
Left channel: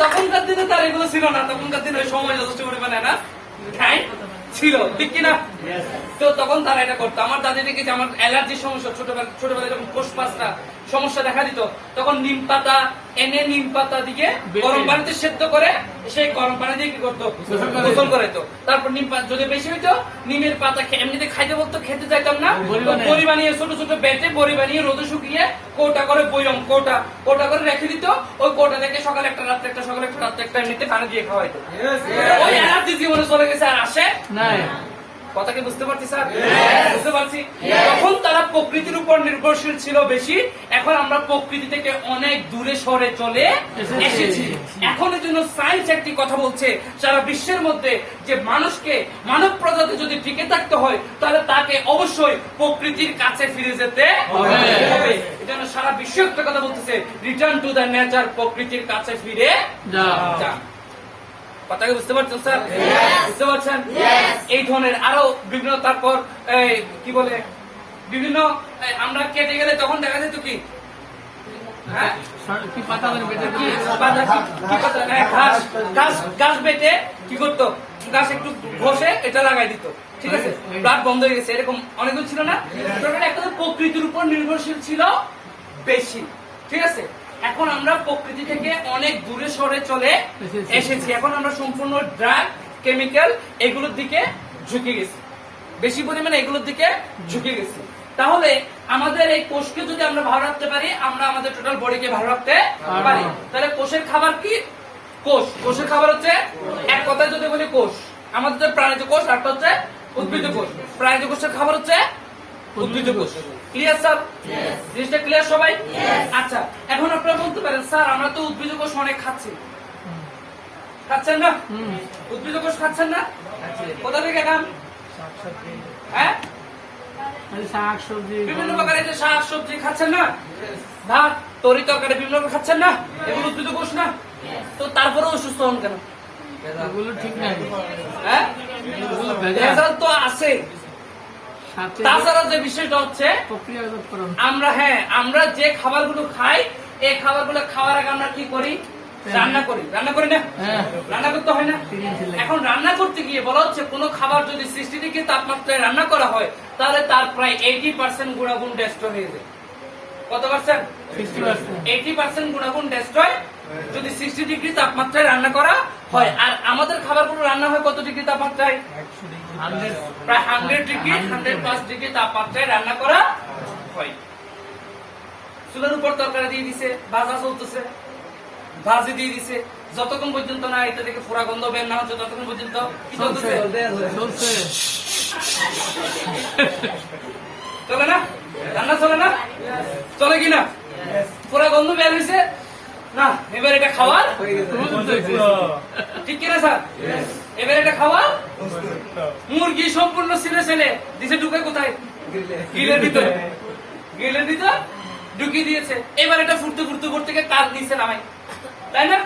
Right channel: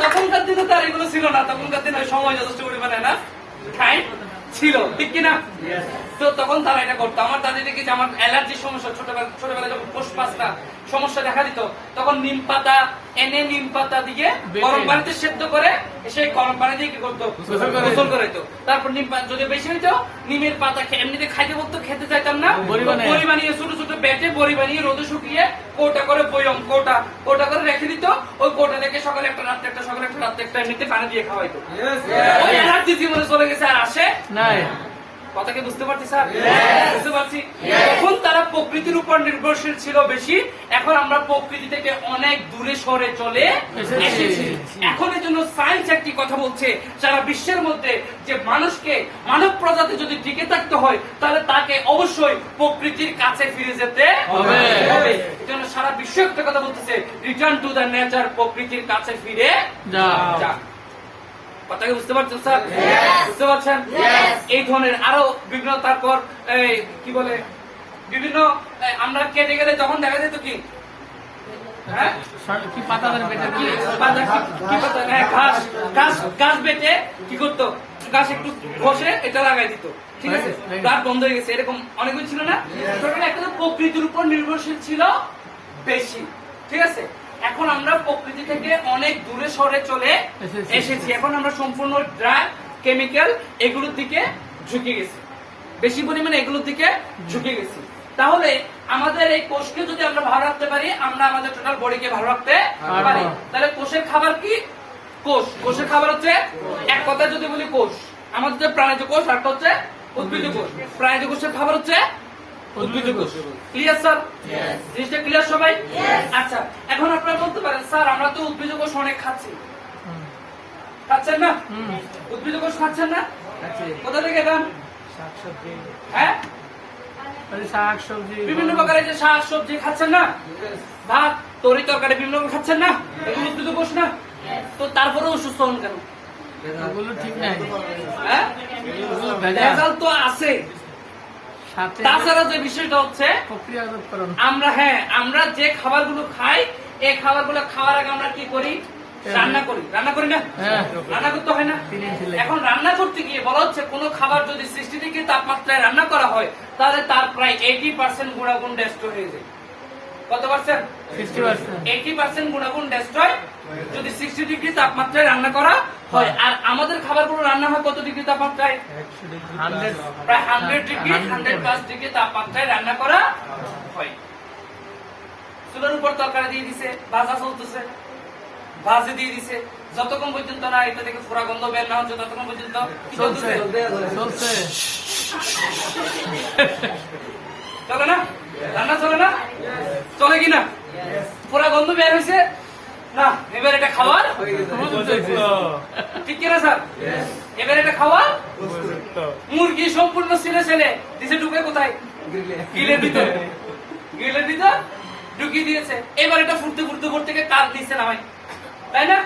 তখনকার দিনে তার এগুলো ছিল না, তখনকার দিনে ওই সময় যথেষ্ট পরিমাণে না টাইম ছিল, ঠিক কিনা? তো তখন তারা এটা করতো। আমার দাদি দেখেছি আমার অ্যালার্জির সমস্যা ছোটবেলায় যখন কোষ পাঁচটা সমস্যা দেখা দিত, তখন নিম পাতা এনে নিম পাতা দিয়ে গরম পানিতে সেদ্ধ করে সেই গরম পানি দিয়ে কি করতো? গোসল করাইতো। তারপর নিম পাতা যদি বেশি হইতো নিমের পাতা এমনিতে খাইতে বলতো, খেতে চাইতাম না, বড়ি বানিয়ে ছোট ছোট বেটে বড়ি বানিয়ে রোদে শুকিয়ে কৌটা করে বয়ম কৌটা করে রেখে দিত। ওই কৌটা থেকে সকালে একটা রাত্রে একটা সকালে একটা রাত্রে একটা এমনিতে পানি দিয়ে খাওয়াইতো। ওই এনার্জি জীবনে চলে গেছে, আর আসে নাই। কথা কি বুঝতে পারছি স্যার? বুঝতে পারছি। তখন তারা প্রকৃতির উপর নির্ভরশীল ছিল বেশি, এখন আমরা প্রকৃতি থেকে অনেক দূরে সরে চলে এসেছি। এখন এর জন্য সায়েন্স একটি কথা বলছে সারা বিশ্বের মধ্যে যে মানুষকে মানব প্রজাতি যদি টিকে থাকতে হয় তাহলে তাকে অবশ্যই প্রকৃতির কাছে ফিরে যেতে হবে। এই জন্য সারা বিশ্ব একটা কথা বলতেছে, রিটার্ন টু দ্য নেচার, প্রকৃতির কাছে ফিরে যা। কথাকে বুঝতে পারছেন স্যার? বুঝতে পারছেন? এই ধরনের আরো বিভিন্ন, তারপর কি বলে বিভিন্ন, আমরা কেটে গেলে তখন দেখা যেত কি হ্যাঁ কি পাতা বেটে কি পাতা কি পাতা ঘাস বেটে কি করতো, গাছ একটু ঘষে এটা লাগাই দিত, ঠিক আছে, ব্লাড বন্ধ হয়ে গেছে, এরকম অনেকগুলো ছিল না? একটা প্রকৃতির উপর নির্ভরশীল ছিল বেশি, ঠিক আছে। এখন আমরা প্রকৃতি থেকে অনেক দূরে সরে চলে এসেছি। এখন আমরা সম্পূর্ণ ড্রাগ কেমিক্যাল এগুলোর দিকে ঝুঁকে গেছি, বেশি পরিমাণে এগুলোর দিকে ঝুঁকে গেছি। তাহলে আমাদের এই কোষকে যদি আমরা ভালো রাখতে পারি, আমরা আমাদের টোটাল বডিকে ভালো রাখতে পারি। তাহলে কোষের খাবার কি? কোষের খাবার হচ্ছে, এক কথায় যদি বলি কোষ, আমাদের যে প্রাণীজ কোষ আর হচ্ছে উদ্ভিদ কোষ। প্রাণীজ কোষের খাবার হচ্ছে উদ্ভিদ কোষ। Clear sir? জিনিসটা ক্লিয়ার সবাই? আচ্ছা, এখন আপনারা বলতে পারেন স্যার আমরা তো উদ্ভিদ কোষ অনেক খাচ্ছি, খাচ্ছেন না? উদ্ভিদ কোষ খাচ্ছেন না? কোথা থেকে খান? হ্যাঁ, শাক সবজি বিভিন্ন প্রকারের যে শাক সবজি খাচ্ছেন না, ভাত তরি তরকারি বিভিন্ন রকম খাচ্ছেন না, এগুলো উদ্ভিদ কোষ না? তো তারপরেও অসুস্থ হন কেন? এগুলো ঠিক নাই। হ্যাঁ, ভেজাল তো আছে। সাথে তাছাড়া যে বিষয়টা হচ্ছে প্রক্রিয়াকরণ। আমরা যে খাবারগুলো খাই, এই খাবারগুলো খাওয়ার আগে আমরা কি করি? রান্না করি না? হ্যাঁ। রান্না করতে হয় না? এখন রান্না করতে গিয়ে বলা হচ্ছে কোন খাবার যদি 60 ডিগ্রি তাপমাত্রায় রান্না করা হয় তাহলে তার প্রায় 80% গুণাগুণ ডেস্ট্রয় হয়ে যায়। কত পার্সেন্ট? 80% গুণাগুণ ডেস্ট্রয় যদি 60 ডিগ্রি তাপমাত্রায় রান্না করা হয়। আর আমাদের খাবারগুলো রান্না হয় কত ডিগ্রি তাপমাত্রায়? প্রায় 100 ডিগ্রি 100+ ডিগ্রি তাপমাত্রায় রান্না করা হয়। চুলের উপর তরকারি দিয়ে দিছে, ভাজা চলতেছে, ভাজি দিয়ে দিছে, যতক্ষণ পর্যন্ত না এটা থেকে ফোড়া গন্ধ বের না হচ্ছে ততক্ষণ পর্যন্ত কি চলতেছে? চলে না? রান্না চলে না? চলে কিনা? ফোড়া গন্ধ বের হয়েছে না, এবার এটা খাওয়ার ঠিক কিনা স্যার? এবার এটা খাওয়ার মুরগি সম্পূর্ণ ছেলে দিছে ঢুকে কোথায়? গ্রিলের ভিতর ঢুকিয়ে দিয়েছে। এবার এটা ফুটতে থেকে কাল নিচে নামাই, তাই না?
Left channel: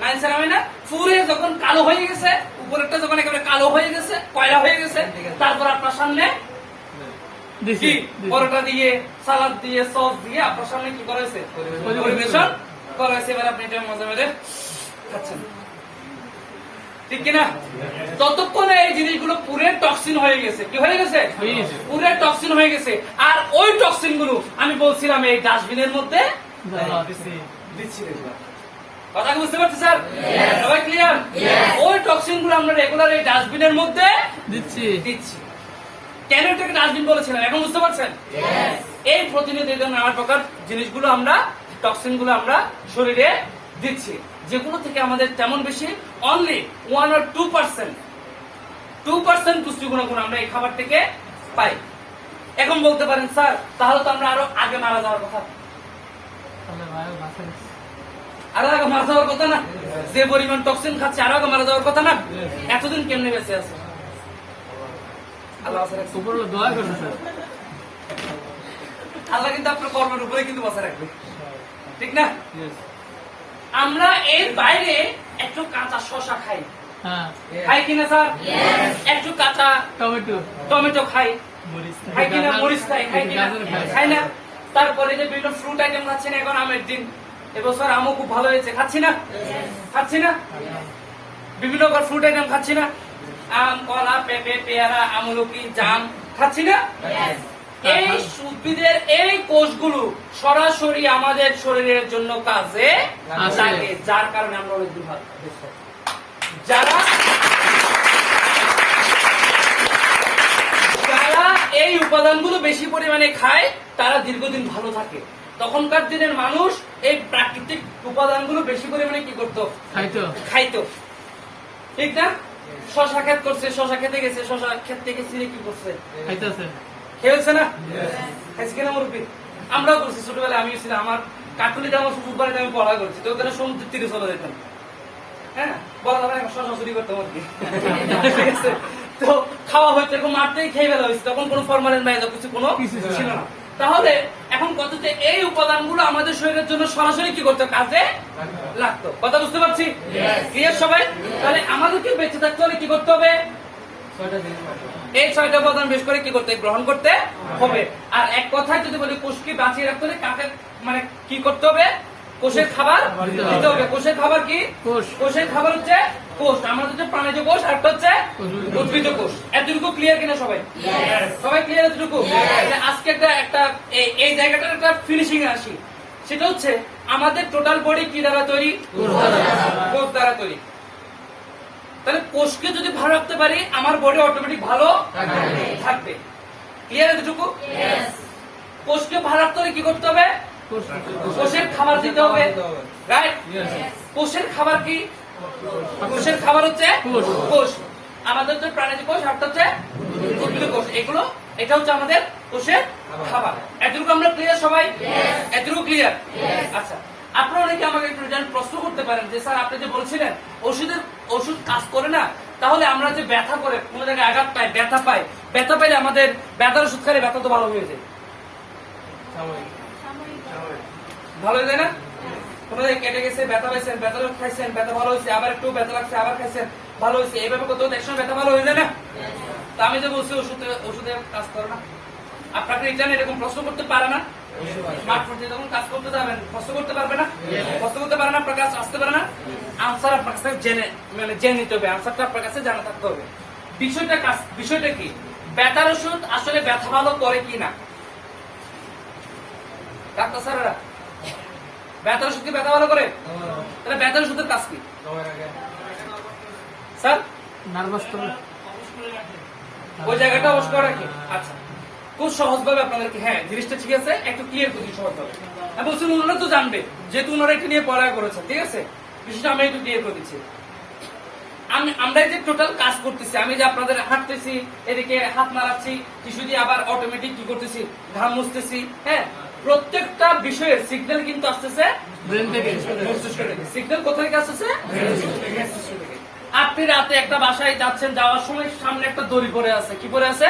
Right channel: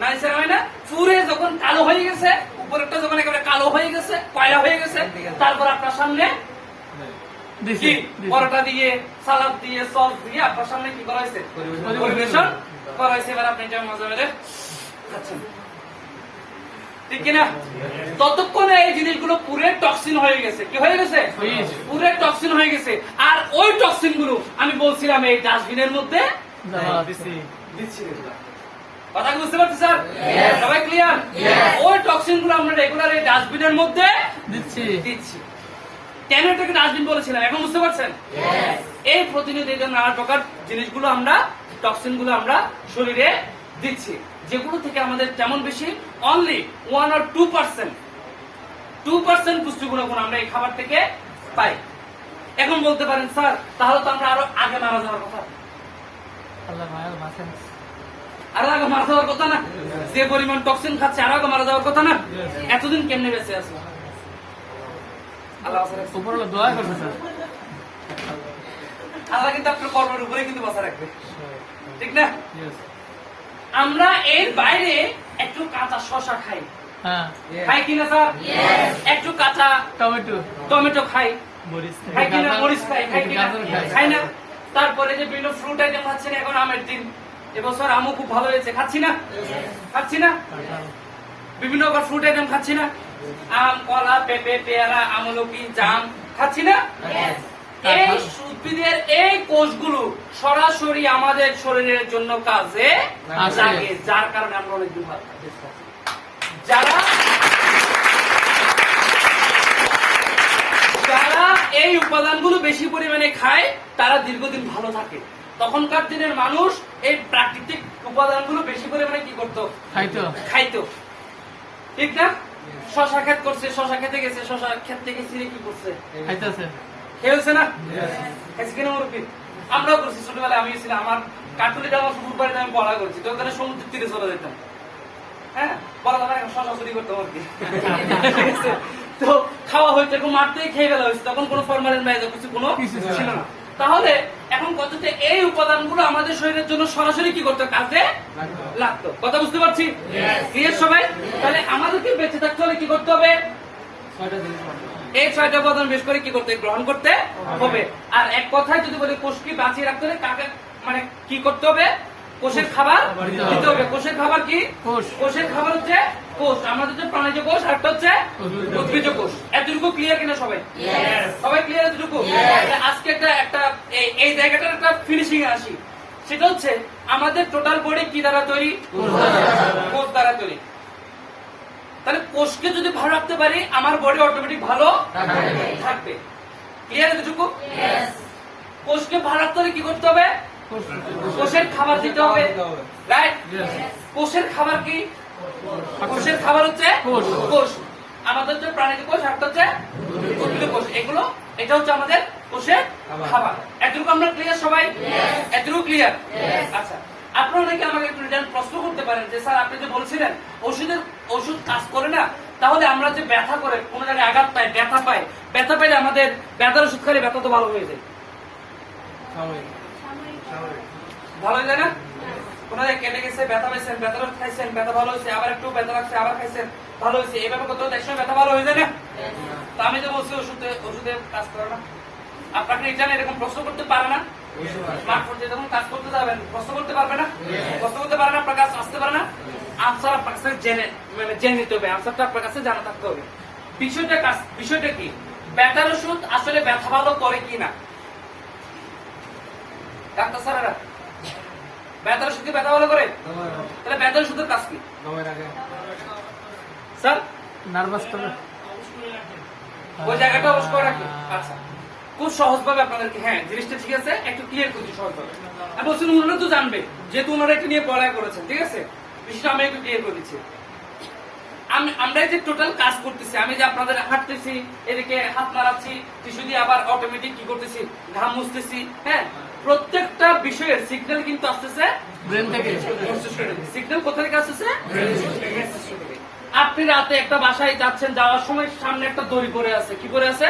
নাইসে নামাই না? ফুরে যখন কালো হয়ে গেছে, উপরেরটা যখন একেবারে কালো হয়ে গেছে, কয়লা হয়ে গেছে, তারপর আপনার সামনে কি পরোটা দিয়ে, সালাদ দিয়ে, সস দিয়ে আপনার সামনে কি করা হয়েছে? পরিবেশন করা হয়েছে। এবার আপনি এটা মজা মেরে খাচ্ছেন, ঠিক কিনা? ততক্ষণে এই জিনিসগুলো পুরে টক্সিন হয়ে গেছে। কি হয়ে গেছে? পুরে টক্সিন হয়ে গেছে। আর ওই টক্সিন গুলো আমি বলছিলাম এই ডাস্টবিনের মধ্যে দিচ্ছি। কথা বুঝতে পারছি স্যার? সবাই ক্লিয়ার? ওই টক্সিন গুলো আমরা রেগুলার এই ডাস্টবিনের মধ্যে দিচ্ছি। কেন এটাকে ডাস্টবিন বলেছিলাম এখন বুঝতে পারছেন? এই প্রতিনিধি নানা প্রকার জিনিসগুলো আমরা, টক্সিন গুলো আমরা শরীরে দিচ্ছি, যেগুলো থেকে আমাদের তেমন বেশি অনলি 1 or 2% পুষ্টি গুণাগুণ আমরা এই খাবার থেকে পাই। এখন বলতে পারেন স্যার তাহলে তো আমরা আরো আগে মারা যাওয়ার কথা। আরো আগে মারা যাওয়ার কথা না? যে পরিমাণ টক্সিন খাচ্ছে আরো আগে মারা যাওয়ার কথা না? এতদিন কেমনে বেঁচে আছে? আল্লাহ আল্লাহ কিন্তু আপনার কর্মের উপরে কিন্তু বাঁচা রাখবে। ঠিক না? Yes. আমরা এর বাইরে একটু কাঁচা শশা খাই, হ্যাঁ, খাই কিনা স্যার? একটু কাঁচা টমেটো, টমেটো খাই, মরিচ খাই কিনা? মরিচ খাই, খাই কিনা? গাজর খাই। খাই না? তারপরে যে বিভিন্ন ফ্রুট আইটেম খাচ্ছি না, এখন আমের দিন, এবছর আমও খুব ভালো হয়েছে, খাচ্ছি না? খাচ্ছি না? বিভিন্ন ফ্রুট আইটেম খাচ্ছি না? আম, কলা, পেঁপে, পেয়ারা, আমলকি, জাম খাচ্ছি না? এই উদ্ভিদের এই কোষগুলো সরাসরি আমাদের শরীরের জন্য কাজে আসে। লাগে, যার কারণে আমরা অনেক দূর যারা যারা এই উপাদানগুলো বেশি পরিমাণে খায় তারা দীর্ঘদিন ভালো থাকে। তখনকার দিনের মানুষ এই প্রাকৃতিক উপাদানগুলো বেশি পরিমাণে কি করতো? খাইতো। খাইতো, ঠিক না? শশা ক্ষেত করছে, শশা খেতে গেছে, শশা ক্ষেত থেকে ছিঁড়ে কি করছে? খাইতেছে। খেয়েছে না? খাইছে কিনা মুরব্বী? আমরাও করছি, ছোটবেলায় আমিও ছিলাম, আমার কাকুলিতে আমার শ্বশুর বাড়িতে আমি পড়া করছি, তো ওখানে সমুদ্রের তীরে চলে যেতাম। হ্যাঁ, বলা যাবে এখন শশা চুরি করতাম আর কি। ঠিক আছে? তো খাওয়া হয়েছে, এরকম মাঠতেই খেয়ে ফেলা হয়েছে, তখন কোনো ফরমালিন নাই, কিছু কোনো ছিল না। তাহলে এখন কত যে এই উপাদানগুলো আমাদের শরীরের জন্য সরাসরি কি করতো? কাজে লাগতো। কথা বুঝতে পারছি? ক্লিয়ার সবাই? তাহলে আমাদেরকে বেঁচে থাকতে হলে কি করতে হবে? এই 6টা উপাদান বেশ করে কি করতে গ্রহণ করতে হবে। আর এক কথায় যদি বলি কোষকে বাঁচিয়ে রাখতে হলে কাকে মানে কি করতে হবে? কোষের খাবার দিতে হবে। কোষের খাবার কি? কোষ। কোষের খাবার হচ্ছে কোষ। আমাদের হচ্ছে প্রাণীজ কোষ, আর একটা হচ্ছে উদ্ভিজ কোষ। এতটুকু ক্লিয়ার কিনা সবাই? সবাই ক্লিয়ার এতটুকু? আজকে একটা এই জায়গাটার একটা ফিনিশিং এ আসি। সেটা হচ্ছে আমাদের টোটাল বডি কি দ্বারা তৈরি? কোষ দ্বারা তৈরি। তাহলে কোষকে যদি ভালো রাখতে পারি আমার বডি অটোমেটিক ভালো থাকবে। ক্লিয়ার এতটুকু? কোষকে ভালো রাখতে হলে কি করতে হবে? কোষ। কোষের খাবার দিতে হবে, রাইট? Yes. কোষের খাবার কি? কোষের খাবার হচ্ছে কোষ। কোষ। আমাদের হচ্ছে প্রাণীজ কোষ, আর হচ্ছে উদ্ভিদ কোষ। এগুলো এটা হচ্ছে আমাদের কোষের খাবার। এতটুকু আমরা ক্লিয়ার সবাই? এতটুকু ক্লিয়ার? আচ্ছা, আপনারা অনেকে আমাকে একটু প্রশ্ন করতে পারেন যে স্যার আপনি যে বলছিলেন ওষুধ কাজ করে না, তাহলে আমরা যে ব্যথা করে কোনো জায়গায় আঘাত পাই, ব্যথা পাইলে আমাদের ব্যথার ওষুধ খাইলে ব্যথা তো ভালো হয়ে যায়, ভালো হয়ে যায় না? কোনো জায়গায় কেটে গেছে, ব্যথা পাইছেন, ব্যথা খাইছেন, ব্যথা ভালো হয়েছে, আবার একটু ব্যথা লাগছে, আবার খাইছেন, ভালো হয়েছে, এইভাবে কত একসময় ব্যথা ভালো হয়ে যায় না? তা আমি যে বলছি ওষুধে কাজ করে না, আপনাকে জানেন এরকম প্রশ্ন করতে পারে না? যখন কাজ করতে যাবেন প্রশ্ন করতে পারবে না? প্রশ্ন করতে পারে না, আপনার কাছে আসতে পারে না? আনসার আপনার কাছে জেনে নিতে হবে, আনসারটা আপনার কাছে জানা থাকতে হবে। বিষয়টা কি? ব্যথার ওষুধ আসলে ব্যথা ভালো করে কি না? ডাক্তার স্যারেরা ব্যথার ওষুধ কি ব্যথা ভালো করে? তাহলে ব্যথার ওষুধের কাজ কি স্যার? নার্ভাস করে। ওই জায়গাটা অবশ্য করে রাখি। আচ্ছা, খুব সহজ ভাবে আপনাদেরকে, হ্যাঁ জিনিসটা ঠিক আছে, একটু ক্লিয়ার করছি সহজ ভাবে। আমি বলছি ওনারা তো জানবে, যেহেতু ওনারা এটা নিয়ে পড়ায় করেছেন, ঠিক আছে? বিষয়টা আমি একটু ক্লিয়ার করে দিচ্ছি। আমরা এই যে টোটাল কাজ করতেছি, আমি যে আপনাদের হাঁটতেছি, এদিকে হাত নাড়াচ্ছি, টিস্যু দিয়ে আবার অটোমেটিক কি করতেছি, ঘাম মুছতেছি, হ্যাঁ, প্রত্যেকটা বিষয়ের সিগন্যাল কিন্তু আসতেছে ব্রেন থেকে। সিগন্যাল কোথা থেকে আসতেছে? আপনি রাতে একটা বাসায় যাচ্ছেন, যাওয়ার সময় সামনে একটা দড়ি পড়ে আছে, কি পড়ে আছে?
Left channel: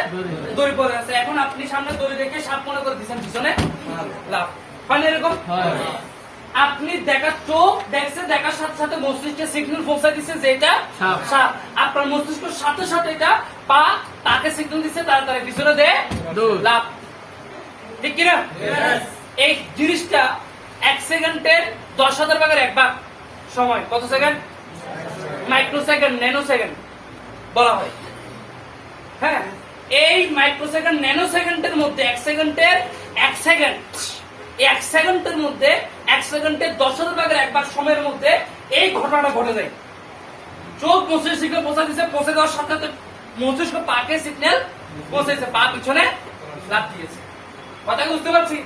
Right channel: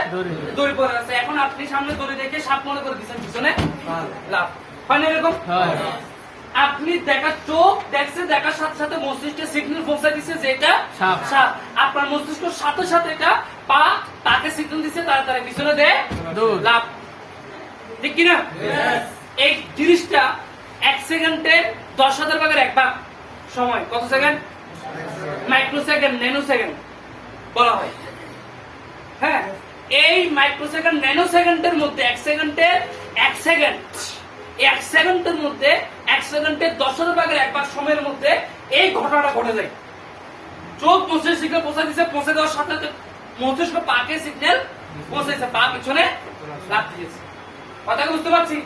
দড়ি পড়ে আছে। এখন আপনি সামনে দড়ি দেখে সাপ মনে করে দিচ্ছেন, পিছনে লাভ হয় না এরকম? আপনি চোখ দেখছেন, দেখার সাথে সাথে মস্তিষ্কে সিগন্যাল পৌঁছে দিচ্ছে যে এটা সাপ। আপনার মস্তিষ্কের সাথে সাথে এটা তাকে সিগন্যাল দিচ্ছে, তার পিছনে দেয় লাভ, ঠিক কিনা? এই জিনিসটা 1 সেকেন্ডে 10,000 ভাগের 1 ভাগ সময়, কত সেকেন্ড? মাইক্রোসেকেন্ড, ন্যানো সেকেন্ড বলা হয়। হ্যাঁ, এই মাইক্রোসেকেন্ড, ন্যানো সেকেন্ডের মধ্যে 1 সেকেন্ডের 1 সেকেন্ড, এই 1 সেকেন্ডের মধ্যে 1 সেকেন্ডের 10,000 ভাগের 1 ভাগ সময়ের মধ্যে এই ঘটনাটা ঘটে যায়। চোখ মস্তিষ্ক সিগন্যাল পৌঁছে দিচ্ছে, পৌঁছে দেওয়ার সাথে সাথে মস্তিষ্ক পাকে সিগন্যাল পৌঁছেছে, পা পিছনে লাফ দিয়েছে। কথা বুঝতে পারছি?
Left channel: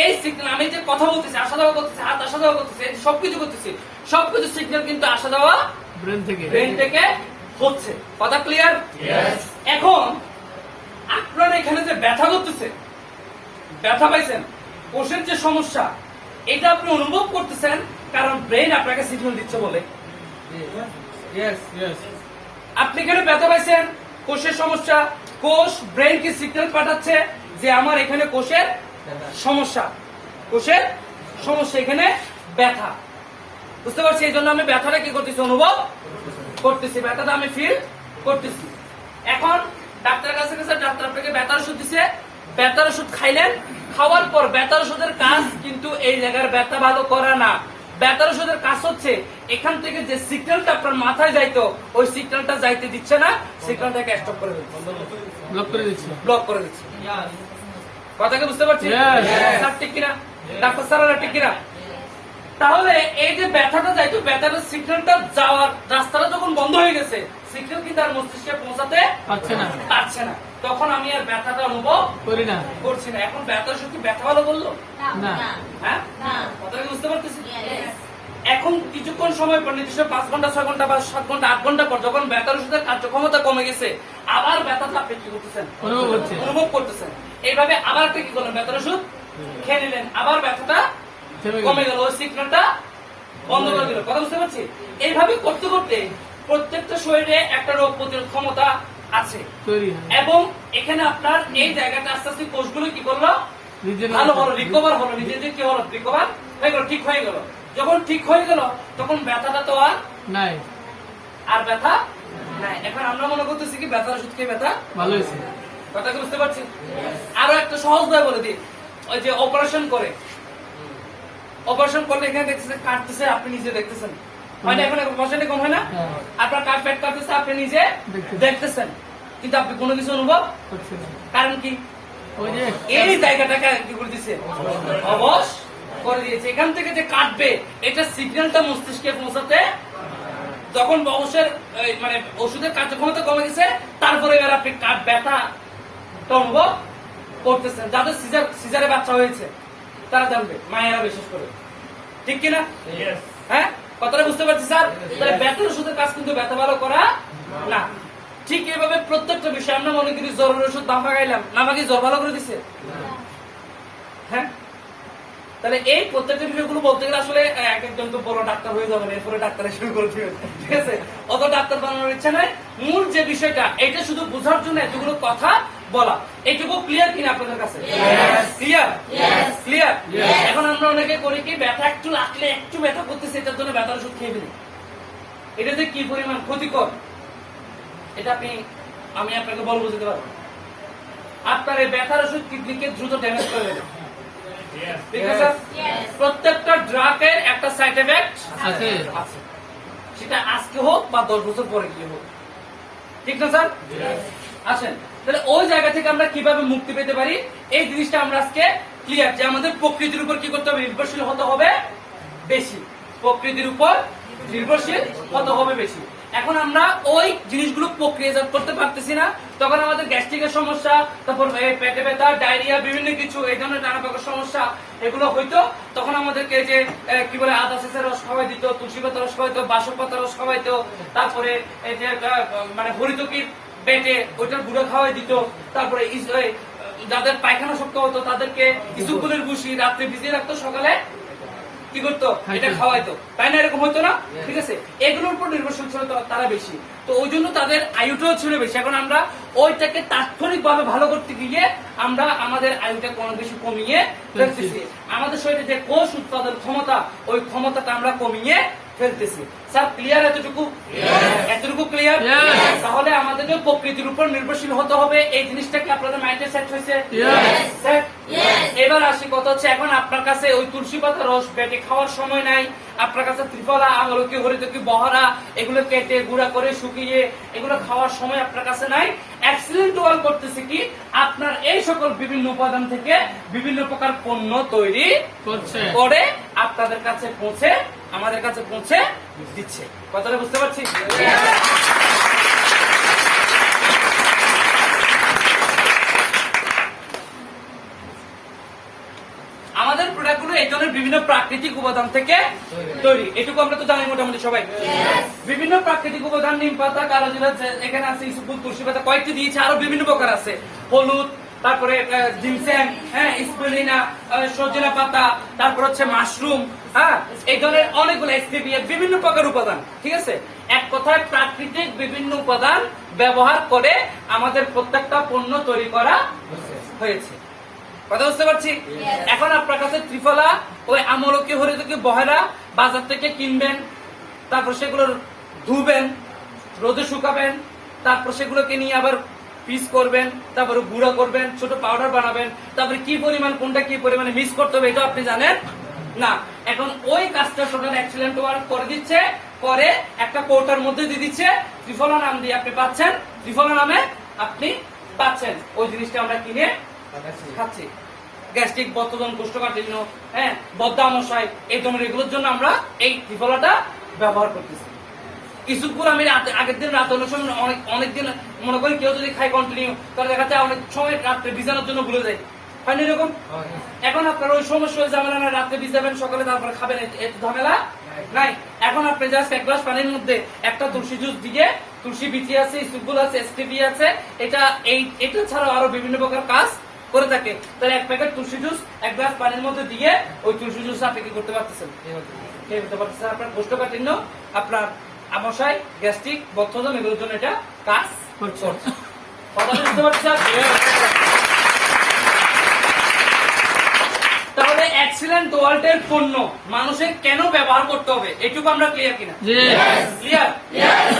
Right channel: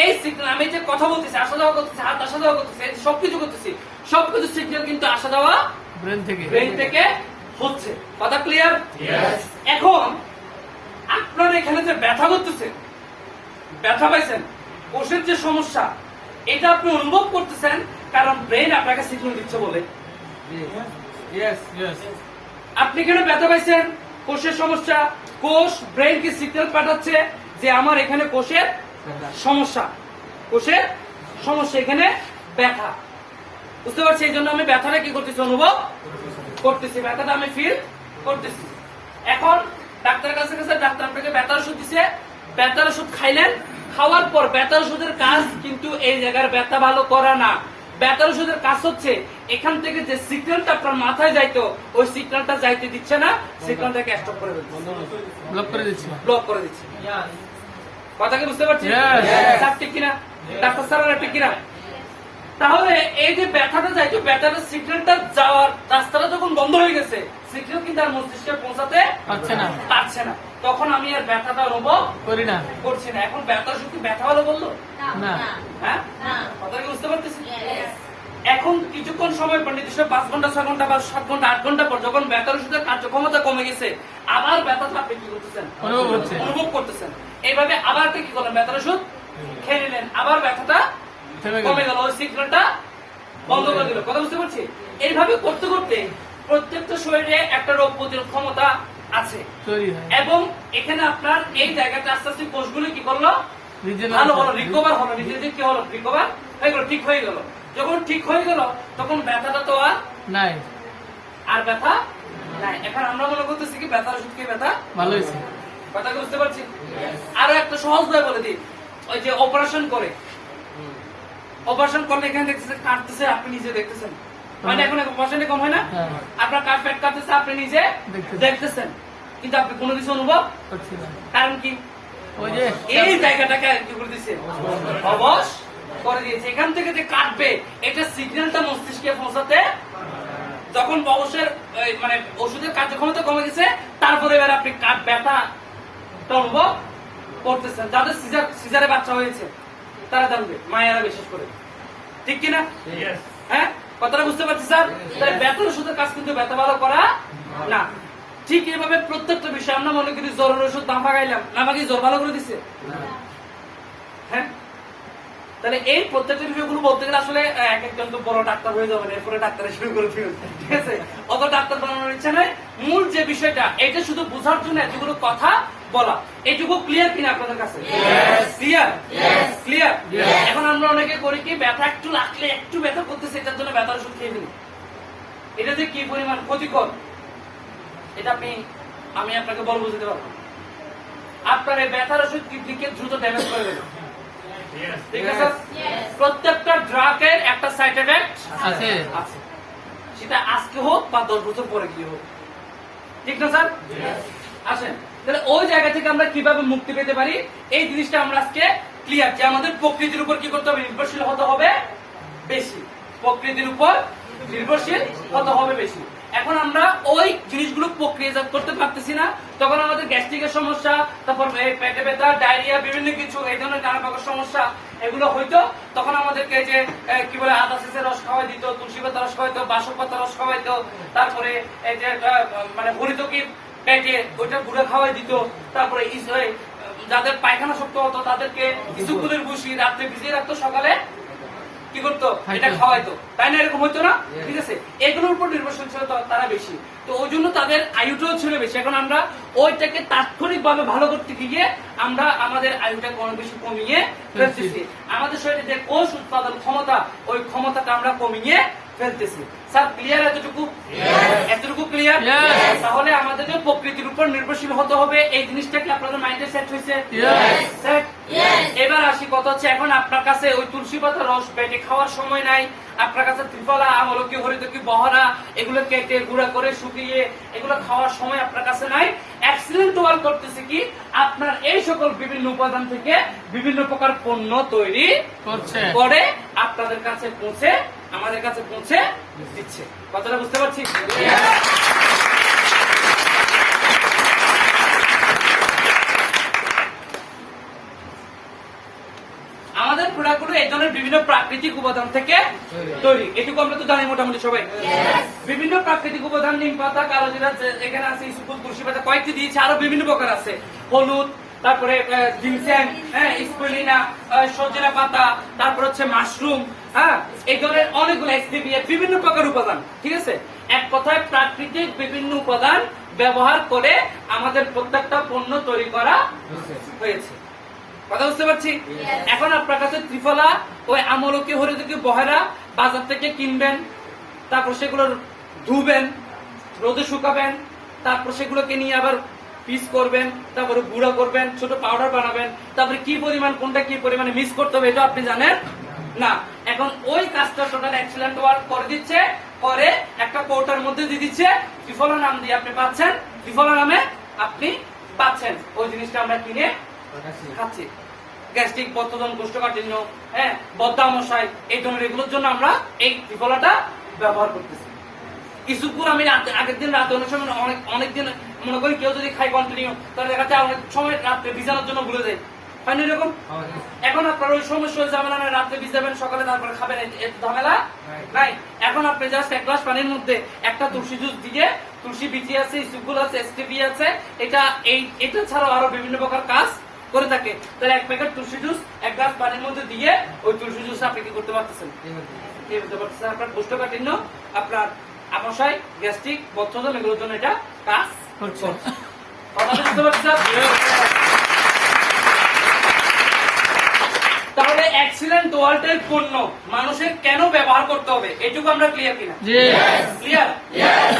এই সিগন্যাল, আমি যে কথা বলতেছি, আসা যাওয়া করতেছি, হাত আসা যাওয়া করতেছি, সবকিছু করতেছি, সবকিছু সিগন্যাল কিন্তু আসা যাওয়া ব্রেন থেকে হচ্ছে। কথা ক্লিয়ার? এখন আপনার এখানে যে ব্যথা করতেছে, ব্যথা পাইছেন, কোষের যে সমস্যা, এটা আপনি অনুভব করতেছেন কারণ ব্রেন আপনাকে সিগন্যাল দিচ্ছে বলে। আপনি এখানে ব্যথা পাইছেন, কোষের সমস্যা, কোষ ব্রেনকে সিগন্যাল পাঠাচ্ছে যে আমার এখানে কোষের সমস্যা, কোষের সমস্যা এখানে ব্যথা। বুঝতে পারছি? এই জন্য আমি ব্যথাটা কি করতেছি, অনুভব করতেছি, ব্যথাটা আমি ফিল করতেছি। এখন ডাক্তারের কাছে গেছে, ডাক্তার আপনাকে ব্যথার ওষুধ দিছে, ব্যথার ওষুধ খাইলেন, খাওয়ার পর ব্যথার ওষুধের কাজ কিন্তু এই জায়গার ব্যথা ভালো করে না। ব্যথার ওষুধের কাজ হচ্ছে এখান থেকে যে সিগন্যালটা আপনার মাথায় যাইতো ওই সিগন্যালটা যাইতে দিচ্ছে না, সিগন্যালটাকে স্টপ করে দিচ্ছে, ব্লক করে দিচ্ছি। ব্লক করে দিচ্ছে। কথা কি বুঝতে পারছি? Yes. স্যার ঠিক কিনা, ডাক্তার স্যারেরা ঠিক কিনা? তাহলে এই যে ব্যথাটা যাইতো, ব্যথার সিগন্যালটা যাওয়ার রাস্তাটা যখন বন্ধ হয়ে গেছে, সিগন্যাল কিন্তু আর মস্তিষ্কে পৌঁছাতে পারছে না, তখন আমি আর ব্যথাটা অনুভব করি না। করছি না। এখন ব্যথার শুধু ব্যথা হলো বললো না। হ্যাঁ, কথা কি বুঝতে পারতেছি? এখন কিছুক্ষণ সময় পর, নির্দিষ্ট 5 ঘন্টা 6 ঘন্টা বা 7 ঘন্টা 8 ঘন্টা পর যখন ব্যথার ওষুধের কার্যক্ষমতা কমে গেছে, আবার ব্যথাটা আপনি কি করতেছেন, অনুভব করতেছেন। এইভাবে আবার আপনি কি করলেন, ব্যথার ওষুধ খেয়ে নিলেন, আবার ব্যথাটা কমে গেল, ওই সিগন্যালটা বন্ধ করে দিল। কথা বুঝতে পারছি? এইভাবে করতে করতে প্রত্যেকটা শরীরে একটা রোগ প্রতিরোধ ক্ষমতা আছে এবং এখানে আপনার এই জায়গাটা আস্তে আস্তে কোষগুলো কি করলো, ভালো হলো, রিকভার হলো, নিজে যে কি হলো, রিকভার হয়ে গেল, ঠিক হয়ে গেল। যখন ঠিক হয়ে গেল তখন ব্যথাটা তো আর নাই, আর ব্যথা নাই। এখন আমরা মনে করতেছি কি ব্যথার ওষুধ খেয়ে ব্যথা ভালো হয়েছে। কথা কি বুঝতে পারছি? আরো একটা সহজ ভাবে বলে দিই, ওই যে অপারেশন করে, অপারেশন করলে এখানে দেখতেছেন কাটতেছে, আপনি নিজে দেখতেছেন, মানে এখন অপারেশনে কম হয় না, আপনার কাট পেট কাটতেছে, আপনি নিজে দেখতেছেন, কিন্তু আপনি কোনো কিছু অনুভব, কারণ কি এই জায়গাটাকে কি করে দিচ্ছে, অবশ করে দিয়েছে। এখান থেকে যে কাটবে এটা সিগন্যালটা মস্তিষ্কে পৌঁছাতে, যখন অবশ্যের মানে ওষুধের কার্যক্ষমতা কমে গেছে, তারপরে এবার আপনি কাট ব্যথা অনুভব করতেছেন। যাদের সিজারে বাচ্চা হয়েছে তারা জানবে, মায়েরা বিশেষ করে, ঠিক কিনা? হ্যাঁ, কথাটা বুঝতে পারছি স্যার? তাহলে ব্যথার ওষুধের কাজ কিন্তু ব্যথা ভালো করা না। ঠিক এইভাবে প্রত্যেকটা বিষয় আমরা মনে করি জ্বরের ওষুধ দাফা খাইলাম, আমাকে জ্বর ভালো করে দিচ্ছে। হ্যাঁ, তাহলে এই প্রত্যেকটা বিষয়গুলো বলতে গেলে আসলে এক একজন তো বড় ডাক্তার হয়ে যাবেন, এরপরে ডাক্তারের শুরু করে দিবেন, ঠিক আছে? অত ডাক্তার বানানোর ইচ্ছা নাই। মূল যে বিষয়টা এটা শুধু বোঝার জন্য এতগুলো কথা বলা, এটুকু ক্লিয়ার কিনা আপনাদের কাছে? Clear, clear. এখন আমরা অনেকে করি কি, ব্যথা একটু লাগলে, একটু ব্যথা করতেছে, এটার জন্য ব্যথার ওষুধ খেয়ে ফেলি। এটা যে কি পরিমাণ ক্ষতিকর এটা আমি আপনাকে বলবো, বুঝতে পারবো। আপনার এই ব্যথার ওষুধ কিডনিকে দ্রুত ড্যামেজ করে দেবে, ঠিক আছে? প্রত্যেকটা ড্রাগের একটা সাইড এফেক্ট আছে, সেটা আজকে হোক বা 10 বছর পরে গিয়ে হোক, ঠিক না স্যার? আসেন তাহলে ওই জায়গা থেকে আমরা কিভাবে মুক্তি পেতে পারি এই জিনিসটা আমরা আজকে ক্লিয়ার, যে আমাদের প্রকৃতির উপর কি করতে হবে, নির্ভরশীল হতে হবে বেশি, প্রকৃতির উপর নির্ভরশীল হতে হবে বেশি। এখন আমরা ওই জিনিসগুলো প্রক্রিয়াজাত করতে পারতেছি না, তখন আমাদের গ্যাস্ট্রিকের সমস্যা, তারপর পেটে ব্যথা, ডায়রিয়া, বিভিন্ন কিছু এই ধরনের নানা প্রকার সমস্যা এগুলো হইতো। তখন আমাদেরকে যে কি বলে আদা সেচের রস খাওয়াই দিত, তুলসী পাতা রস খাওয়াইতো, বাসক পাতা রস খাওয়াইতো, তারপরে এই যে মানে হরিতকি পেটে ওইটা গুঁড়া খাওয়াই দিত, তারপরে যাদের পায়খানা শক্ত হতো তাদেরকে ইসুকুলের ভুসি রাত্রে ভিজিয়ে রাখতো, সকালে কি করতো, এটা খাওয়াইতো, তাই না? এরকম হতো না? ঠিক আছে, এগুলোর উপর নির্ভরশীল ছিল তারা বেশি, তো ওই জন্য তাদের আয়ুটাও ছিল বেশি। এখন আমরা ওইটাকে তাৎক্ষণিক ভাবে ভালো করতে গিয়ে আমরা আমাদের আয়ুটাকে অনেক বেশি কমিয়ে ফেলতেছি। আমাদের শরীরে যে কোষ উৎপাদন ক্ষমতা, ওই ক্ষমতাটা আমরা কমিয়ে ফেলতেছি। Sir clear? এতটুকু, এতটুকু ক্লিয়ার? তাহলে আমাদের প্রকৃতির উপর নির্ভরশীল হতে হবে, এই জিনিসটাকে আপনাদের মাইন্ডে সেট হয়েছে? সেট। এবার আসি কথা হচ্ছে, এখন আপনার কাছে ওই তুলসী পাতা রস পেটে খাওয়ার সময় নাই, আপনার কাছে ত্রিফলা, আমলকি, হরিতকি, বহরা এগুলো কেটে গুঁড়া করে শুকিয়ে এগুলো খাওয়ার সময় আপনার কাছে নাই। এক্সিলেন্ট ওয়াল করতেছে কি, আপনার এই সকল বিভিন্ন উপাদান থেকে বিভিন্ন প্রকার পণ্য তৈরি করে আপনাদের কাছে পৌঁছে, আমাদের কাছে পৌঁছে দিচ্ছে। কথাটা বুঝতে পারছি? আমাদের প্রোডাক্টগুলো এই ধরনের বিভিন্ন প্রাকৃতিক উপাদান থেকে তৈরি, এটুকু আমরা তো জানি মোটামুটি সবাই। বিভিন্ন প্রাকৃতিক উপাদান, নিম পাতা, কালোজিরা, এখানে আছে ইসুকুল, তুলসী পাতা, কয়েকটি দিয়েছে, আরো বিভিন্ন প্রকার আছে, হলুদ, তারপরে জিনসেং, হ্যাঁ, স্পিরুলিনা, সজনা পাতা, তারপর হচ্ছে মাশরুম, হ্যাঁ, এই ধরনের অনেকগুলো স্টেভিয়া, বিভিন্ন প্রকার উপাদান, ঠিক আছে? এক কথায় প্রাকৃতিক বিভিন্ন উপাদান ব্যবহার করে আমাদের প্রত্যেকটা পণ্য তৈরি করা হয়েছে। কথা বুঝতে পারছি? এখন আপনার কাছে ত্রিফলা ওই আমলকি হরিতকি বহেরা বাজার থেকে কিনবেন, তারপর সেগুলো ধুবেন, রোদে শুকাবেন, তারপর সেগুলোকে নিয়ে আবার পিস করবেন, তারপরে গুঁড়া করবেন, ছোট পাউডার বানাবেন, তারপরে কি পরিমাণ কোনটা কি পরিমাণে মিক্স করতে হবে এটা আপনি জানেন না। এখন ওই কাজটা টোটাল এক্সিলেন্ট ওয়ার্ক করে দিচ্ছে, পরে একটা কৌটার মধ্যে দিয়ে দিচ্ছে, ত্রিফলা নাম দিয়ে আপনি পাচ্ছেন, ত্রিফলা নামে আপনি পাচ্ছেন ওই জিনিসটা আমরা কিনে খাচ্ছি। গ্যাস্ট্রিক, বদহজম, কোষ্ঠকাঠিন্য, হ্যাঁ, বদ্ধামশাই, এই ধরনের এগুলোর জন্য আমরা এই ত্রিফলাটা ব্যবহার করতেছি। কিছুক্ষণ আমি আগের দিন রাতে অনেক সময় অনেকদিন মনে করি কেউ যদি খাই কন্টিনিউ, তাহলে দেখা যায় অনেক সময় রাত্রে ভিজানোর জন্য ভুলে যায়, হয়নি এরকম? এখন আপনার ওই সমস্যা ঝামেলা নয়, রাত্রে ভিজাবেন, সকালে তারপরে খাবেন, একটু ঝামেলা নাই। এখন আপনি জাস্ট এক গ্লাস পানির মধ্যে একটা তুলসী জুস দিয়ে, তুলসী বিচি আছে, ইসুগুল আছে, এসটিপি আছে, এটা ছাড়াও আরো বিভিন্ন প্রকার কাজ করে থাকে। তাহলে এক প্যাকেট তুলসী জুস এক গ্লাস পানির মধ্যে দিয়ে ওই তুলসী জুস আপনি কি করতে পারতেছেন? আপনার কোষ্ঠকাঠিন্য, আপনার আমাশয়, গ্যাস্ট্রিক, বদহজম এগুলোর জন্য এটা কাজ করছে। কথা বুঝতে পারছেন? তাহলে এক্সিলেন্ট ওয়ার্ল্ডের পণ্য মানুষের কেন ব্যবহার করতে হবে এটুকু আমরা ক্লিয়ার কিনা? ক্লিয়ার।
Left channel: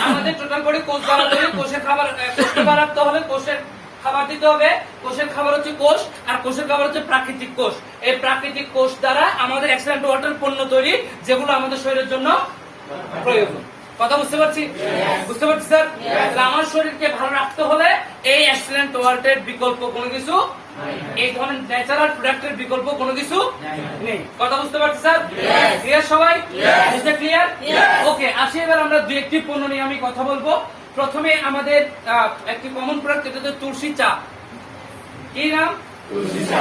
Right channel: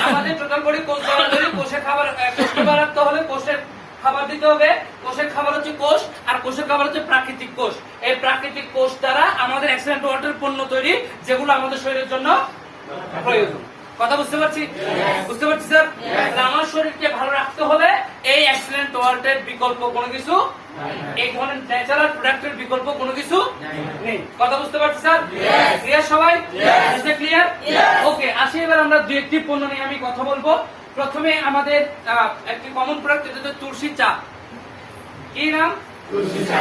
আমাদের টোটাল করে কোষ বাড়াতে, কোষের খাবার, কোষকে বাড়াতে হলে কোষের খাবার দিতে হবে। কোষের খাবার হচ্ছে কোষ, আর কোষের খাবার হচ্ছে প্রাকৃতিক কোষ। এই প্রাকৃতিক কোষ দ্বারা আমাদের এক্সিলেন্ট ওয়ার্ল্ডের পণ্য তৈরি, যেগুলো আমাদের শরীরের জন্য প্রয়োজন। কথা বুঝতে পারছি? বুঝতে পারছি স্যার? আমার শরীরকে ভালো রাখতে হলে এই এক্সিলেন্ট ওয়ার্ল্ডের বিকল্প কোনো কিছু, এই ধরনের ন্যাচারাল প্রোডাক্টের বিকল্প কোনো কিছু নেই। কথা বুঝতে পারছি স্যার? ক্লিয়ার সবাই? ক্লিয়ার? ওকে, আসি এবার আমরা দু একটি পণ্য নিয়ে আমি কথা বলবো। প্রথমে আমাদের একটি কমন প্রোডাক্ট, এটা হচ্ছে তুলসী চা। কি নাম? তুলসী চা।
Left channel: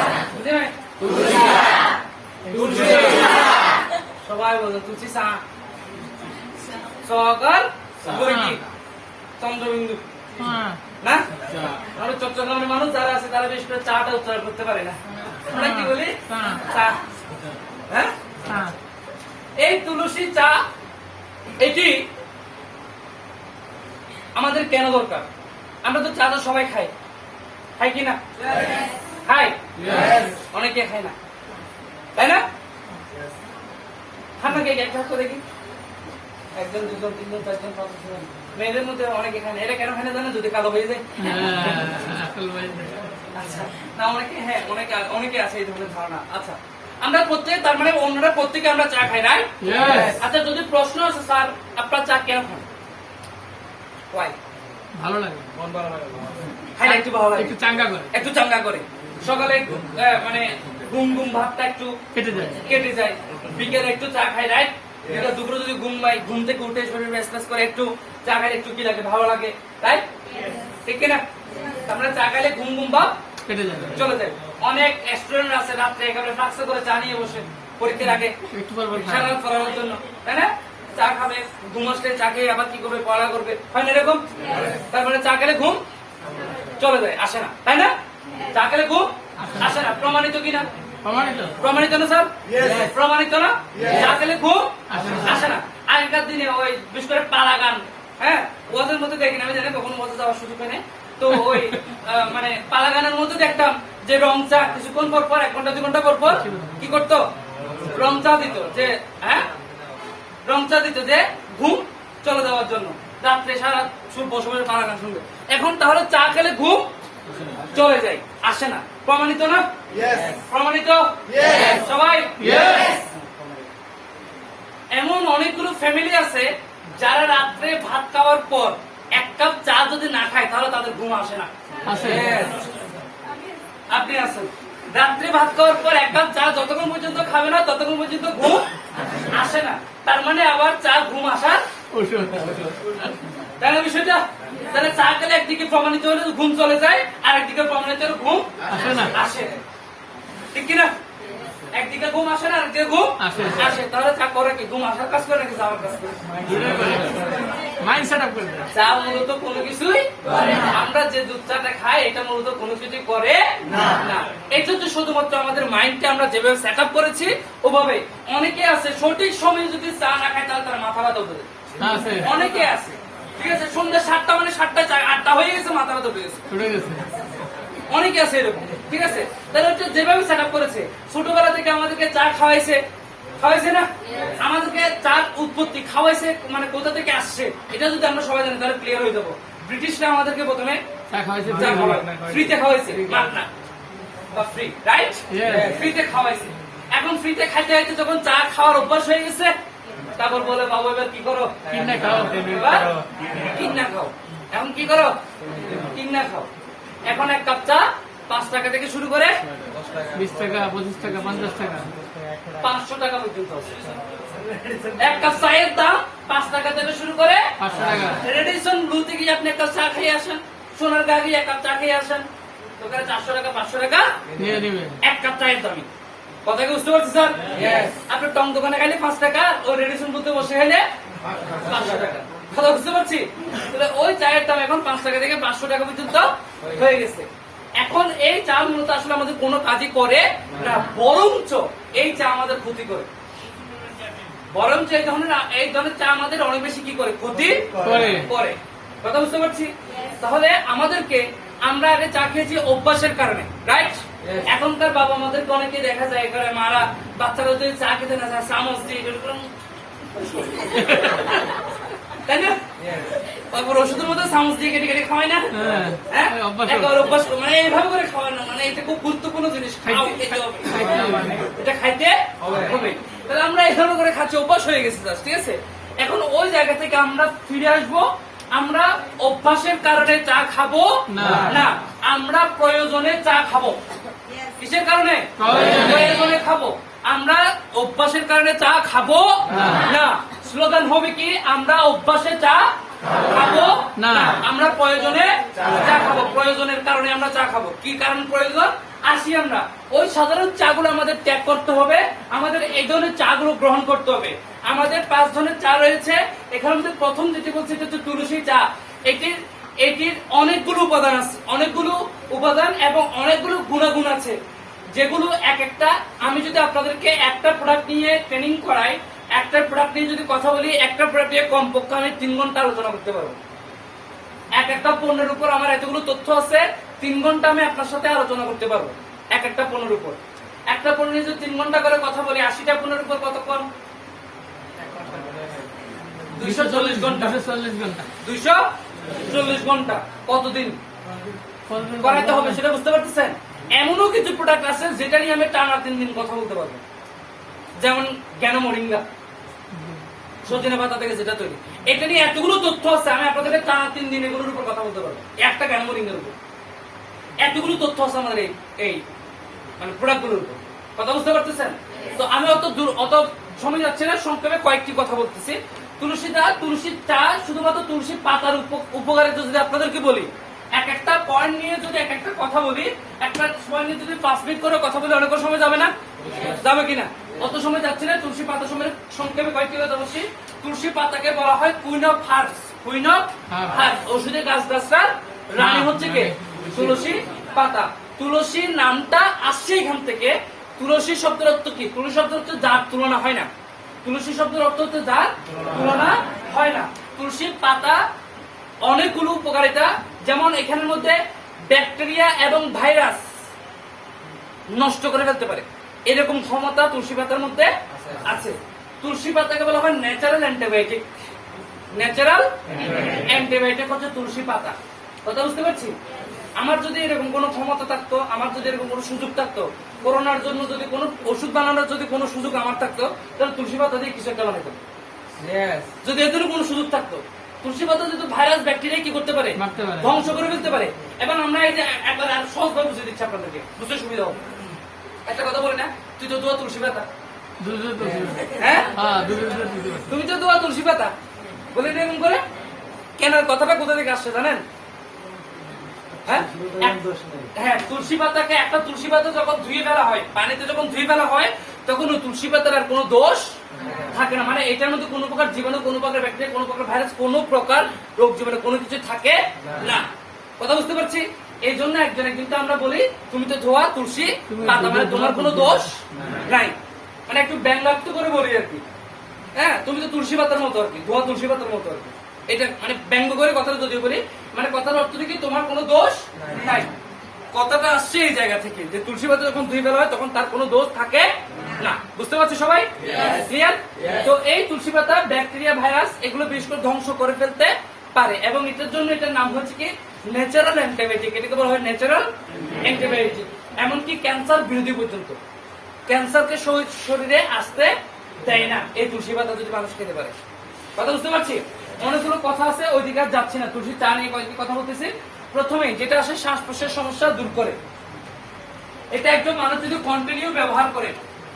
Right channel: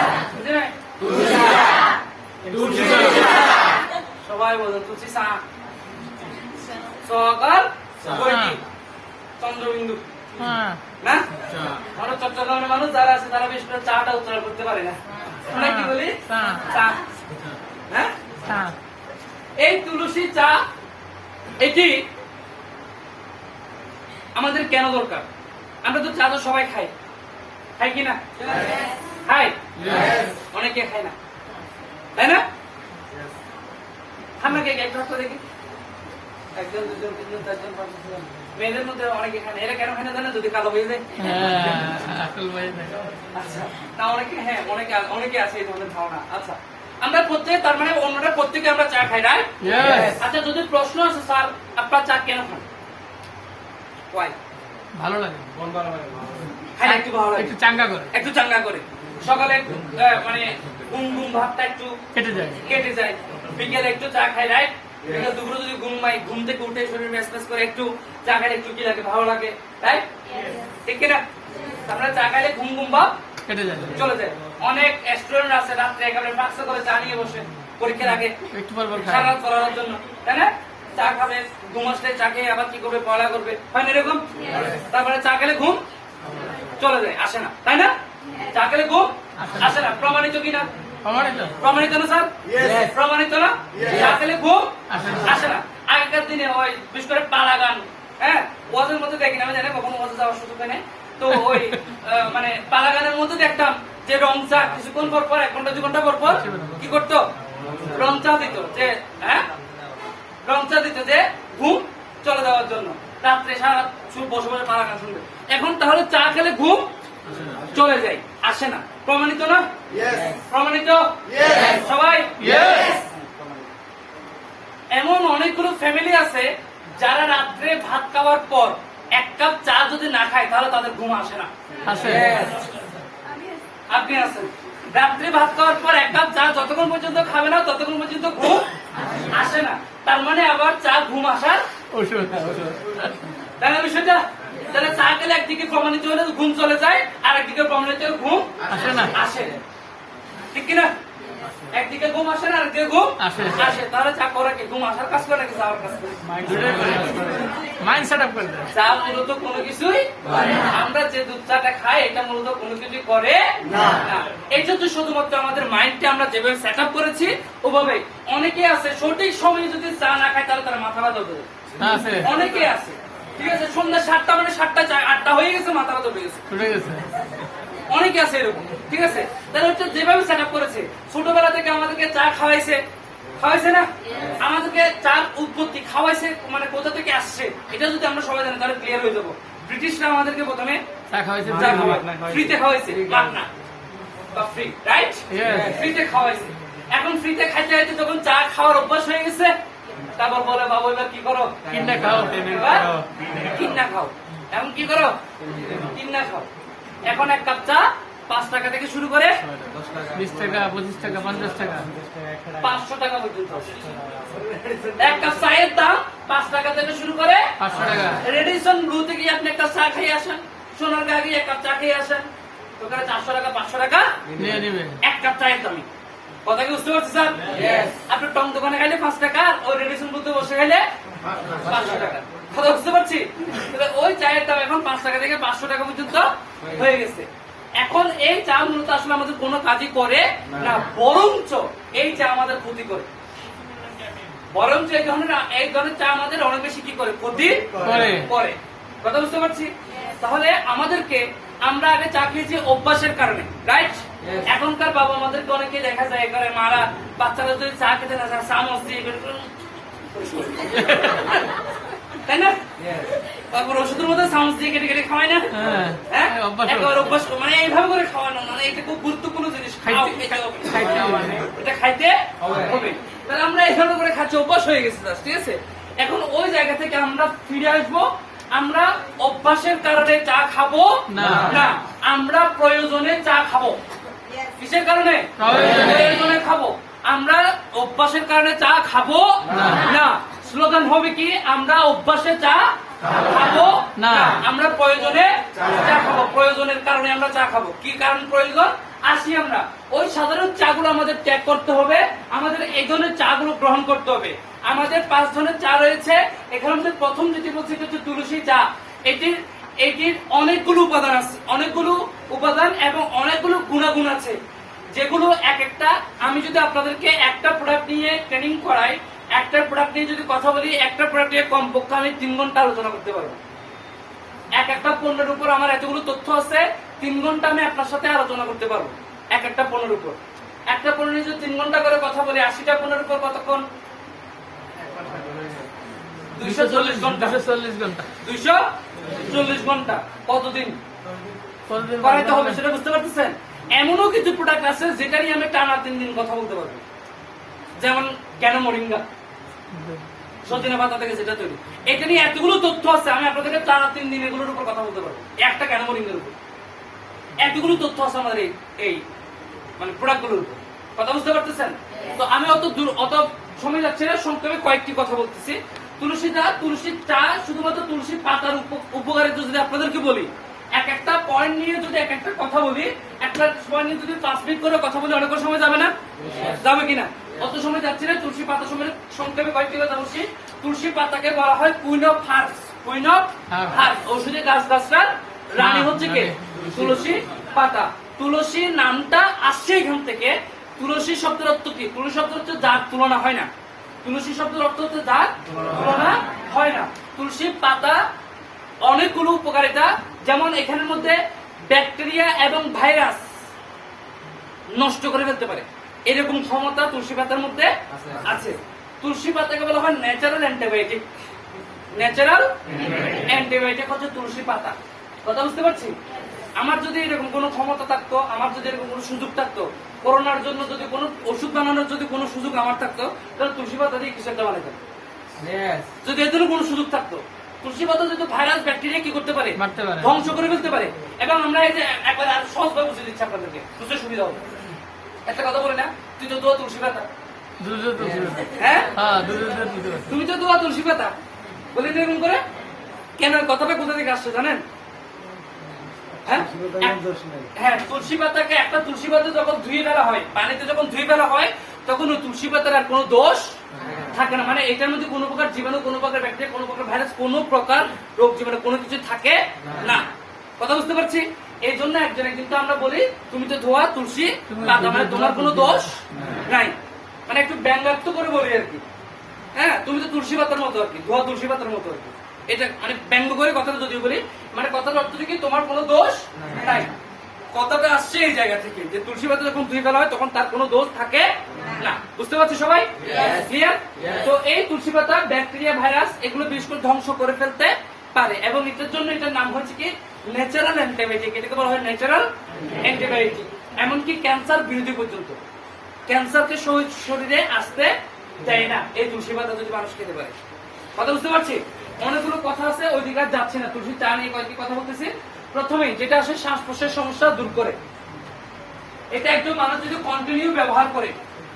সবাই বলো তুলসী চা। সকাল চন্দ্রবিন্দু না, আমরা চট্টগ্রামের মানুষ যারা আছে তারা বেশ করে চাটা উচ্চারণ করতে পারে না। আমরা কি বলি? চা। হ্যাঁ, এই তুলসী চা এটি আমাদের কেন দরকার? আমরা তো চা তো সবাই খাই, খাই কি না? খাই, অনেকে খায় না, তাই না? ঠান্ডা কে একটা হাত দেখি, একজন, দুজন, তিনজন, চারজন, পাঁচজন। মেয়েদের মধ্যে অনেকে খায় না, এরা কেন খায় না জানে? যদি কালো হয়ে যায়। আচ্ছা, না অনেকে, হ্যাঁ অনেকে আছে এই ধরনের ধারণা। আচ্ছা, আমরা প্রত্যেকে, তার মানে অন্যরা প্রত্যেকে আমরা চা খাই, রাইট? আচ্ছা, যদি প্রশ্ন আছে স্যার আপনার চা কেন খান? ভালো লাগে, হ্যাঁ, একটু ভালো লাগে, একটু চাঙ্গা করে। সকালে একটু মানে ঘুম ভাবটা একটু কেটে যায়, বিকেলে একটু চা খাই, রাইট? দুপুরে যদি ঘুম থেকে উঠে শরীর রেসপেস করে একটু চা খাইলে একটু কি লাগে? ভালো লাগে, তাই ঠিক কিনা? আমরা চা খাইলে ঘুম ভাব চলে যায়। অনেক স্টুডেন্ট আছে রাত্রে একেবারে ফ্লাক্সে করে চা নিয়ে বসে পরীক্ষার আগে সারা করানোর জন্য, তাই না? চা খাবে, ঘুম আসলে চা খেয়ে আবার কি করবে? পড়া করবে, হয় না এরকম? তারপরে চা খেলে ঘুম চলে যায়, আসে না, তাই না? চা খেলে ঘুম আসে না, প্রমাণিত কিনা? প্রমাণিত না স্যার? প্রমাণিত না? চা খেলে ঘুম আসে না। আগেকার দিনে ওই বিশেষ করে পালা গান, হ্যাঁ, ওয়াজের মধ্যে দেখি না, আমি জানি কখনো ওয়াজে যাওয়ার সুযোগ হয় নাই, তো ওই মানে পালা গানের মধ্যে দেখতাম যে রং চা কিছুক্ষণ পর 1 ঘন্টা 2 ঘন্টা পর কি করতো? রং চা দিত, যে হ্যাঁ রং চা দিত, যে ঘুম চলে যাওয়ার জন্য। রাত্রে সারা বসে বসে পালা গান শুনবে। এখন তাহলে চা খেলে ঘুম চলে যায়, আসে না, প্রমাণিত না? প্রমাণিত সবাই? এমন অনেকগুলো ফ্যামিলি আছে যারা রাত্রে ভাত খাওয়ার পর 1 কাপ চা যদি না খায় তাহলে তাদের ঘুম আসে না। আপনি আছেন, রাত্রে ভাত খাওয়ার পর 1 কাপ চা যতক্ষণ পর্যন্ত খাবে না ততক্ষণ পর্যন্ত ঘুম আসে না। তার মানে আবার চা ঘুম আসার তাই না বিষয়টা? তাহলে চা খেলে একদিকে প্রমাণিত হলে ঘুম চলে যায়, আর একদিকে প্রমাণিত হলে ঘুম আসে, ঠিক কিনা? একদিকে ঘুম আসে না, আরেকদিকে ঘুম আসে। তাহলে চা করে কি? ঘুম আসার কাজ করে নাকি যাওয়ার কাজ করে? চা মূলত কোনো কিছুই, আমরা যে দুধ চাটা খাই এটা মূলত কোনো কিছুই করে না। এটা তো শুধুমাত্র আমাদের মাইন্ডকে আমরা যেভাবে সেট আপ করেছি ওভাবে। অনেকে আছে সঠিক সময়ে যদি চা না খায় তাহলে তারা মাথা ব্যথা হবে, অনেকে আছে, ঠিক আছে? সন্ধ্যা 7টা মানে 7টা 8টা হয়ে গেছে, মাথা ব্যথা হয়ে গেছে। অনেকে আছে এরকম, ঠিক আছে? তাহলে হচ্ছে যেভাবে সেট আপ করেছে, ছোটবেলা থেকে আমাদেরকে চা খাওয়াইছে, খাওয়াইছে না? আমাদেরকে চার উৎপত্তি খাওয়াইছে, মানে কোথা থেকে আসছে এটা যদি আমরা সবাই জানি তাহলে ক্লিয়ার হয়ে যাবো। ব্রিটিশরা আমাদেরকে প্রথমে চা খাওয়াইছে চা খাওয়ায়, ফ্রিতে খাওয়াইছে, মাগনা বা ফ্রি, রাইট? Yes. ফ্রিতে খাওয়াইছে। এখন ফ্রিতে খাইতে খাইতে যখন চা খাওয়ার অভ্যাস হয়ে গেছে, তারপর বলে বাবু এবার কি করো? কিনা খাও এবার কিনা খাও। এখন কি করো? কিনা খাও। এখন এক কাপ চা 5 টাকা থেকে শুরু করে 20 টাকা 25 টাকা 50 টাকা 500 টাকা পর্যন্ত আছে। এক কাপ চায়ের দাম 5 টাকা থেকে শুরু করে 500 টাকা রেডিসন ব্লু থেকে আপনি একটা চা খেয়ে আসেন, সোনার গাড়ি এক কাপ চা খেয়ে আসেন, ওখানে 400 টাকা 500 টাকা নিয়ে নিবে। এক কাপ চায়ের দামি। কথা কি বুঝতে পারছি স্যার? আপনি টং দোকানে খাইলে 5 টাকা, ও রেডিসন ব্লুতে বসে খাইলে 500 টাকা। কথা বুঝতে পারছি? তাহলে ওই চায়ের দাম এখন 5 টাকা থেকে 500 টাকা পর্যন্ত হয়ে গেছে। এখন এই চা মূলত আসলে আমাদের কোনো কাজই করে না, বরঞ্চ এই চা আমাদের ক্ষতি করে। বরঞ্চ এই ধরনের চা আমাদের অনেক বেশি কি করে? ক্ষতি করে। করে। কথা বুঝতে পারছি? তাহলে আমাদেরকে, আমরা আগে চা খেয়েছি অভ্যাসের কারণে, রাইট? এখনকার বাবা আমাদেরকে অনেকে দেখা যায় করে মারা বাচ্চারা যদি চা খেতে না চায় চামচ দিয়ে তাই না? তারপর ওষুধের মধ্যে চামচ দিয়ে কেটে কেটে খাওয়ায় না? হ্যাঁ। হ্যাঁ? অভ্যাস। একেবারে অভ্যাস করে, মানে এইভাবে করে খাওয়ানো, মানে এটা খুব গুরুত্বপূর্ণ জিনিস। খাও, খেতে হবে। খাইতে হবে। এটা খাইতে হবে। তাহলে আমরা এইভাবে করে খাচ্ছি, অভ্যাস হয়ে গেছে, ঠিক আছে? এখন ওই জায়গা থেকে আমরা ফিরে আসবো। আমরা অভ্যাসের কারণে চা খাবো না। না, আমরা প্রয়োজনে চা খাবো। কিসের কারণে? প্রয়োজনে। প্রয়োজনে খাবো। আমরা অভ্যাসের কারণে চা খাবো না। স্লোগান হবে কি? আমরা অভ্যাসে চা খাবো না। না, আমরা প্রয়োজনে চা খাবো। প্রয়োজনের কারণে আমরা চা খাবো। কি কারণ প্রয়োজন? আসি আমরা ওই সাধারণ চাগুলো আমাদের ত্যাগ করতে হবে, আমাদের এই ধরনের চাগুলো গ্রহণ করতে হবে। আমাদের 5 ধরনের চা রয়েছে। এখানে আমাদের প্রথম যেটি বলছি সেটা হচ্ছে তুলসী চা। এটির অনেকগুলো উপাদান আছে, অনেকগুলো উপাদান এবং অনেকগুলো গুণাগুণ আছে, যেগুলো এক একটা, আমি যদি আপনাদেরকে একটা প্রোডাক্ট নিয়ে ট্রেনিং করাই, একটা প্রোডাক্ট নিয়ে যদি কথা বলি, একটা প্রোডাক্ট নিয়ে কমপক্ষে আমি 3 ঘন্টা আলোচনা করতে পারবো। এক একটা পণ্যের উপর আমার এতগুলো তথ্য আছে, 3 ঘন্টা আমি আপনার সাথে আলোচনা করতে পারবো এক একটা পণ্যের উপর। একটা পণ্য নিয়ে যদি 3 ঘন্টা করে কথা বলি, 80টা পণ্যের উপর কতক্ষণ? 240 ঘন্টা। 240 ঘন্টা 240 ঘন্টা কতদিন করাইতে হবে সেটা বুঝতে পারতেছেন? এমনও কিছু প্রোডাক্ট আছে যেটা নিয়ে আমি টানা 3 দিন কথা বলতে পারবো, যেমন কেন মরিঙ্গা, সজনে পাতা থেকে যেটা তৈরি, এটা নিয়ে এতগুলো তথ্য আছে, আমি আপনাদেরকে টানা 3 দিন এগুলোর উপর কথা বলতে পারবো। একটা কেন মরিঙ্গার উপর এতগুলো তথ্য আছে আমাদের এই মানে প্রোডাক্ট গুলোর উপর। কথা বুঝতে পারতেছেন? তো আমি অত সময় যাচ্ছে না, সংক্ষেপে কয়েকটি কথা বলতেছি। তুলসী চা শুধুমাত্র তুলসী পাতার উপকারিতা যদি আপনাদেরকে বলি, এক একটা পয়েন্ট নিয়ে যদি এক একটা কথা বলি, একটা পয়েন্ট নিয়ে যদি 5 মিনিট করে কথা বলি, অনেক সময় যাবে না? যাবে কিনা? অত সময় যাচ্ছে না। তুলসী পাতা সময় সংক্ষেপে কয়েকটি কথা বলছি। তুলসী পাতাকে বলা হয় queen of herbs. Queen of herbs, ঔষধি গাছগাছরার রানী হচ্ছে কে? তুলসী পাতা। তুলসী নামটা আসছে এখান থেকে। তুলসী শব্দের অর্থ কি? তুলসী শব্দ হচ্ছে যার তুলনা হয় না। তুলসী শব্দের অর্থ হচ্ছে যার তুলনা হয় না। তুলসী পাতা অনেকগুলো উপকারিতা, যেমন এখানের মধ্যে ব্যাকটেরিয়া এবং ভাইরাস নষ্ট করে ফেলতে পারে, এরকম ক্ষমতা তুলসী পাতার মধ্যে আছে। তুলসী পাতাকে বলা হয় ন্যাচারাল অ্যান্টিবায়োটিক। ন্যাচারাল অ্যান্টিবায়োটিক হচ্ছে তুলসী পাতা। কথা বুঝতে পারছি? আমার যদি এরকম কোনো ক্ষমতা থাকতো, আমার যদি এরকম কোনো সুযোগ থাকতো, করোনার জন্য যদি কোনো ওষুধ বানানোর যদি কোনো সুযোগ আমার থাকতো, তাহলে তুলসী পাতা দিয়ে কিছু একটা বানাইতাম। যদি এর জন্য কোনো সুযোগ থাকতো, তুলসী পাতা যদি ভাইরাস ব্যাকটেরিয়া কি করতে পারে? ধ্বংস করে ফেলতে পারে। এবং আমরা এই যে একবার আর সহজভাবে বুঝে দিচ্ছি আপনাদেরকে, বুঝতে সুবিধা হবে। একটা কথা বলে না, তুই তো দোয়া তুলসী পাতা, হ্যাঁ তুমি তো দোয়া তুলসী পাতা বলে এরকম করে কেন? কথাটা কোথা থেকে আসছে জানেন? হ্যাঁ, তুলসী পাতাকে, একটা তুলসী পাতা যখন ধুয়ে ফেলা হয়, পানিতে যখন ধুয়ে ফেলা হয়, তখন ওই তুলসী পাতার আর কোনো দোষ থাকে না। মানে এটার মধ্যে কোনো প্রকার জীবাণু, কোনো প্রকার ব্যাকটেরিয়া, কোনো প্রকার ভাইরাস, কোনো প্রকার রোগ জীবাণু কোনো কিছু থাকে না। কথা বুঝতে পারছি? এই জন্য একজনে কিন্তু আমরা বলি তুমি তো ধোয়া তুলসী পাতা, মানে তোমার কোনো দোষ নাই। মানে একটু ব্যঙ্গাত্ম করে বলি আর কি। হ্যাঁ, তুমি তো তুলসী পাতার মতো আর কি, ধোয়া তুলসী পাতার মতো আর কি। এটা মানে ব্যঙ্গ করে কথাটা যদিও বলি, মানে কথার অর্থ কি তোমার কোনো দোষ নাই। কথাটা আসছে এই জায়গা থেকে যে তুলসী পাতা যখন ধুয়ে ফেলা হয় তখন তার কোনো দোষ থাকে না। বুঝতে পারছি সবাই? ক্লিয়ার? তো এই তুলসী পাতা ব্যাকটেরিয়া, ভাইরাস এগুলো বিশেষ করে ধ্বংস করে ফেলতে পারে এবং এটার জন্য এটার নাম হচ্ছে কি ন্যাচারাল অ্যান্টিবায়োটিক। এটাকে বলা হয় ন্যাচারাল অ্যান্টিবায়োটিক। এমনকি ক্যান্সার বিরোধী পর্যন্ত, ক্যান্সারকে শরীরে আসতে দেয় না এই তুলসী পাতা যদি মানুষ খেতে পারে। কথা বুঝতে পারছি? অনেকগুলো কথা আছে, ওই দিকে আর যাচ্ছি না। তুলসী চা নিয়ে কয়েকটি কথা বলতেছি। প্রথমেই যেটা আসে শ্বাস প্রশ্বাসের সমস্যা দূর করে। এটা একজন মানুষ যদি কন্টিনিউ ব্যবহার করে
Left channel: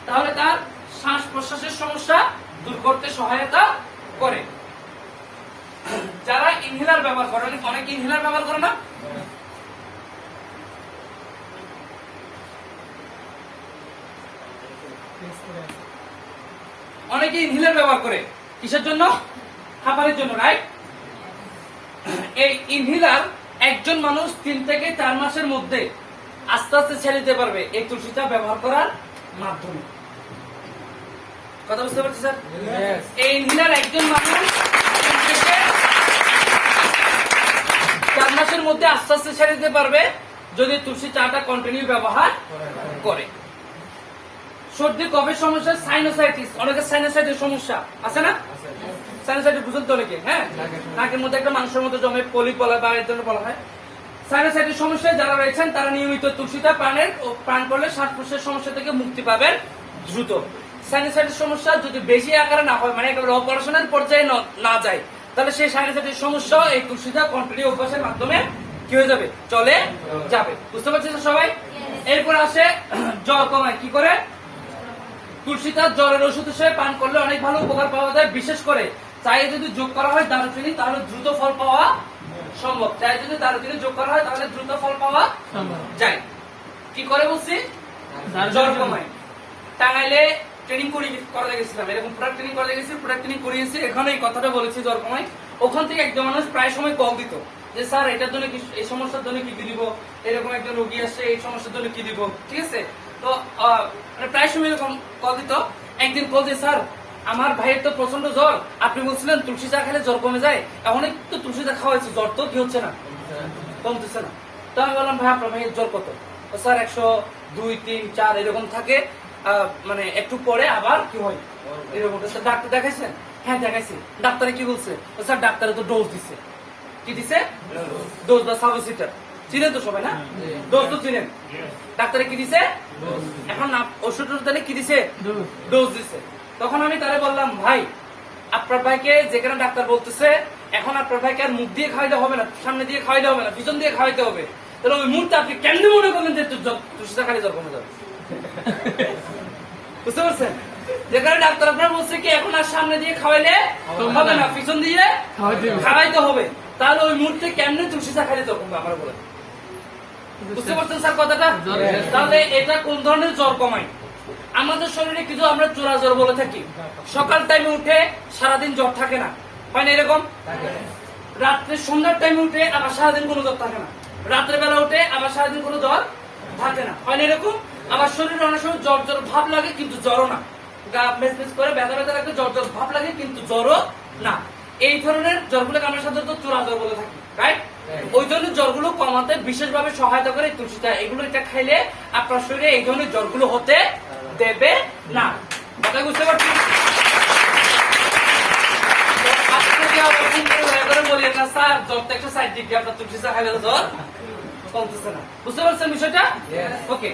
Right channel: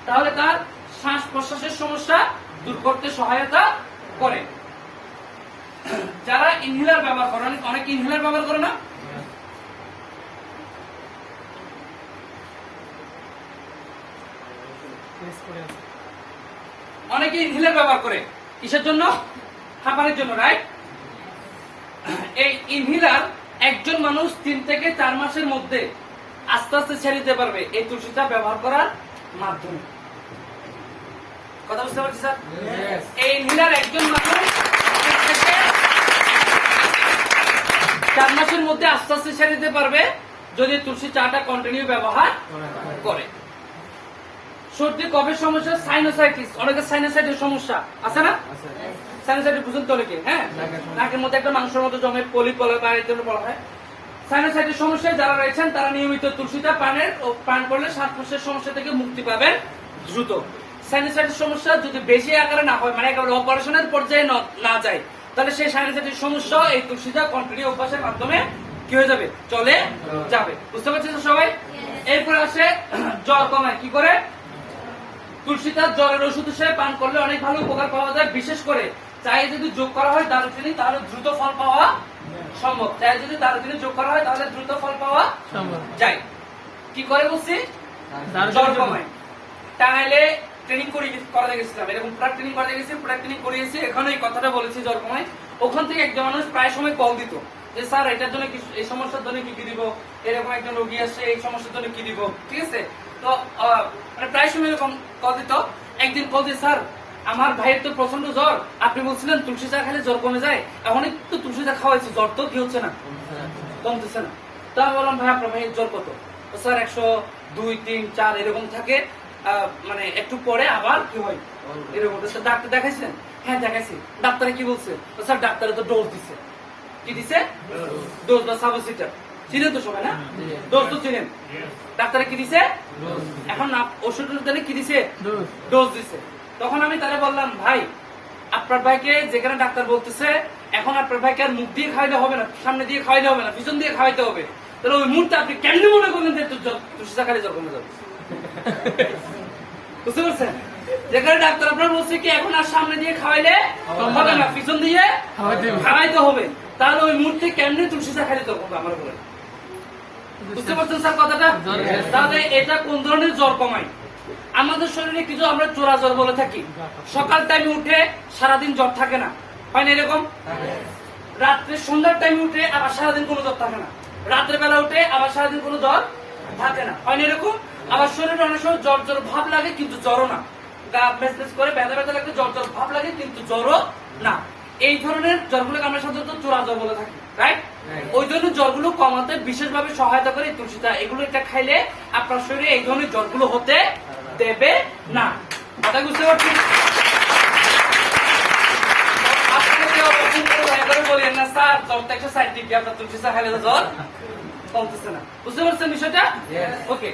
তাহলে তার শ্বাস প্রশ্বাসের সমস্যা দূর করতে সহায়তা করে। যারা ইনহেলার ব্যবহার করেন, অনেক ইনহেলার ব্যবহার করে না? অনেকে ইনহেলার ব্যবহার করে কিসের জন্য? হাঁপানির জন্য, রাইট? এই ইনহেলার একজন মানুষ 3 থেকে 4 মাসের মধ্যে আস্তে আস্তে ছেড়ে দিতে পারবে এই তুলসীটা ব্যবহার করার মাধ্যমে। কথা বুঝতে পারছি স্যার? এই ইনহেলার একজন মানুষ 3 থেকে 4 মাসের মধ্যে আস্তে আস্তে ছেড়ে দিতে পারবে যদি তুলসী চাটা কন্টিনিউ ব্যবহার করে। সর্দি কফের সমস্যা, সাইনোসাইটিস, অনেকের সাইনোসাইটিস সমস্যা আছে না? সাইনোসাইটিস বুঝুন তো অনেকে, হ্যাঁ, নাকের মধ্যে একটা মাংসের মতো জমে পলি বলা বা এর জন্য বলা হয়। সাইনোসাইটিস সমস্যায় যারা রয়েছেন তারা নিয়মিত তুলসীটা পান করলে শ্বাস প্রশ্বাসের সমস্যা থেকে মুক্তি পাবেন দ্রুত। সাইনোসাইটিস সমস্যা যদি বেশি আকারে না হয়, মানে একেবারে অপারেশনের পর্যায়ে না যায়, তাহলে সেই সাইনোসাইটিস সমস্যা এই তুলসীটা কন্টিনিউ অভ্যাসের মাধ্যমে কি হয়ে যাবে? চলে যাবে। বুঝতে পারছেন তো সবাই? এরপর আসে জ্বর কমায় কি করে? তুলসীটা জ্বরের ওষুধ হিসেবে পান করলে অনেক ভালো উপকার পাওয়া যায়। বিশেষ করে চায়ে যদি যোগ করা হয় দারুচিনি, তাহলে দ্রুত ফল পাওয়া সম্ভব। চায়ে যদি দারুচিনি যোগ করা হয় তাহলে দ্রুত ফল পাওয়া যায়। কি করে বলছি? জ্বর কমায়। টাঙ্গাইলে ট্রেনিং করা গেছিলাম, এরকম পুরা ট্রেনিং করা গেছি, পুরা ট্রেনিং করিয়েছি। এখন এই কথাটা বলেছি জ্বর কমায়। ওখান থেকে একজন মানুষ প্রায় সময় কল দিত যে স্যার এটার জন্য এই সমস্যার জন্য কি দিব, এরকম একজন রোগী আসছে এই সমস্যার জন্য কি দিব, ঠিক আছে? তো প্রায় সময় এরকম কল দিত। একদিন কল দিয়ে স্যার আমার ভাইয়ের তো প্রচন্ড জ্বর, আপনি বলছিলেন তুলসী চা খেলে জ্বর কমে যায়, এখন একটু তুলসী চা খাওয়াইছি, জ্বর তো কি হচ্ছে না, কমতেছে না। তো আমি বললাম ভাই আপনার ভাইয়ের জ্বর কত? স্যার 102, 3, 4 এরকম থাকে, মানে একটু পরে আবার কি হয় এরকম। ডাক্তার দেখাইছেন? হ্যাঁ দেখাইছি। ডাক্তারে কি বলছে? স্যার ডাক্তারে তো ডোজ দিছে। কি দিছে? ডোজ বা সাবসিটার। চিনেন তো সবাই না? ডোজ তো চিনেন। ডাক্তারে কি দিছে? এখন ওষুধের দানে কি দিছে? ডোজ দিছে। তখন আমি তাহলে বললাম ভাই আপনার ভাইকে যেখানে ডাক্তার বলতেছে এখন আপনার ভাইকে আর মুখ দিয়ে খাওয়াইলে হবে না, সামনে দিয়ে খাওয়াইলে হবে না, পিছন দিয়ে খাওয়াইতে হবে, তাহলে ওই মুহূর্তে আপনি কেমনি মনে করবেন যে তুলসী চা খালি জ্বর কমে যাবে? বুঝতে পারছেন? যেখানে ডাক্তার আপনার বলছে কি এখন আর সামনে দিয়ে খাওয়াইলে হবে না, পিছন দিয়ে খাওয়াইতে হবে, তাহলে ওই মুহূর্তে কেমনি তুলসী চা খালি জ্বর কমবে আমরা বলে? বুঝতে পারছেন স্যার কথাটা? তাহলে এটা কোন ধরনের জ্বর কমায়? আমাদের শরীরে কিছু আমরা চোরা জ্বর বলে থাকি। সকাল টাইমে উঠে সারাদিন জ্বর থাকে না, হয় না এরকম? রাত্রে সন্ধ্যার টাইমে উঠে আবার সারাদিন কোনো জ্বর থাকে না, রাত্রে বেলা উঠে আবার সারাদিন কোনো জ্বর থাকে না, হয় না এরকম? আবার শরীরে অনেক সময় জ্বর জ্বর ভাব লাগে কিন্তু জ্বরও না, গা মেসমেস করে ব্যথা ব্যথা লাগতে জ্বর জ্বর ভাব লাগে কিন্তু জ্বরও না। এই ধরনের জ্বরগুলোকে আমরা সাধারণত চোরা জ্বর বলে থাকি, রাইট? ওই ধরনের জ্বরগুলো কমাতে বিশেষভাবে সহায়তা করে তুলসী চা। এগুলো এটা খাইলে আপনার শরীরে এই ধরনের জ্বরগুলো হতে দেবে না। কথা বুঝতে পারছি? বলেন না স্যার জ্বরটা একটু সাইড দিকে, আপনার তুলসী চা খাইলে জ্বর কমতেছে না। বুঝতে পারছেন বিষয়টা? ওকে,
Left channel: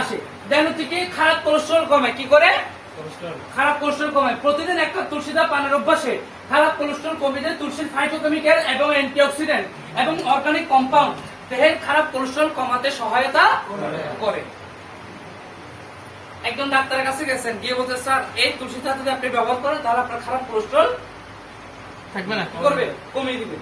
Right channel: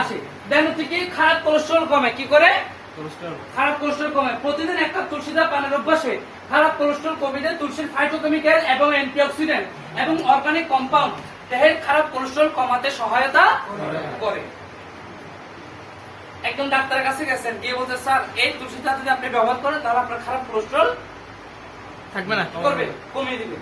আসি। দেন হচ্ছে কি খারাপ কোলেস্ট্রল কমে। কি করে? খারাপ কোলেস্ট্রল কমে। প্রতিদিন একটা তুলসী চা পানের অভ্যাসে খারাপ কোলেস্ট্রল কমে যায়। তুলসীর ফাইটোকেমিক্যাল এবং অ্যান্টিঅক্সিডেন্ট এবং অর্গানিক কম্পাউন্ড দেহের খারাপ কোলেস্ট্রল কমাতে সহায়তা করে। একজন ডাক্তারের কাছে গেছেন, গিয়ে বলতে স্যার এই তুলসী চা যদি আপনি ব্যবহার করেন তাহলে আপনার খারাপ কোলেস্ট্রল থাকবে না, করবে, কমিয়ে দিবে।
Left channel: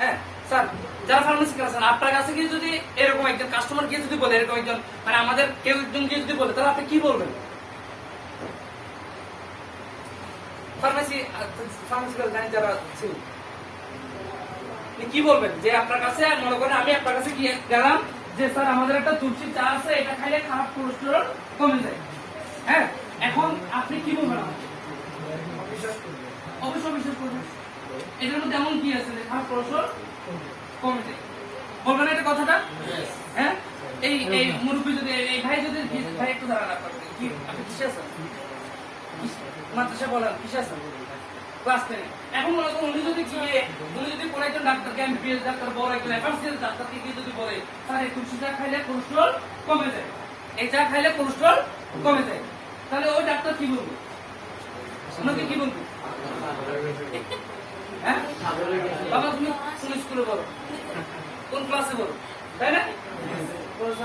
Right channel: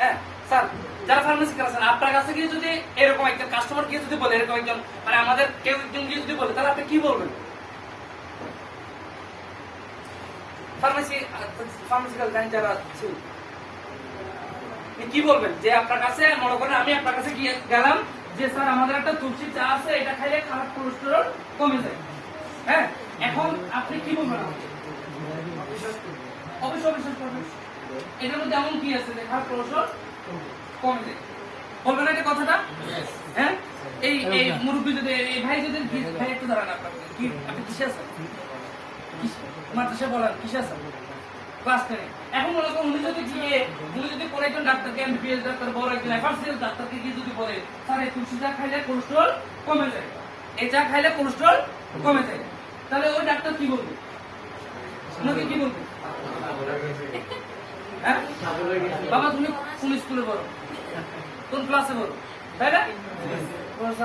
হ্যাঁ স্যার, যারা ফার্মেসি আছেন আপনার কাছে গিয়ে যদি এরকম একজন কাস্টমার গিয়ে যদি বলে, এরকম একজন মানে আমাদের কেউ একজন গিয়ে যদি বলে, তাহলে আপনি কি বলবেন? ফার্মাসিক্যাল লাইন যারা ছিল কি বলবেন? যে আপনার কাছে মনে করেন আমি আপনার কাছে গিয়ে গেলাম যে স্যার আমাদের একটা তুলসী চা আছে, এটা খাইলে খারাপ কোলেস্টেরল কমে যায়। হ্যাঁ, এখন আপনি কি বলবেন? অবশ্যই বিশ্বাস করবেন। এর মধ্যে এমন কি আছে যে খারাপ কোলেস্টেরল কমে যায়। বলবেন এটা কথাটা? হ্যাঁ, এই মুরব্বী যদি এই ভাই যদি ভাই একটু দাঁড়ান, কি আপনি কিসে আছেন? মাদ্রাসা বলেন কিসে আছেন? ক্লাস 10 এখন মনে করুন উনি যদি পরে একজন ডাক্তারকে এমবিবিএস ডাক্তার বড় একজন এফআরসিএস ডাক্তারকে গিয়ে যদি বলে স্যার এই তুলসী চা খাইলে কোলেস্ট্রল কমে যায়, এই চা খাইলে কোলেস্ট্রল কমে যায়, তাহলে ওই ডাক্তার কি বলবে? আপনাকে কি বলবে? হ্যাঁ বাবা তুমি কোন স্কুলে বলো, কোন ক্লাসে বলো, তাই না?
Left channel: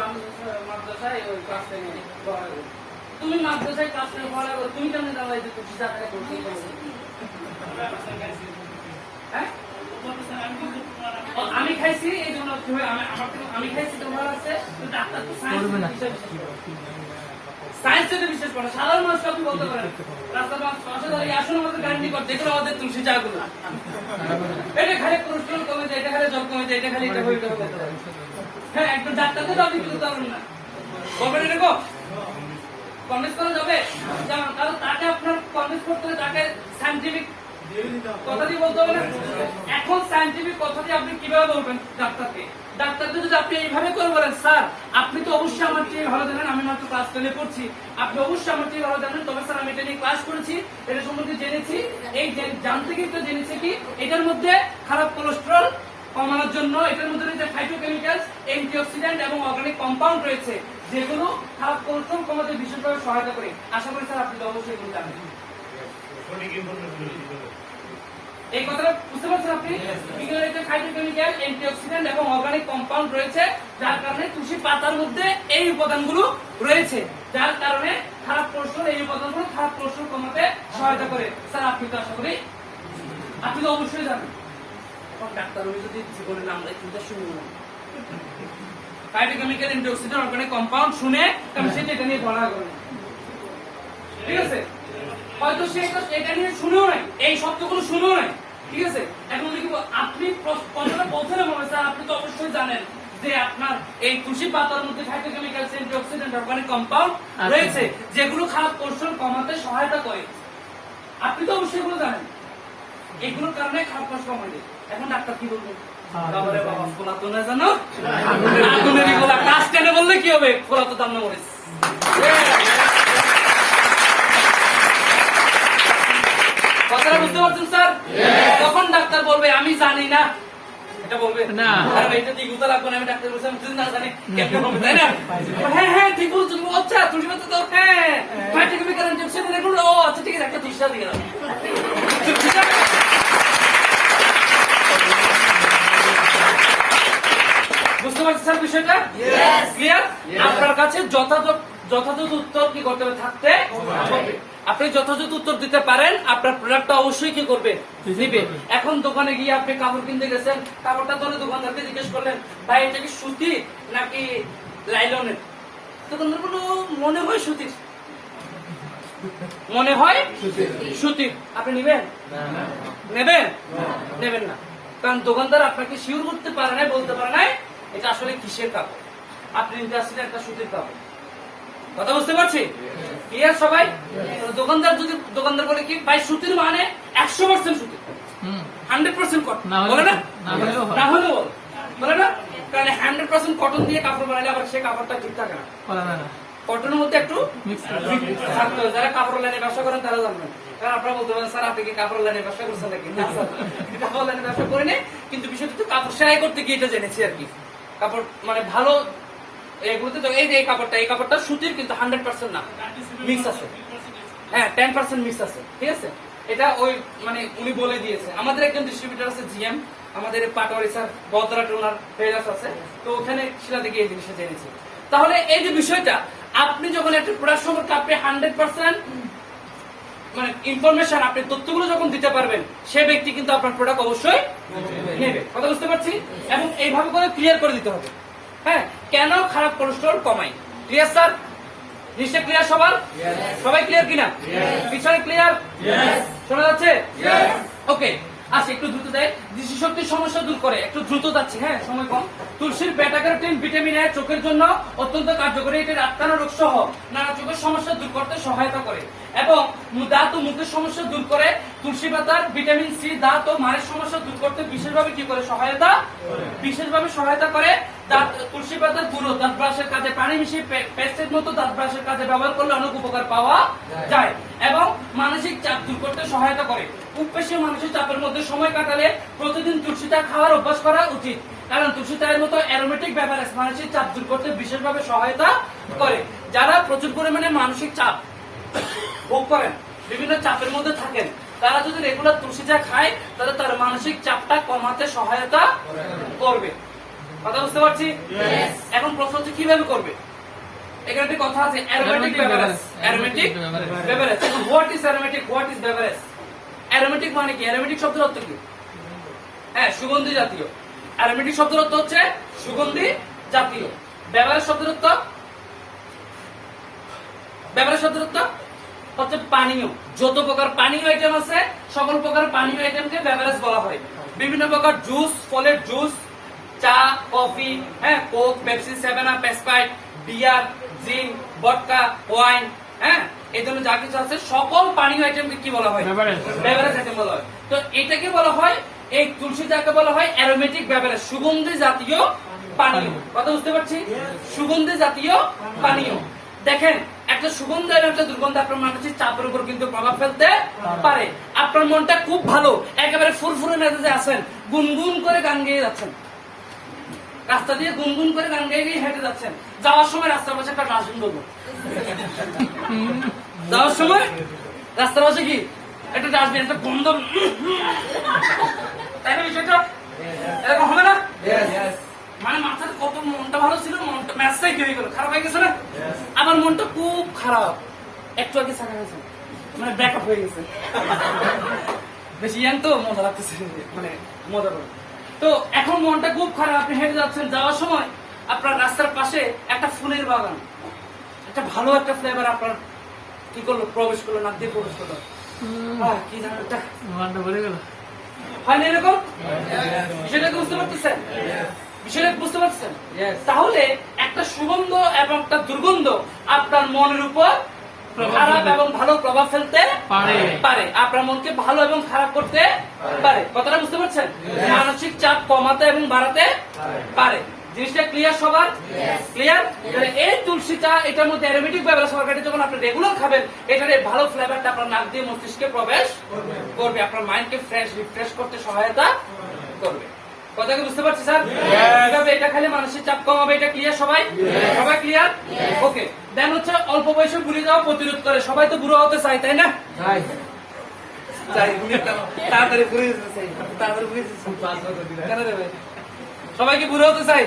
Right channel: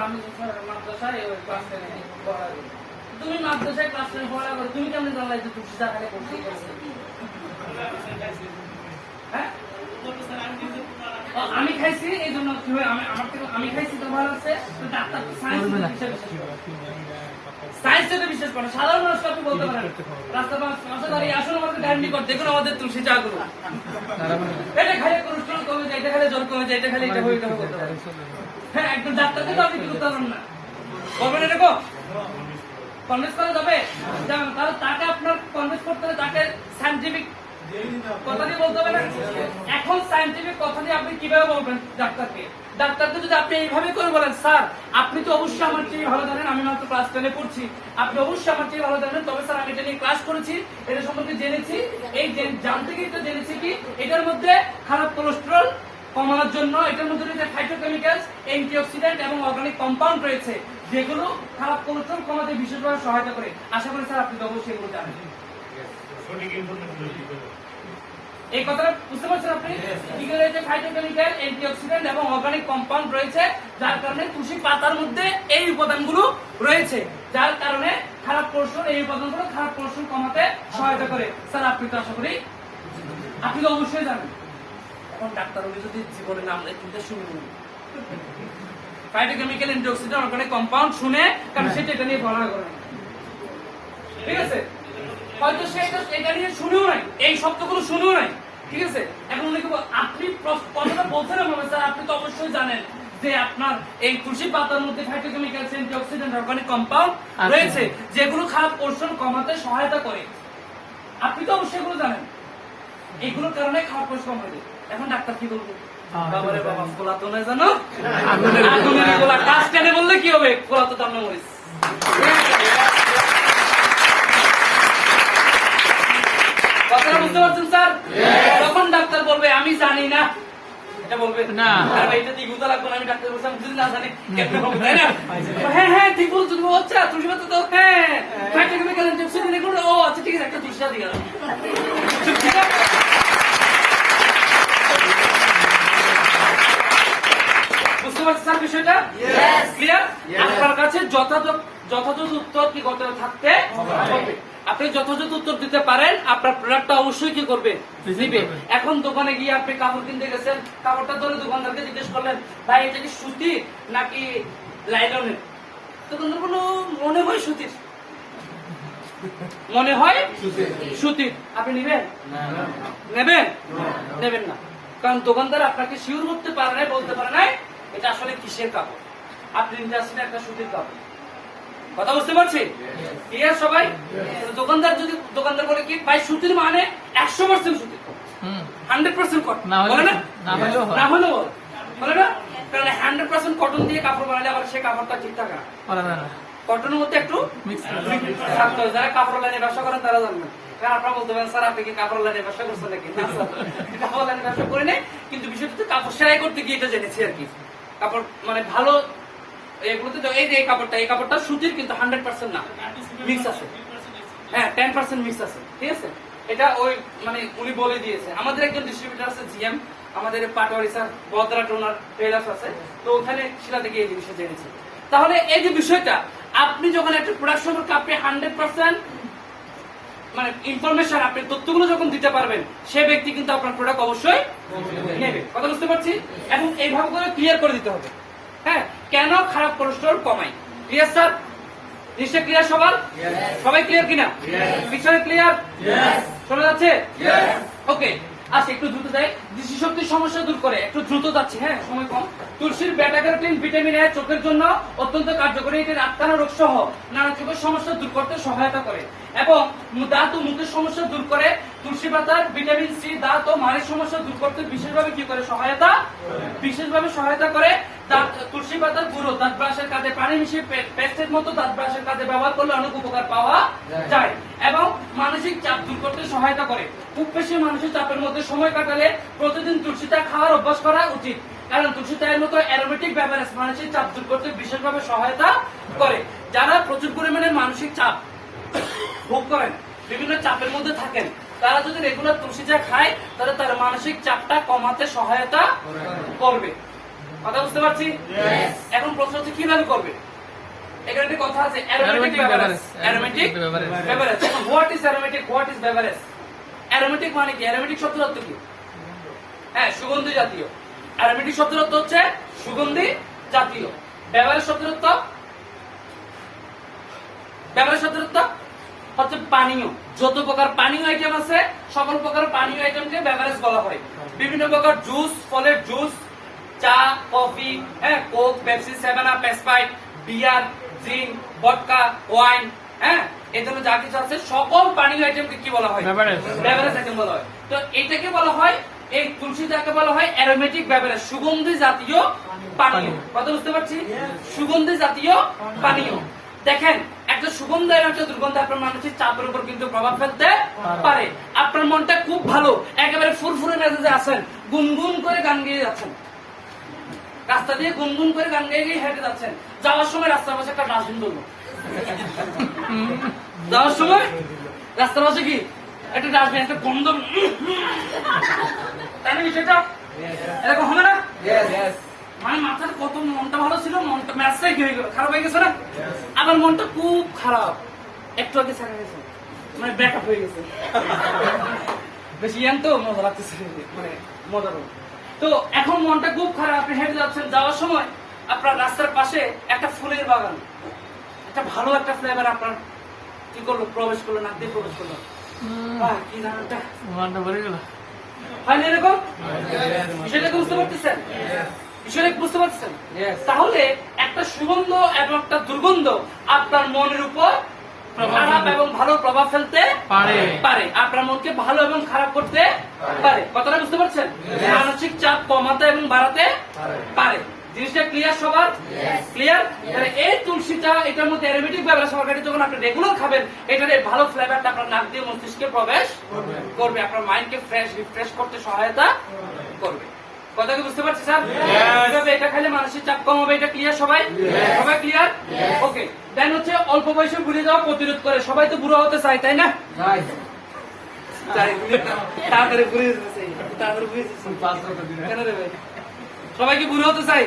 আমি মাদ্রাসায় ক্লাস 10 পড়া করি। তুমি মাদ্রাসায় ক্লাস 10 পড়া করো, তুমি কেমন জানলা যে তুলসী চা খাইলে কোলেস্ট্রল কমে? হ্যাঁ? আমি খাইছি এই জন্য আমি খাইছি তো ভালো আছে, তো ডাক্তার তো সায়েন্স সায়েন্সের বিশ্বাস করে, সাধারণ মানুষ আপনি বলতে পারেন রাস্তা আসলে আমাদের ডান্ডি করতে যেগুলো আমাদের তুলসী চা গুলো এটা খাইলে কোলেস্ট্রল কমে যায়, এটা খাইলে জ্বর কমে যায়, এটা খাইলে এটা হয়ে যাবে বলতে পারেন। হ্যাঁ, একজন ডাক্তারকে তো আপনি কিন্তু পারেন না, বলবেন এটা কো কনভিন্স করা যাবে? তাহলে তাকে আপনার কনভিন্স করতে হবে, তাকে সায়েন্টিফিক কথা দিয়ে বলতে হবে না? এখন সায়েন্টিফিক কথা দিয়ে আপনি কিভাবে বলবেন ডাক্তারকে? ডাক্তারকে যদি আপনি এইভাবে করে বলেন স্যার আপনি তো অবশ্যই আমার চেয়ে ভালো জানেন, আমি মাত্র ক্লাস 10 পড়ছি, আপনি অবশ্যই আমার চেয়ে ভালো জানেন, তবে স্যার আমি এটা নিয়ে ক্লাস করেছি, এটা সম্বন্ধে জেনেছি, এই জানতে গিয়ে তো জেনেছি কি এটার মধ্যে খারাপ কোলেস্ট্রল কমানোর জন্য এটার মধ্যে রয়েছে ফাইটোকেমিক্যালস, অ্যান্টিঅক্সিডেন্ট এবং অর্গানিক কম্পাউন্ড রয়েছে যেগুলো খারাপ কোলেস্ট্রল কমাতে বিশেষভাবে সহায়তা করে। আশা করি স্যার আপনি তো অবশ্যই এগুলো জানেন। এই কথাটা বুঝতে পারছেন আপনি? এগুলো রয়েছে ফাইটোকেমিক্যাল, অ্যান্টিঅক্সিডেন্ট এবং অর্গানিক কম্পাউন্ড রয়েছে, যার কারণে তুলসী পাতার মধ্যে এই উপাদানগুলো রয়েছে, যার কারণে খারাপ কোলেস্ট্রল এই উপাদানগুলো খারাপ কোলেস্ট্রল কমাতে সহায়তা করে। স্যার আপনি তো আশা করি আপনি তো অবশ্যই জানেন। এখন ডাক্তার যদি জীবনের নাম কিন্তু শুনুন ফাইটোকেমিক্যাল, অ্যান্টিঅক্সিডেন্ট, অর্গানিক কম্পাউন্ড শুনে কারণ সেটা এটা নিয়ে পড়া করে, ঠিক আছে? হয়তো সে এটা নিয়ে শুনেও নাই, এই শব্দগুলো শুনেও নাই, ঠিক আছে? এখন উনি কি আপনি কথাটা বলছেন না স্যার আপনি তো অবশ্যই জানেন যে আপনার এই তুলসী পাতার মধ্যে ফাইটোকেমিক্যাল, অ্যান্টিঅক্সিডেন্ট, অর্গানিক কম্পাউন্ড রয়েছে যেগুলো খারাপ কোলেস্ট্রল কমাতে সহায়তা করে, আপনি তো অবশ্যই এগুলো জানেন, এগুলোর কারণে খারাপ কোলেস্ট্রল কমে যায়। এখন ডাক্তার কি বলবো? বাবারে বাবা খোলা তো না জানো, আগুনের গোলা কাজ কেন বললে কি হবে? খোলা তো দাম না মরিস। কথাটা বুঝতে পারছেন স্যার? তখন ডাক্তার বলবে আমি জানি না, এটা বলবে না, এটা ঠিক বুঝতে লাগবে না, আমি ডাক্তার বলছি আমি যদি না জানি কেমন হবে, তাই না? হ্যাঁ হ্যাঁ ঠিক বলছো তুমি, আচ্ছা তুলসী পাতা তো হ্যাঁ ফাইটোকেমিক্যাল, অ্যান্টিঅক্সিডেন্ট এগুলো, ও আচ্ছা ঠিক আছে একটা তুলসী দিয়ে গেলাম। বুঝতে পারছেন স্যার বিষয়টা? ক্লিয়ার? আপনার কাছে যথাযথ উত্তর কি করতে থাকতে হবে। আপনি যথাযথ উত্তর দিতে পারেন, আপনার প্রোডাক্টটা অবশ্যই কি করবে দিবে। এখন দোকানে গিয়ে আপনি কাপড় কিনতে গেছেন, কাপড়টা ধরে দোকানদারকে জিজ্ঞেস করলেন ভাই এটা কি সুতির নাকি লাইলনের? দোকানদার বলল মনে হয় সুতির, মনে হয় সুতির। আপনি নেবেন? নেবেন না, কারণ দোকানদার আপনাকে শিওর করতে পারে না, বলতে পারে না এটা আসলে কিসের কাপড়, আপনি নিতে আসলে একটা সুতির কাপড়। কথা বুঝতে পারছি? ক্লিয়ার সবাই? দোকানদার বলে কি ভাই সুতির মানে 100% সুতির, 100% কটন বলে না, না হলেও বলে না, কারণ 100% কটন দিয়ে কাপড় বানালে আবার সে কাপড়টা ঠিক থাকে না, কটনের মধ্যে একটু থাকতে হয়। যারা কাপড় লাইনে ব্যবসা করেন তারা জানবেন, কারণ আপনারা বলতে পারেন স্যার আপনি কি কাপড় লাইনে ব্যবসা করছেন নাকি? না স্যার কাপড় লাইনে ব্যবসা করে নেই, কিন্তু বিষয়টা তো কাপড় সেলাই করতে গিয়ে এটা জেনেছি আর কি। কাপড় মানে ভালো এগুলোতে এই যে এই কাপড়টা সুতির কিন্তু 100% না, মিক্স আছে, হ্যাঁ 10% মিক্স আছে, ঠিক আছে? এটা ওই মানে উনি বলে দিয়েছে। আমাদের একজন ডিস্ট্রিবিউটর আছে জিএম, আমাদের পাটোয়ারি স্যার বদরা টোনার ট্রেলার্স আছে, তো ওখানে শিলা থেকে এই জিনিসটা জেনেছি। তাহলে এই যে বিষয়টা আপনি যখন একটা প্রোডাক্ট সম্পর্কে আপনি 100% মানে ইনফরমেশন আপনি তথ্যগুলো যখন দিতে পারবেন, সে ব্যক্তি কিন্তু আপনার প্রোডাক্ট অবশ্যই নেবে। কথা বুঝতে পারছি? এবং এইভাবে করে ক্লিয়ার করে দিতে হবে, হ্যাঁ কেন খারাপ কোলেস্ট্রল কমাই। Clear sir? নিশ্চয় ক্লিয়ার সবার? সবাই ক্লিয়ার কিনা? পিছনে ক্লিয়ার? শোনা যাচ্ছে? ওকে, আচ্ছা একটু দ্রুত দেয়, দৃষ্টিশক্তির সমস্যা দূর করে, একটু দ্রুত যাচ্ছি, হ্যাঁ সময় কম। তুলসীর বেটা ক্যারোটিন ভিটামিন এ চোখের জন্য অত্যন্ত কার্যকরী, এটি রাতকানা রোগ সহ নানা চোখের সমস্যা দূর করতে সহায়তা করে এবং দাঁত ও মুখের সমস্যা দূর করে। তুলসী পাতার ভিটামিন সি দাঁত ও মাড়ির সমস্যা দূর করতে বিশেষভাবে কি করে সহায়তা করে। তুলসী পাতার গুঁড়ো দাঁত ব্রাশের কাজে পানি মিশিয়ে পেস্টের মতো দাঁত ব্রাশের কাজে ব্যবহার করলে অনেক উপকার পাওয়া যায় এবং মানসিক চাপ দূর করতে সহায়তা করে। খুব বেশি মানসিক চাপের মধ্যে সময় কাটালে প্রতিদিন তুলসী চা খাওয়ার অভ্যাস করা উচিত, কারণ তুলসী চায়ের মতো অ্যারোমেটিক বেভারেজ মানসিক চাপ দূর করতে বিশেষভাবে সহায়তা করে। যারা প্রচুর পরিমাণে মানসিক চাপ ভোগ করেন, বিভিন্ন চাপের মধ্যে থাকেন, তারা যদি রেগুলার তুলসী চা খায় তাহলে তার মানসিক চাপটা কমাতে সহায়তা করবে। কথা বুঝতে পারছি? এখন প্রশ্ন হচ্ছে কিভাবে করবে। এখানে একটি কথা আছে, অ্যারোমেটিক বেভারেজ। এখন what is aromatic, what is beverage? Aromatic মানে কি? অ্যারোমেটিক শব্দের অর্থ কি? হ্যাঁ, সুগন্ধি জাতীয়। অ্যারোমেটিক শব্দের অর্থ হচ্ছে সুগন্ধি জাতীয়। বেভারেজ শব্দের অর্থ হচ্ছে পানীয়। যত প্রকার পানীয় আইটেম আছে সকল প্রকার পানীয় আইটেমকে বেভারেজ বলা হয়। বিভিন্ন প্রকার জুস, ফলের জুস, চা, কফি, হ্যাঁ, Coke, Pepsi, Seven Up, Sprite, beer, gin, vodka, wine, হ্যাঁ, এই ধরনের যা কিছু আছে সকল পানীয় আইটেমকে কি বলা হয়? বেভারেজ আইটেম বলা হয়। তো এইটাকে বলা হয়, এই তুলসী চাকে বলা হয় অ্যারোমেটিক বেভারেজ, সুগন্ধি জাতীয় পানীয়। কথা বুঝতে পারছি? সুগন্ধি জাতীয় পানীয়। দেখেন, একটা সুগন্ধ এবং একটা দুর্গন্ধ আপনার মানসিক চাপের উপর কিন্তু প্রভাব ফেলতে পারে। আপনার মনটা খুব ভালো, একেবারে ফুরফুরে মেজাজে আছেন, গুনগুন করে গান গেয়ে যাচ্ছেন, রাস্তা দিয়ে গুনগুন করে গান গেয়ে গিয়ে হেঁটে যাচ্ছেন, যাওয়ার সময় রাস্তার পাশে একটা ডাস্টবিন বলবো, যাওয়ার সময় রাস্তার পাশে কি একটা ডাস্টবিন, একটা গন্ধ, তাই না? বিষয়টা এরকম হবে না? মানে মাথার কত মনটা ভালো ছিল, মনটা ম্যাচটাই কি হয়ে গেল, খারাপ হয়ে গেছে না? আবার মনটা খুব খারাপ, একটু আগে ছাড়া গেছে, মানে ব্যাক আপ হয়ে গেছে, বেশি ইয়ান তো মজা লাগতেছে, মানে মজা করে। তো এখন মনটা খুব খারাপ, আপনি হেঁটে যাচ্ছেন, যাওয়ার সময় আপনার রাস্তার পাশে একটা ফুলের বাগান, একটা ভালো একটা ফ্লেভার আপনার কি করলো, প্রবেশ করলো, নাক দিয়ে প্রবেশ করলো, কি জানো একটা হয় না এরকম? সেটাকে বুঝতে পারতেছেন? বিষয়টা বুঝতে পারছেন? তাহলে একটা সুগন্ধ এবং একটা দুর্গন্ধ আপনার মনের উপর খারাপ এবং ভালো প্রভাব ফেলতে পারে, আপনার মনকে ভালো এবং খারাপ করতে পারে। কথাটা বুঝতে পারছেন? মানসিক চাপ কমাতে এবং বাড়াতে পারে। জিনিসটা ক্লিয়ার সবার? ক্লিয়ার? এই তুলসীটা এটার মধ্যে অ্যারোমেটিক বেভারেজ সরকারি যখন আপনি রেগুলার খাবেন, এটার এই ভালো ফ্লেভারটা আপনার নাক দিয়ে মস্তিষ্কে প্রবেশ করবে, আপনার মাইন্ডকে ফ্রেশ রিফ্রেশ করতে সহায়তা করবে। কথা কি বুঝতে পারছি স্যার? এভাবে এটা খেলে মানসিক চাপ কমাবে, এটা ক্লিয়ার সবাই? সবাই ক্লিয়ার? ওকে। দেন হচ্ছে অল্প বয়সে ভুলে যাওয়া প্রতিরোধ করে। সবাই তো বুড়ো হতে চায়, তাই না? তাড়াতাড়ি ভুলে যেতে চাই, তাড়াতাড়ি ভুলে যেতে চাই। কেন দেবে? সবাই কি বুড়ো হতে চাই?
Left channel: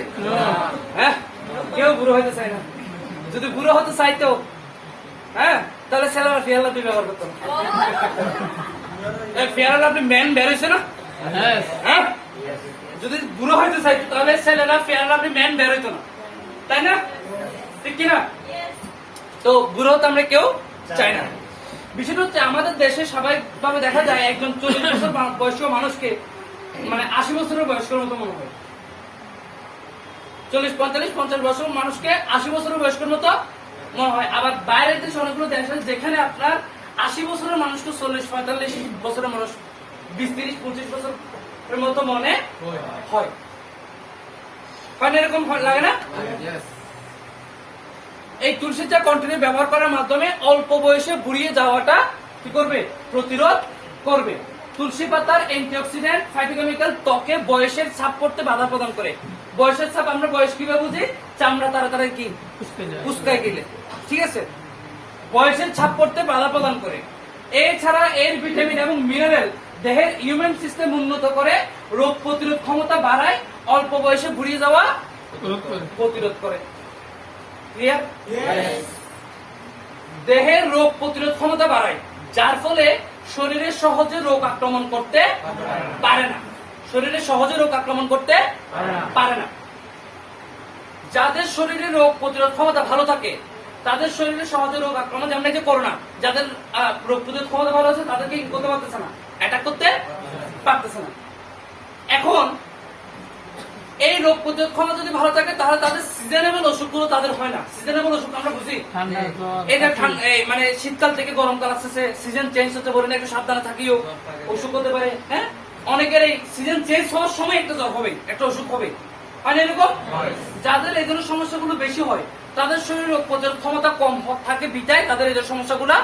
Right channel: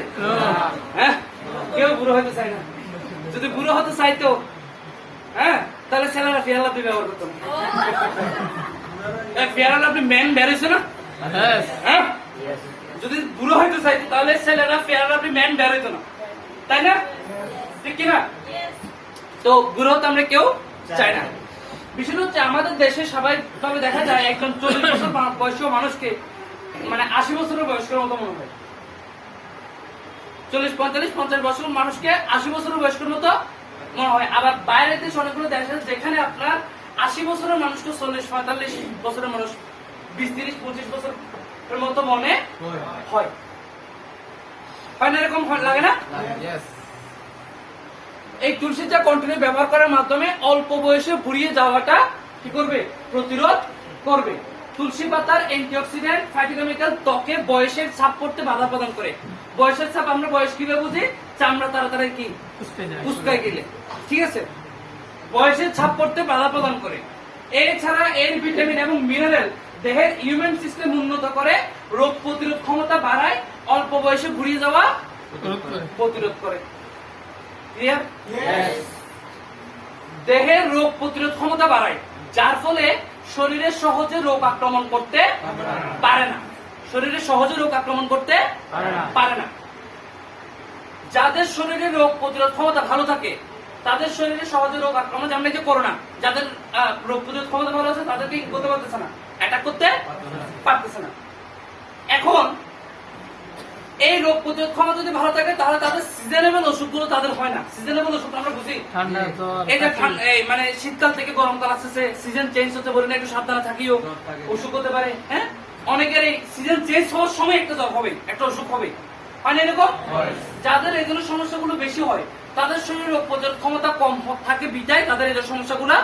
হ্যাঁ, কেউ বুড়ো হতে চায় না। যদি বুড়ো হতে চাইতো, হ্যাঁ, তাহলে ছেলেরা ফেয়ার লাভলি ব্যবহার করতো। ফেয়ার লাভলি ম্যান বেরোইছে না? হ্যাঁ, যদি বুড়ো হইতে চাইতো তাহলে ছেলেরা ফেয়ার লাভলি ম্যান বেরোইতো না, তাই না? ঠিক কিনা? তো বুড়ো হতে আমরা কেউ চাই না। বিষয়টা হচ্ছে আমাদের দেশে স্বাভাবিকভাবে দেখা যায় একজন 40 বছর বয়স্ক মানুষকে মানে 80 বছরের বয়স্কের মতো মনে হয়। 40, 45, 50 বছর মানুষকে 80 বছরের বয়স্কের মতো মনে হয়। আবার বাইরের দেশে অনেকগুলো দেশ আছে যেখানে আপনার 80 বছরের মানুষকে 40, 45 বছরের মানুষ 20, 30, 25 বছরের মতো মনে হয়। হয় না? এরকম লাগে না? এই তুলসী চা কন্টিনিউ ব্যবহার করার মাধ্যমে অল্প বয়সে বুড়িয়ে যাওয়াটা কি করবে? প্রতিরোধ করবে। তুলসী পাতার অ্যান্টিঅক্সিডেন্ট ফাইটোকেমিক্যাল ত্বকে বয়সের ছাপ পড়তে বাধা প্রদান করে। বয়সের ছাপ আমরা বয়স কিভাবে বুঝি? চামড়া তাড়াতাড়ি কি কুচকায় গেলে, ঠিক আছে? বয়সের ছাপ পড়তে বাধা প্রদান করে। এছাড়া এর ভিটামিন এবং মিনারেল দেহের ইমিউন সিস্টেম উন্নত করে, রোগ প্রতিরোধ ক্ষমতা বাড়ায়, অল্প বয়সে বুড়িয়ে যাওয়া প্রতিরোধ করে। ক্লিয়ার? দেহের রোগ প্রতিরোধ ক্ষমতা বাড়ায়, যার ফলে শরীরে সহজে রোগ আক্রমণ করতে পারে না। শরীরে সহজে রোগ আক্রমণ করতে পারে না। যাদের শরীরে রোগ প্রতিরোধ ক্ষমতা ভালো থাকে তাদের শরীরে সহজে রোগ আক্রমণ, যেমন এই যে করোনা, যাদের রোগ প্রতিরোধ ক্ষমতা ভালো আছে তাদেরকে করতে পারতেছে না, অ্যাটাক করতে পারতেছে না। এখন এই রোগ প্রতিরোধ ক্ষমতা যদি ভালো থাকে তাহলে তাদের সিজনেবল অসুখগুলো তাদের হয় না। সিজনেবল অসুখ আমরা বুঝি ঠান্ডা জ্বর, এটা মানে শীতকাল থেকে গরমকাল আসতেছে, সিজন চেঞ্জ হতে বলে না, একটু সাবধানে থাকিও, অসুখ হতে পারে। হ্যাঁ, অনেকের এই সিজন চেঞ্জ হওয়ার সময় একটা জ্বর হবে, একটা অসুখ হবে, হয় না এরকম? যাদের এগুলো সমস্যাগুলো বেশি হয় তাদের শরীরে রোগ প্রতিরোধ ক্ষমতা কম থাকে বিধায় তাদের এই সমস্যাগুলো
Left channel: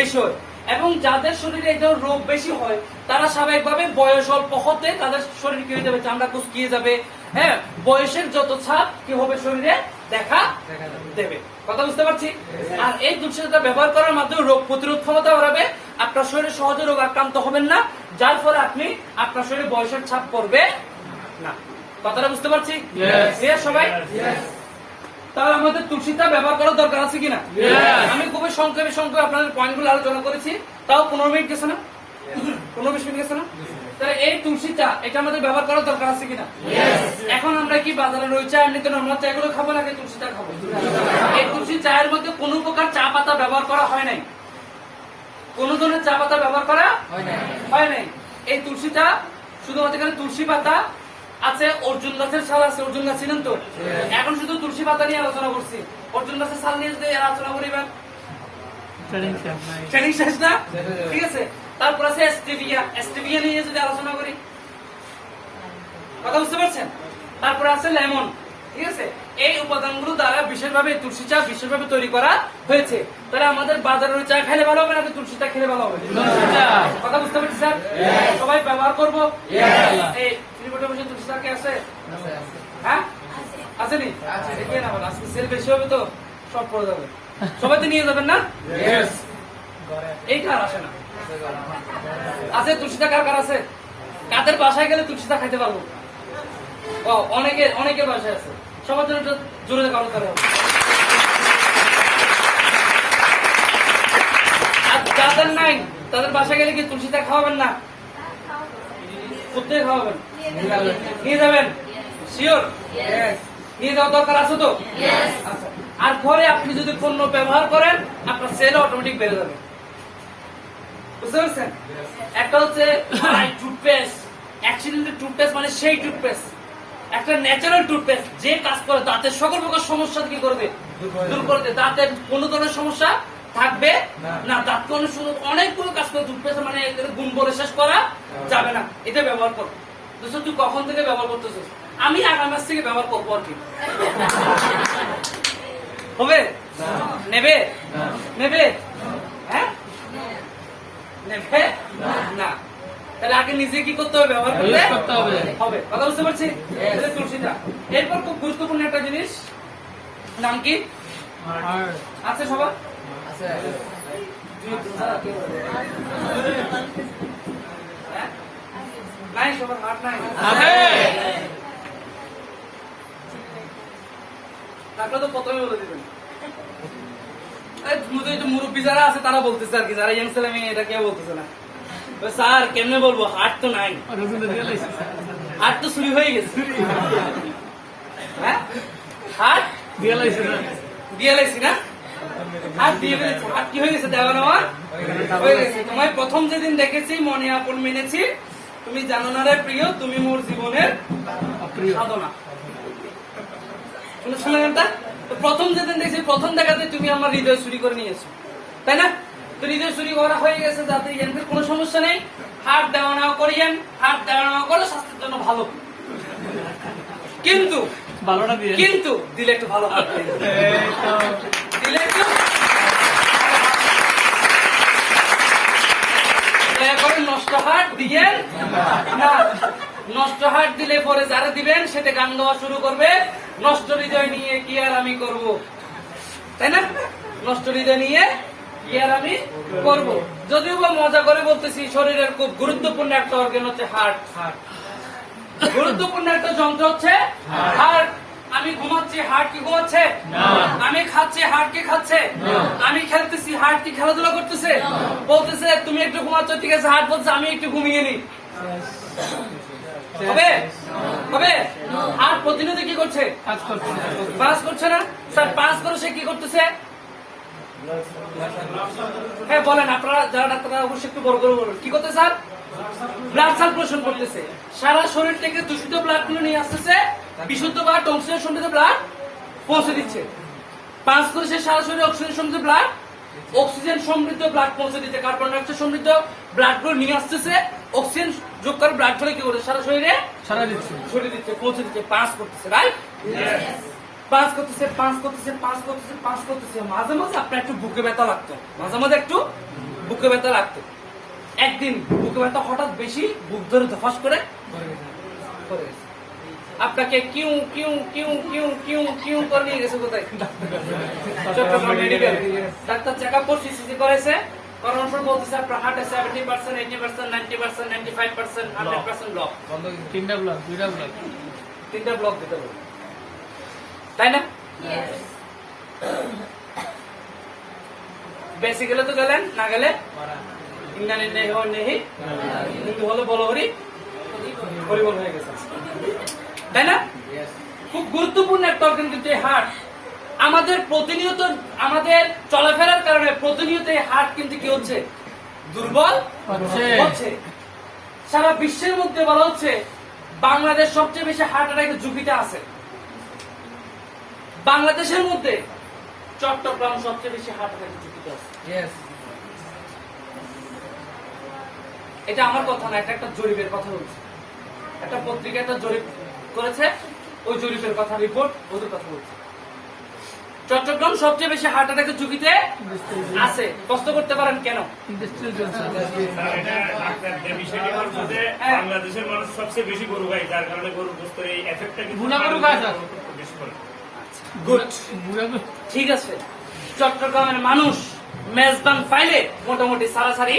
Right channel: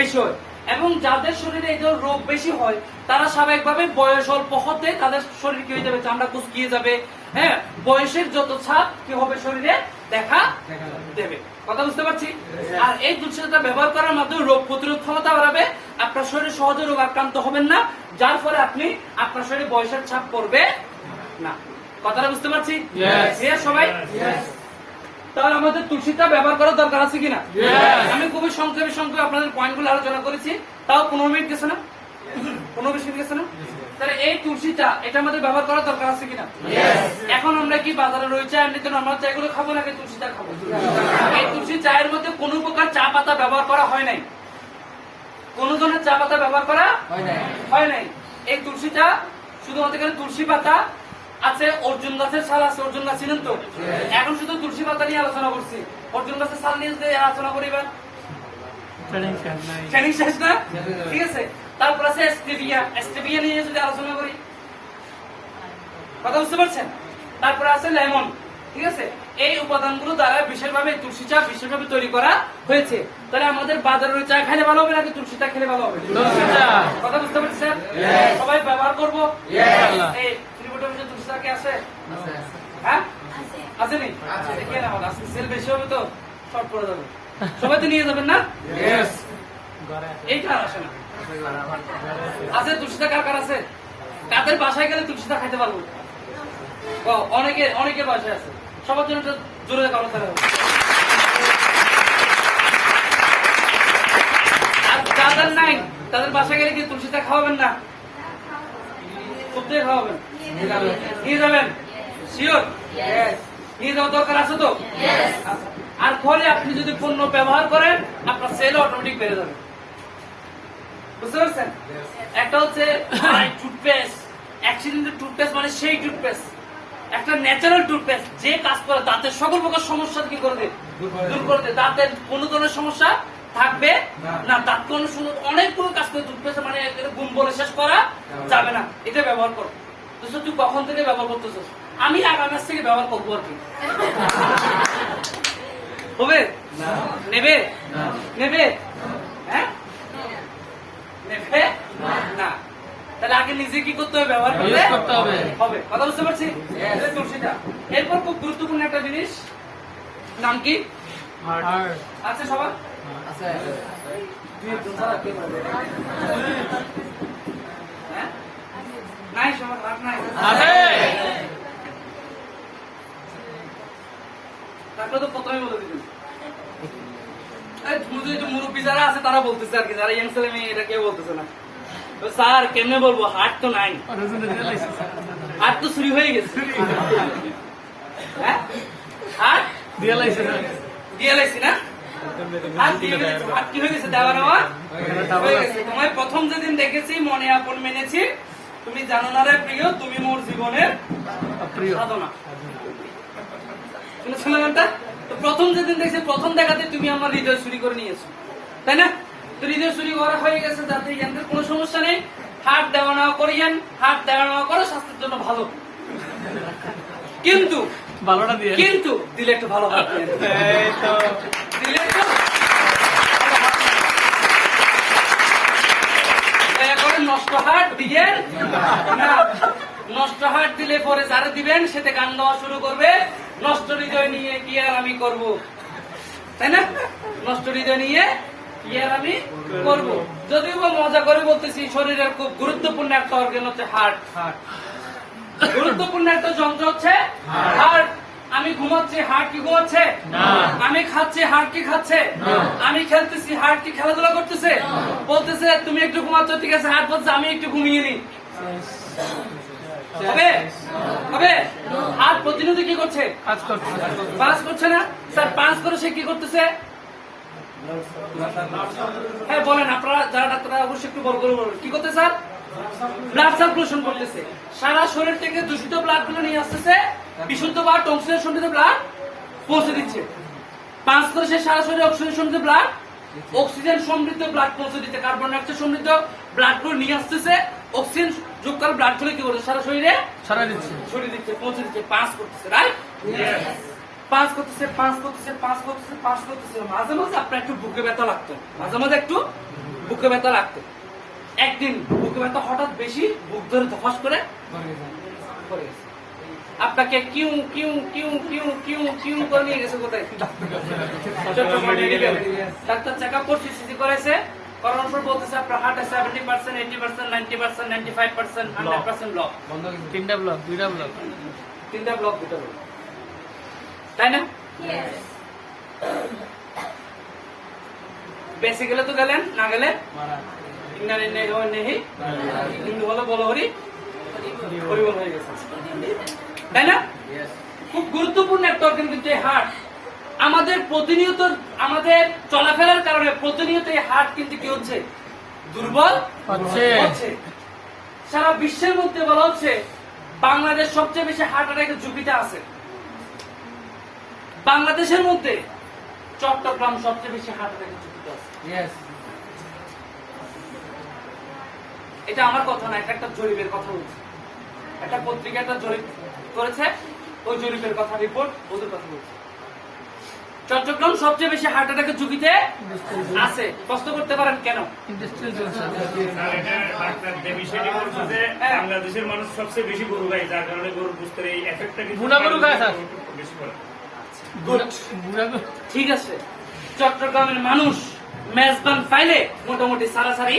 বেশি হয়। এবং যাদের শরীরে এই রোগ বেশি হয় তারা স্বাভাবিকভাবে বয়স অল্প হতে তাদের শরীর কি হয়ে যাবে, চামড়া কুচকিয়ে যাবে। হ্যাঁ, বয়সের যত ছাপ কি হবে শরীরে দেখা দেবে। কথা বুঝতে পারছি? আর এই তুলসীটা ব্যবহার করার মাধ্যমে রোগ প্রতিরোধ ক্ষমতা বাড়াবে, আপনার শরীরে সহজে রোগ আক্রান্ত হবেন না, যার ফলে আপনি আপনার শরীরে বয়সের ছাপ পড়বে না। কথাটা বুঝতে পারছি? Yes, সবাই? তাহলে আমাদের তুলসীটা ব্যবহার করার দরকার আছে কিনা? আমি খুবই সংক্ষেপে আপনাদের পয়েন্টগুলো আলোচনা করেছি, তাও 15 মিনিট গেছে না, 15-20 মিনিট গেছে না? তাহলে এই তুলসীটা এটা আমাদের ব্যবহার করার দরকার আছে কিনা? এখন আমরা কি বাজারে রয়েছে এমনিতে নর্মাল চাগুলো খাবো নাকি তুলসীটা খাবো? এই তুলসী চায়ের মধ্যে কোন প্রকার চা পাতা ব্যবহার করা হয় নাই, কোন ধরনের চা পাতা ব্যবহার করা হয় নাই। এই তুলসীটা শুধুমাত্র এখানে তুলসী পাতা আছে, অর্জুন গাছের ছাল আছে, অর্জুন গাছ ছিলেন তো, এখন শুধু তুলসী পাতা নিয়ে আলোচনা করছি, অর্জুন গাছের ছাল নিয়ে যদি আলোচনা করিবেন ট্রেনিং শেষ না? ঠিক আছে, তারপর আছে স্টেভিয়া নিয়ে যদি আলোচনা করি, কথা বুঝতে পারছেন? তারপর আছে লেমন, ঠিক আছে। এই উপাদানগুলো দ্বারা বিশেষভাবে তুলসী চা বিশেষভাবে তৈরি করা হয়েছে। তাহলে আমাদের বাজারের চা খেলে ভালো হবে নাকি তুলসী চা খেলে ভালো হবে? কথা বুঝতে পারছি স্যার? সবাই ব্যবহার করবো? এই ত্রিপুটের মধ্যে তুলসী চা কি আছে? হ্যাঁ, আসেনি? দেখেন আমার আজকে সেল বেশি হবে তো শর্ট পড়ে যাবে, সবাই তো নিয়ে যাবেন না? এইটা আর আসে না। আছে তুলসীটা কার কার আছে? কাদের বাসায় গেলে তুলসীটা খাইতে পারবো? অনেকের বাসায় আছে, সবার জন্য একটা জোরে করো তারা। আর যাদের নাই তাদের বাসায় গেলে কি তুলসীটা খাওয়াবেন না? কোথায় খাওয়াবেন? নিয়ে যাবেন? শিওর? নিয়ে যাওয়ার দরকার আছে তো? আচ্ছা। আর ঘরে আপনি যদি পণ্য ব্যবহার করেন আপনার সেল অটোমেটিক বেড়ে যাবে, বুঝতে পারছেন? একটা হচ্ছে টুথপেস্ট, অ্যাক্সিডেন্টের টুথপেস্ট মানে সেই টুথপেস্ট, একটা ন্যাচারাল টুথপেস্ট যে কাজ করে দাঁতের সকল প্রকার সমস্যা কি করবে, দূর করে দেবে। দাঁতের কোন ধরনের সমস্যা থাকবে না, দাঁত অনেকগুলো কাজ করে টুথপেস্ট, মানে গুণ বলে শেষ করা যাবে না। এটা ব্যবহার করো। তুই কখন থেকে ব্যবহার করতেছিস? আমি আগামী মাস থেকে ব্যবহার করবো আর কি। হবে? নেবে? নেবে? হ্যাঁ, নেবে না? তাহলে আগে নিজে কি করতে হবে? ব্যবহার করতে হবে। কথা বুঝতে পারছি? তুলসীটা। এরপর খুব গুরুত্বপূর্ণ একটা জিনিস, নাম কি আছে সবার? হ্যাঁ? নাই সবার হাত নাই? তারপরে তো প্রথমে বলে দিবেন। মুরব্বী যারা আছে তারা বলতেছে আর কি, যারা ইয়াং ছেলে মেয়ে এটা কেউ বলতেছে না। স্যার কেমনে বলবো, হাট তো নাই, হাট তো চুরি হয়ে গেছে। হ্যাঁ, হাট দিয়ে লাইছি না? হাট দিয়ে গেছে, হাট কি হয়ে গেছে? দেওয়া নেওয়া হয়ে গেছে। তোমায় প্রথম যেদিন দেখেছি মনে আপন মেনেছি, তুমি জানো না রে প্রিয়, তুমি মোর জীবনের সাধনা। শুনেছো না গানটা? তো প্রথম যেদিন দেখছি, প্রথম দেখাতে তুমি আমার হৃদয় চুরি করে নিয়েছো, তাই না? তো হৃদয় চুরি করা হয়ে গেছে, যাতে ইয়ানদের কোনো সমস্যা নেই। হাট দেওয়া নেওয়া করিয়েন, হাট দেওয়া নেওয়া করে স্বাস্থ্যের জন্য ভালো, কিন্তু দিলে একটু ভালো হাট দিলে একটু নষ্ট হাট দিয়েন না। নষ্ট হাট দিলে পরে যারা দিবেন সেটা গান গাওয়া শুরু করবে, নষ্ট হৃদয় নিয়ে কি আর আমি করব, তাই না? নষ্ট হৃদয় নিয়ে কি আর আমি করব। যদিও মজা করে বলতেছি, শরীরের খুব গুরুত্বপূর্ণ একটা অর্গান হচ্ছে হার্ট। গুরুত্বপূর্ণ একটা যন্ত্র হচ্ছে হার্ট। আমি ঘুমাচ্ছি, হার্ট কি ঘুমাচ্ছে? আমি খাচ্ছি, হার্ট কি খাচ্ছে? আমি খেলতেছি, হার্ট কি খেলাধুলা করতেছে? বলতেছে তুমি একটু ঘুমাচ্ছ, ঠিক আছে, হার্ট বলছে আমি একটু ঘুমিয়ে নি। হবে? হবে? হার্ট প্রতিনিধি কি করছে? পাস করছে না? স্যার পাস করে সে কি করতেছে? হ্যাঁ বলেন, আপনারা যারা ডাক্তাররা অবশ্যই একটু বড় করে বলবেন, কি করতে স্যার? ব্লাড সার্কুলেশন করতেছে, সারা শরীর থেকে দূষিত ব্লাড গুলো নিয়ে আসতেছে, বিশুদ্ধ বা অক্সিজেন সমৃদ্ধ ব্লাড পৌঁছে দিচ্ছে। পাঁচ করে সে সারা শরীরে অক্সিজেন সমৃদ্ধ ব্লাড পৌঁছে দিচ্ছে, কার্বন ডাইঅক্সাইড সমৃদ্ধ ব্লাড গুলো নিয়ে আসতেছে, অক্সিজেন যোগ করে ব্লাড গুলো কি করছে সারা শরীরে ছড়িয়ে দিচ্ছে, পৌঁছে দিচ্ছে, পাস করতেছে, রাইট? পাস করতেছে, মাঝে মাঝে আপনার একটু বুকে ব্যথা লাগতো, একদিন বুকে ব্যথা হঠাৎ বেশি, বুক ধরে ধপাস করে পড়ে গেছে। আপনাকে কিউ কিউ কিউ কিউ কিউ কিউ করে নিয়ে গেছে কোথায়? Chattogram medical. Doctor check up করছে, সিসি করেছে, করানোর পর বলতেছে আপনার হার্টে 70%, 80%, 90%, 95%, 100% ব্লক। তিনটা ব্লক, দুটা ব্লক, তাই না? বেশি গেলে তো গেলেন, না গেলে হিন্দু হলো বলহরি হরিবল হয়ে গেছে, তাই না? খুব গুরুত্বপূর্ণ একটা অর্গান কিন্তু এই হার্ট। আমাদের প্রতিনিয়ত আমাদের চলাফেরার কারণে প্রতিনিয়ত এই হার্ট কিন্তু কি হচ্ছে? দুর্বল হচ্ছে। সারা বিশ্বের মধ্যে বলা হচ্ছে বাংলাদেশ সবচেয়ে বেশি হার্ট অ্যাটাকের ঝুঁকিতে আছে। বাংলাদেশের মধ্যে চট্টগ্রাম সবচেয়ে বেশি হার্ট অ্যাটাকের ঝুঁকিতে আছে। এটা আমার কথা না, এটা একটা জরিপের কথা বলছে, একটা পত্রিকা একটা জরিপ করেছে, ওই জরিপের কথা, রিপোর্ট ওদের কথা বলছে। চট্টগ্রাম সবচেয়ে বেশি হার্ট অ্যাটাকের ঝুঁকিতে আছে। প্রশ্ন করতে পারেন কেন? বাংলাদেশের মানুষ সবচেয়ে বেশি গরু গায়, যার কারণে গরুর গোস্তের এই এফেক্টটা গুড, ঠিক আছে। চট্টগ্রামের মানুষ মেজবান পাইলে মোটামুটি সারাসারি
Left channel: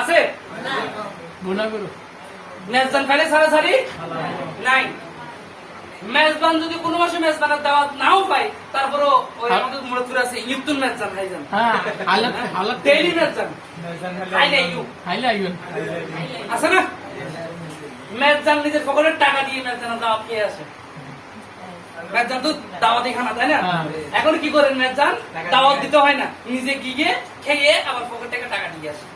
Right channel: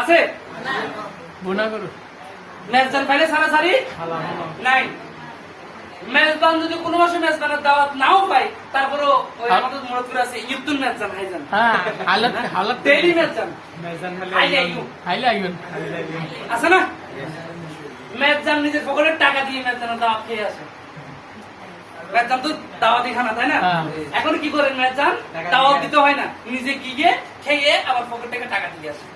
আছে, মেজবান পাইলে সারাসারি নাই। মেজবান যদি কোনো মাসে মেজবানের দাওয়াত নাও পাই, তারপরও ওই আমাদের মনে আছে ইফতুল মেজবান হাইজান, ডেইলি মেজবান আছে না? মেজবান নিজের পকেটের টাকা দিয়ে মেজবানের দাওয়াত খেয়ে আসে। মেজবান তো দাওয়াতি খানা, তাই না? এখন কি করেন মেজবান? দাওয়াত দিতে হয় না, নিজে গিয়ে খেয়ে আবার পকেট থেকে টাকা দিয়ে আসে,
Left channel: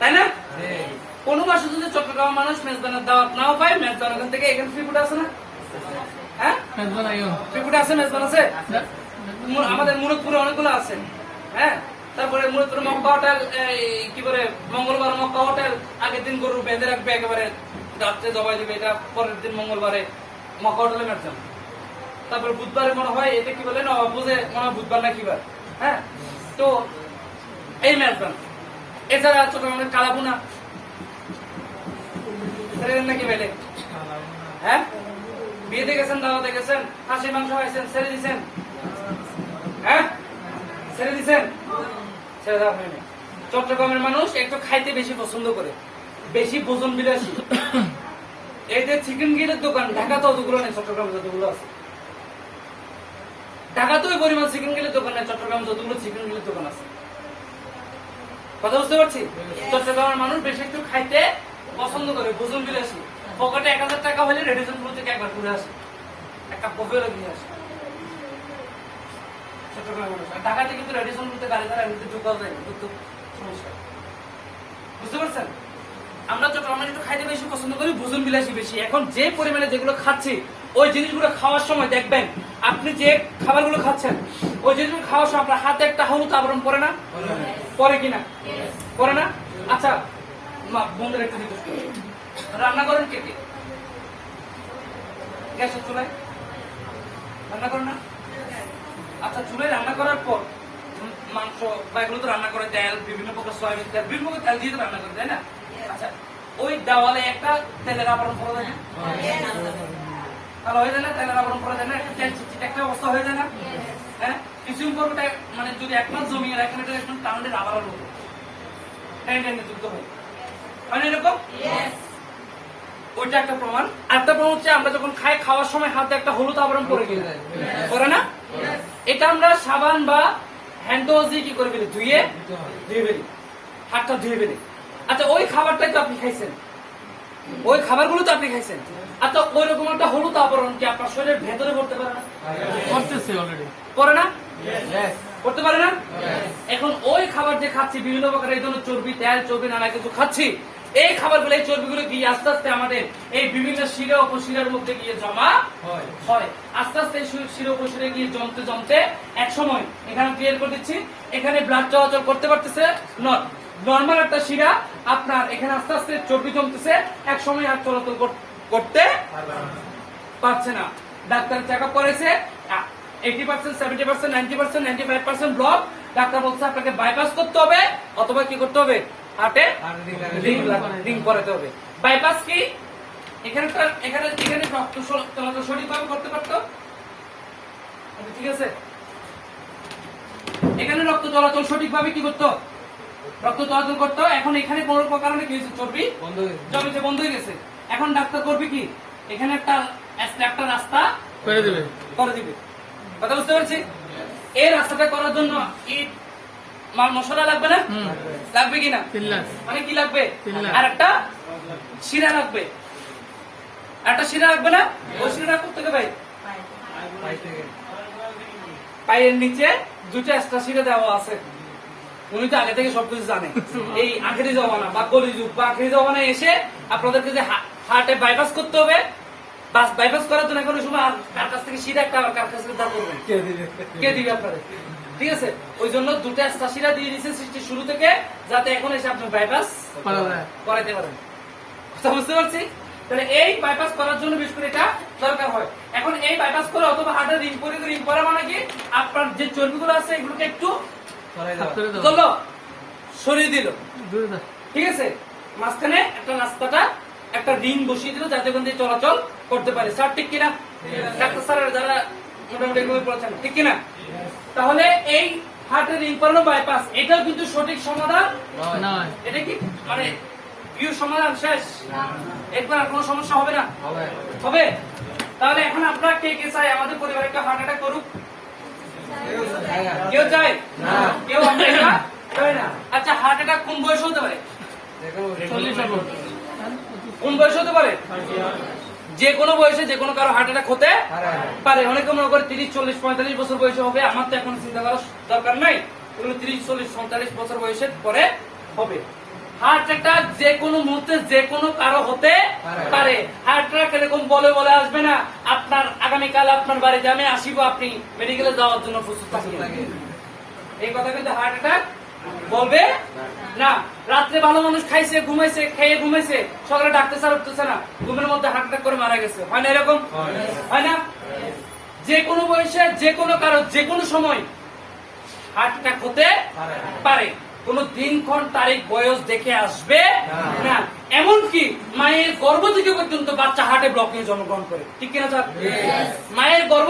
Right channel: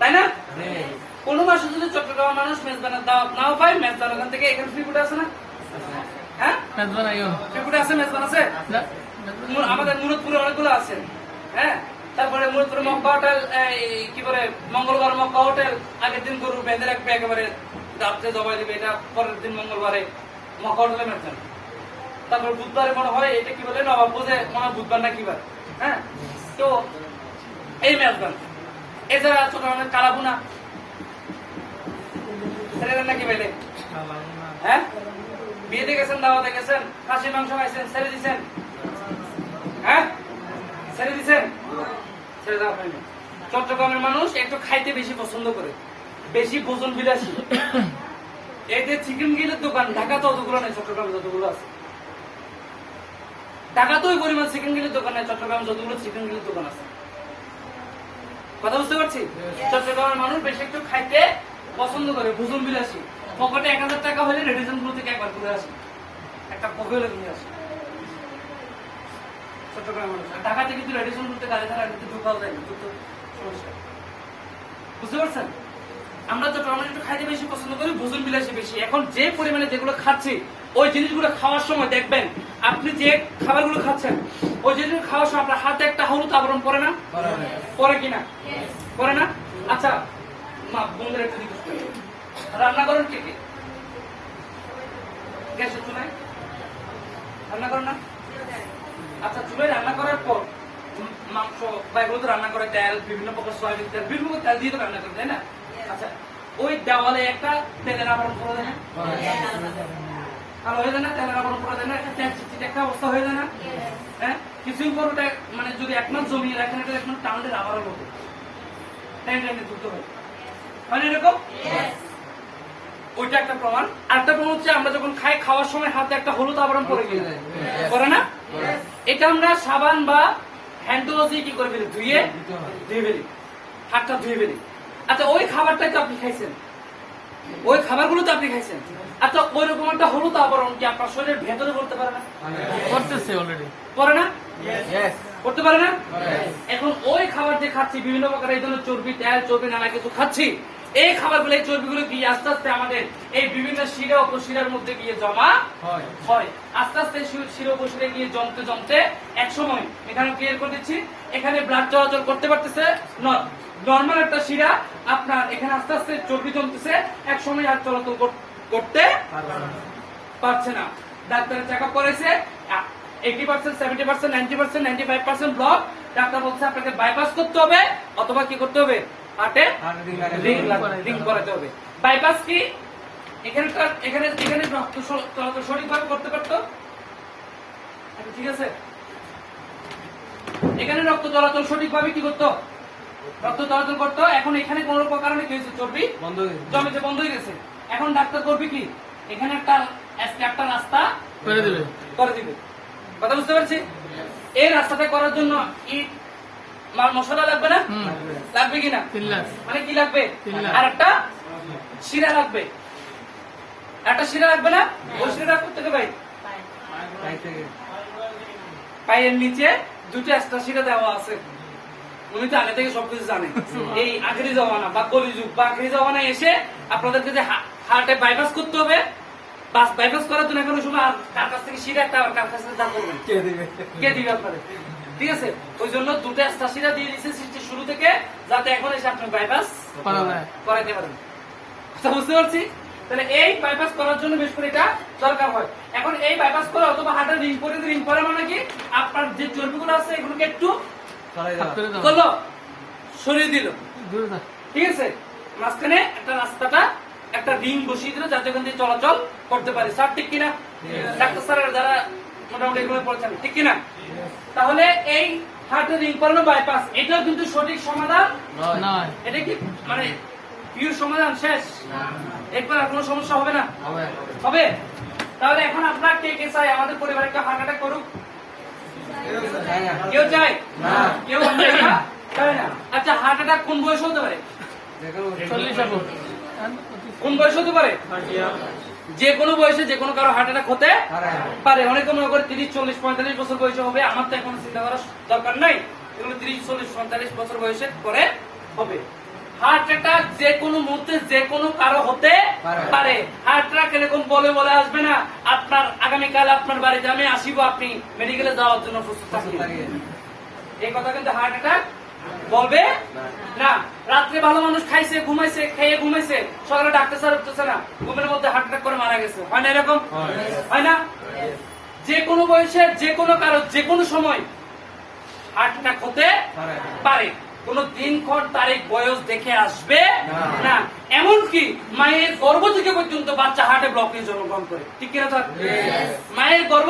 তাই না? কোন মাসে যদি চট্টগ্রাম মানুষ মেজবানের দাওয়াত নাও পায়, মেজবান ওখান থেকে এখানে ফ্রি ফুড আছে না? হ্যাঁ, ফ্রি ফুড আছে, মেজবান আছে। আমাদের মুরাদপুরে অনেকগুলো আছে, হ্যাঁ। তারপরে মুরাদপুরে মক্কা হোটেল, কি বলে মঙ্গলবার মক্কা হোটেল, আগের দিন গরু বেঁধে রাখবে, একেবারে রাত্রে দবাই দিবে, এটা পরের দিন মঙ্গলবারে মক্কা হোটেলে মেজবান। তারপর বুধবারে মনে হয় এটা কি বলে নবাব বোঝে, মনে হয় বুধবার না কিবার, হ্যাঁ। তো এই মেজবান। এছাড়া চট্টগ্রামের কালাবুনা নাকি বেলে, হ্যাঁ, বিয়েতে গেছেন, দাওয়াতে গেছেন, খাসির মাংস খাইছেন, ছেড়ে দিচ্ছেন, হ্যাঁ, ছেড়ে দেওয়া হয়নি। চট্টগ্রামের মানুষ একটু খাইতে বেশি পছন্দ করে, বেশি ভোজন বিলাসী। এই যে চিকেন গিলের দোকান ঢাকা তো অতগুলো নেই, চট্টগ্রামে যতগুলো আছে। ঢাকা তো ওই পরিমাণ চিকেন গিলের দোকান নেই, চট্টগ্রামে যতগুলো চিকেন গিলের দোকান আছে। কথা বুঝতে পারছি? চট্টগ্রামের মানুষ বেশি একটু খাইতে পছন্দ করে, ভোজন বিলাসী। পকেটে 1000 টাকা হলে রেডিশন গুলো থেকে একবার ঘুরে আসে, একটা কফি হলে ঘুরে আসে। ঢাকাতে কিন্তু রেডিশন গুলোতে দাঁড়িয়ে দাঁড়িয়ে কিন্তু ঢোকাও যায়, কিন্তু সমস্যা। বুঝতে পারছেন? আমরা চট্টগ্রামে একটু খাইতে বেশি পছন্দ করি, ভোজন বিলাসী বেশি। এখন যে পরিমাণে যেগুলো খাচ্ছি, ওই জিনিসগুলো খাওয়ার সময় দেখবেন, আপনি যে খাবারগুলো খাচ্ছেন, ওই জিনিসগুলো খাওয়ার সময় আপনার হাতে একটা হলুদ আবরণ পরে না? পরে কিনা? পরে না? আচ্ছা, বন্ধুর একটা জিজ্ঞেস করি, রান্না করেন কে কে? গ্যাসের চুলায় রান্না করেন না? আচ্ছা, চুলায় রান্না করার পর মাংস বা এগুলো তো রান্না করে, তেল, বিভিন্ন প্রকার সয়াবিন তেল, বিভিন্ন প্রকার তেল দিয়ে তো রান্না করে, তাই না? আচ্ছা, ওই দেওয়ালে একটা তেলের আবরণ পরে দেয় না? ভালো হয়ে যায় না? তেলের আবরণ পরে দেয় না? তেল চিটচিটে একটা অবস্থা হয়ে যায় না? হ্যাঁ, কিছুদিন পর ওটা মানে যদি 1 মাস জমিয়ে রাখেন, এটা একদম টাউনের আবরণ মতো যুক্ত হয়, এরকম। ওইটা একটা প্রমাণ। আরেকটা প্রমাণ হচ্ছে আমরা যখন খাই, খাওয়ার সময় হাতে একটা হলুদ আবরণ পরে কিনা? পরে না? এটা আমরা সাবান বা হ্যান্ড ওয়াশ দিয়ে কি করে ফেলি? ধুয়ে ফেলি, হাতটা ধুয়ে ফেলি। আচ্ছা, ওই খাবারটাই তো আপনি খাইছেন, ওই খাবারগুলো তো আপনি খাইছেন। আচ্ছা, ওই রকম একটা হলুদ আবরণ কি আপনার শরীরের ভেতরে পড়তে পারে না? পড়তেছে অলরেডি, পরে না? করতে পারে না? এখন ওই খাবার যে খাচ্ছি, বিভিন্ন প্রকার এই ধরনের চর্বি, তেল, চর্বি, নানা কিছু খাচ্ছি, এই খাবারগুলো, এই চর্বিগুলো গিয়ে আস্তে আস্তে আমাদের এই বিভিন্ন শিরা উপশিরার মধ্যে গিয়ে জমা হয়। আস্তে আস্তে এই শিরা উপশিরে গিয়ে জমতে জমতে এক সময় এখানে ক্লিয়ার করে দিচ্ছি, এখানে ব্লাড চলাচল করতে পারতেছে নর্মাল একটা শিরা, আপনার এখানে আস্তে আস্তে চর্বি জমতেছে, এক সময় আর চলাচল করতে পারছে না। ডাক্তার চেক আপ করেছে 80%, 70%, 90%, 95% ব্লক। ডাক্তার বলছে আপনাকে বাইপাস করতে হবে অথবা কি করতে হবে, হার্টে রিং করাতে হবে। বাইপাস কি, এখানে রক্ত চলাচল সঠিকভাবে করতে পারতো, ঠিক আছে, এখানে রক্ত চলাচল সঠিকভাবে কি করতো, রক্ত চলাচল করতো। এখন এখানে কোন কারণে কি হয়েছে, চর্বি জমিতে বন্ধ হয়ে গেছে। এখন ডাক্তার করবে কি, এখানে একটা রাস্তা করে দিবে। কথা বুঝতে পারছি? এই রাস্তাটা করার জন্য ইট মশলা লাগবে না? লাগবে কিনা? মানে কি লাগবে? আর একটা শিরা লাগবে, একটা শিরা লাগবে না? ওই শিরাটা কোথেকে পাই? পায়ের নিচে দুটো এক্সট্রা শিরা দেওয়া আছে। উনি তো আগে থেকে সবকিছু জানে। এই আখেরি জমানা বা কলিযুগ বা আখেরি জমানায় এসে আপনাদেরকে যে হার্টে বাইপাস করতে হবে, বাইপাস করার জন্য এখন সময় কার কাছ থেকে শিরা একটা, কার কাছ থেকে দাম করবেন, কে দিবে আপনাদের? ঠিক আছে, ওই জন্য দুটো এক্সট্রা শিরা দিয়ে দিচ্ছে সৃষ্টির শুরু থেকে, যাতে এখন এসে আপনি বাইপাস করাইতে পারেন। কথা বুঝতে পারছি? তাহলে এই বাইপাস করার জন্য বিশেষ করে এটা দরকার হয়। এখন এই বাইপাস করে অথবা হার্টের রিং করে, রিং করা মানে কি, আপনার যে চর্বিগুলো আছে এগুলোকে একটু করলো, সরিয়ে দিল, ঠিক আছে, মাঝখানে একটা রাস্তাটা একটা রিং বসিয়ে দিল, যাতে ওখান দিয়ে চলাচল করতে পারে। স্যার ঠিক কিনা? ডাক্তার স্যারের যারা মোটামুটি এগুলো বলেছেন, ঠিক কিনা? তাহলে এই হার্টের রিং করানো বাইপাস, এটাও কিন্তু সঠিক সমাধান নয়। এটা কি মানে পিওর সমাধান শেষ? এরপর আর কোনো সমস্যা হবে না? হবে। তাহলে এখন আপনারা কে কে চাই আমাদের পরিবারে কেউ হার্ট অ্যাটাক করুক? কেউ চাই? কেউ চাই না? চায় না। আচ্ছা, হার্ট অ্যাটাক কোন বয়সে হতে পারে? কোন বয়সে হতে পারে? যে কোনো বয়সে যে কোনো কারো হার্ট অ্যাটাক হতে পারে। অনেকে মনে করে 30, 40, 45 বছর বয়সে হবে। আমার তো এখন চিন্তা করার দরকার নাই, এগুলো 30, 40, 45 বছর বয়সের পরে হবে। হার্ট অ্যাটাক যে কোনো মুহূর্তে যে কোনো কারো হতে পারে। হার্ট অ্যাটাক এরকম বলে বলে আসবে না আপনার আগামীকাল আপনার বাড়িতে আমি আসিব, আপনি মেডিকেলে যাওয়ার জন্য প্রস্তুত থাকবেন, এই কথা কিন্তু হার্ট অ্যাটাক বলবে না। রাত্রে ভালো মানুষ খাইছে, ঘুমাইছে, খেয়ে ঘুমাইছে, সকালে ডাক্তার স্যার উঠতেছে না, ঘুমের মধ্যে হার্ট অ্যাটাক করে মারা গেছে, হয় না? এরকম হয় না? যে কোনো বয়সে যে কোনো কারো যে কোনো সময় হার্ট অ্যাটাক হতে পারে। কোন দিনক্ষণ তারিখ বয়স দেখে আসবে না। এমনকি মায়ের গর্ভ থেকে পর্যন্ত বাচ্চা হার্টে ব্লক নিয়ে জন্মগ্রহণ করে, ঠিক কিনা স্যার? মায়ের গর্ভ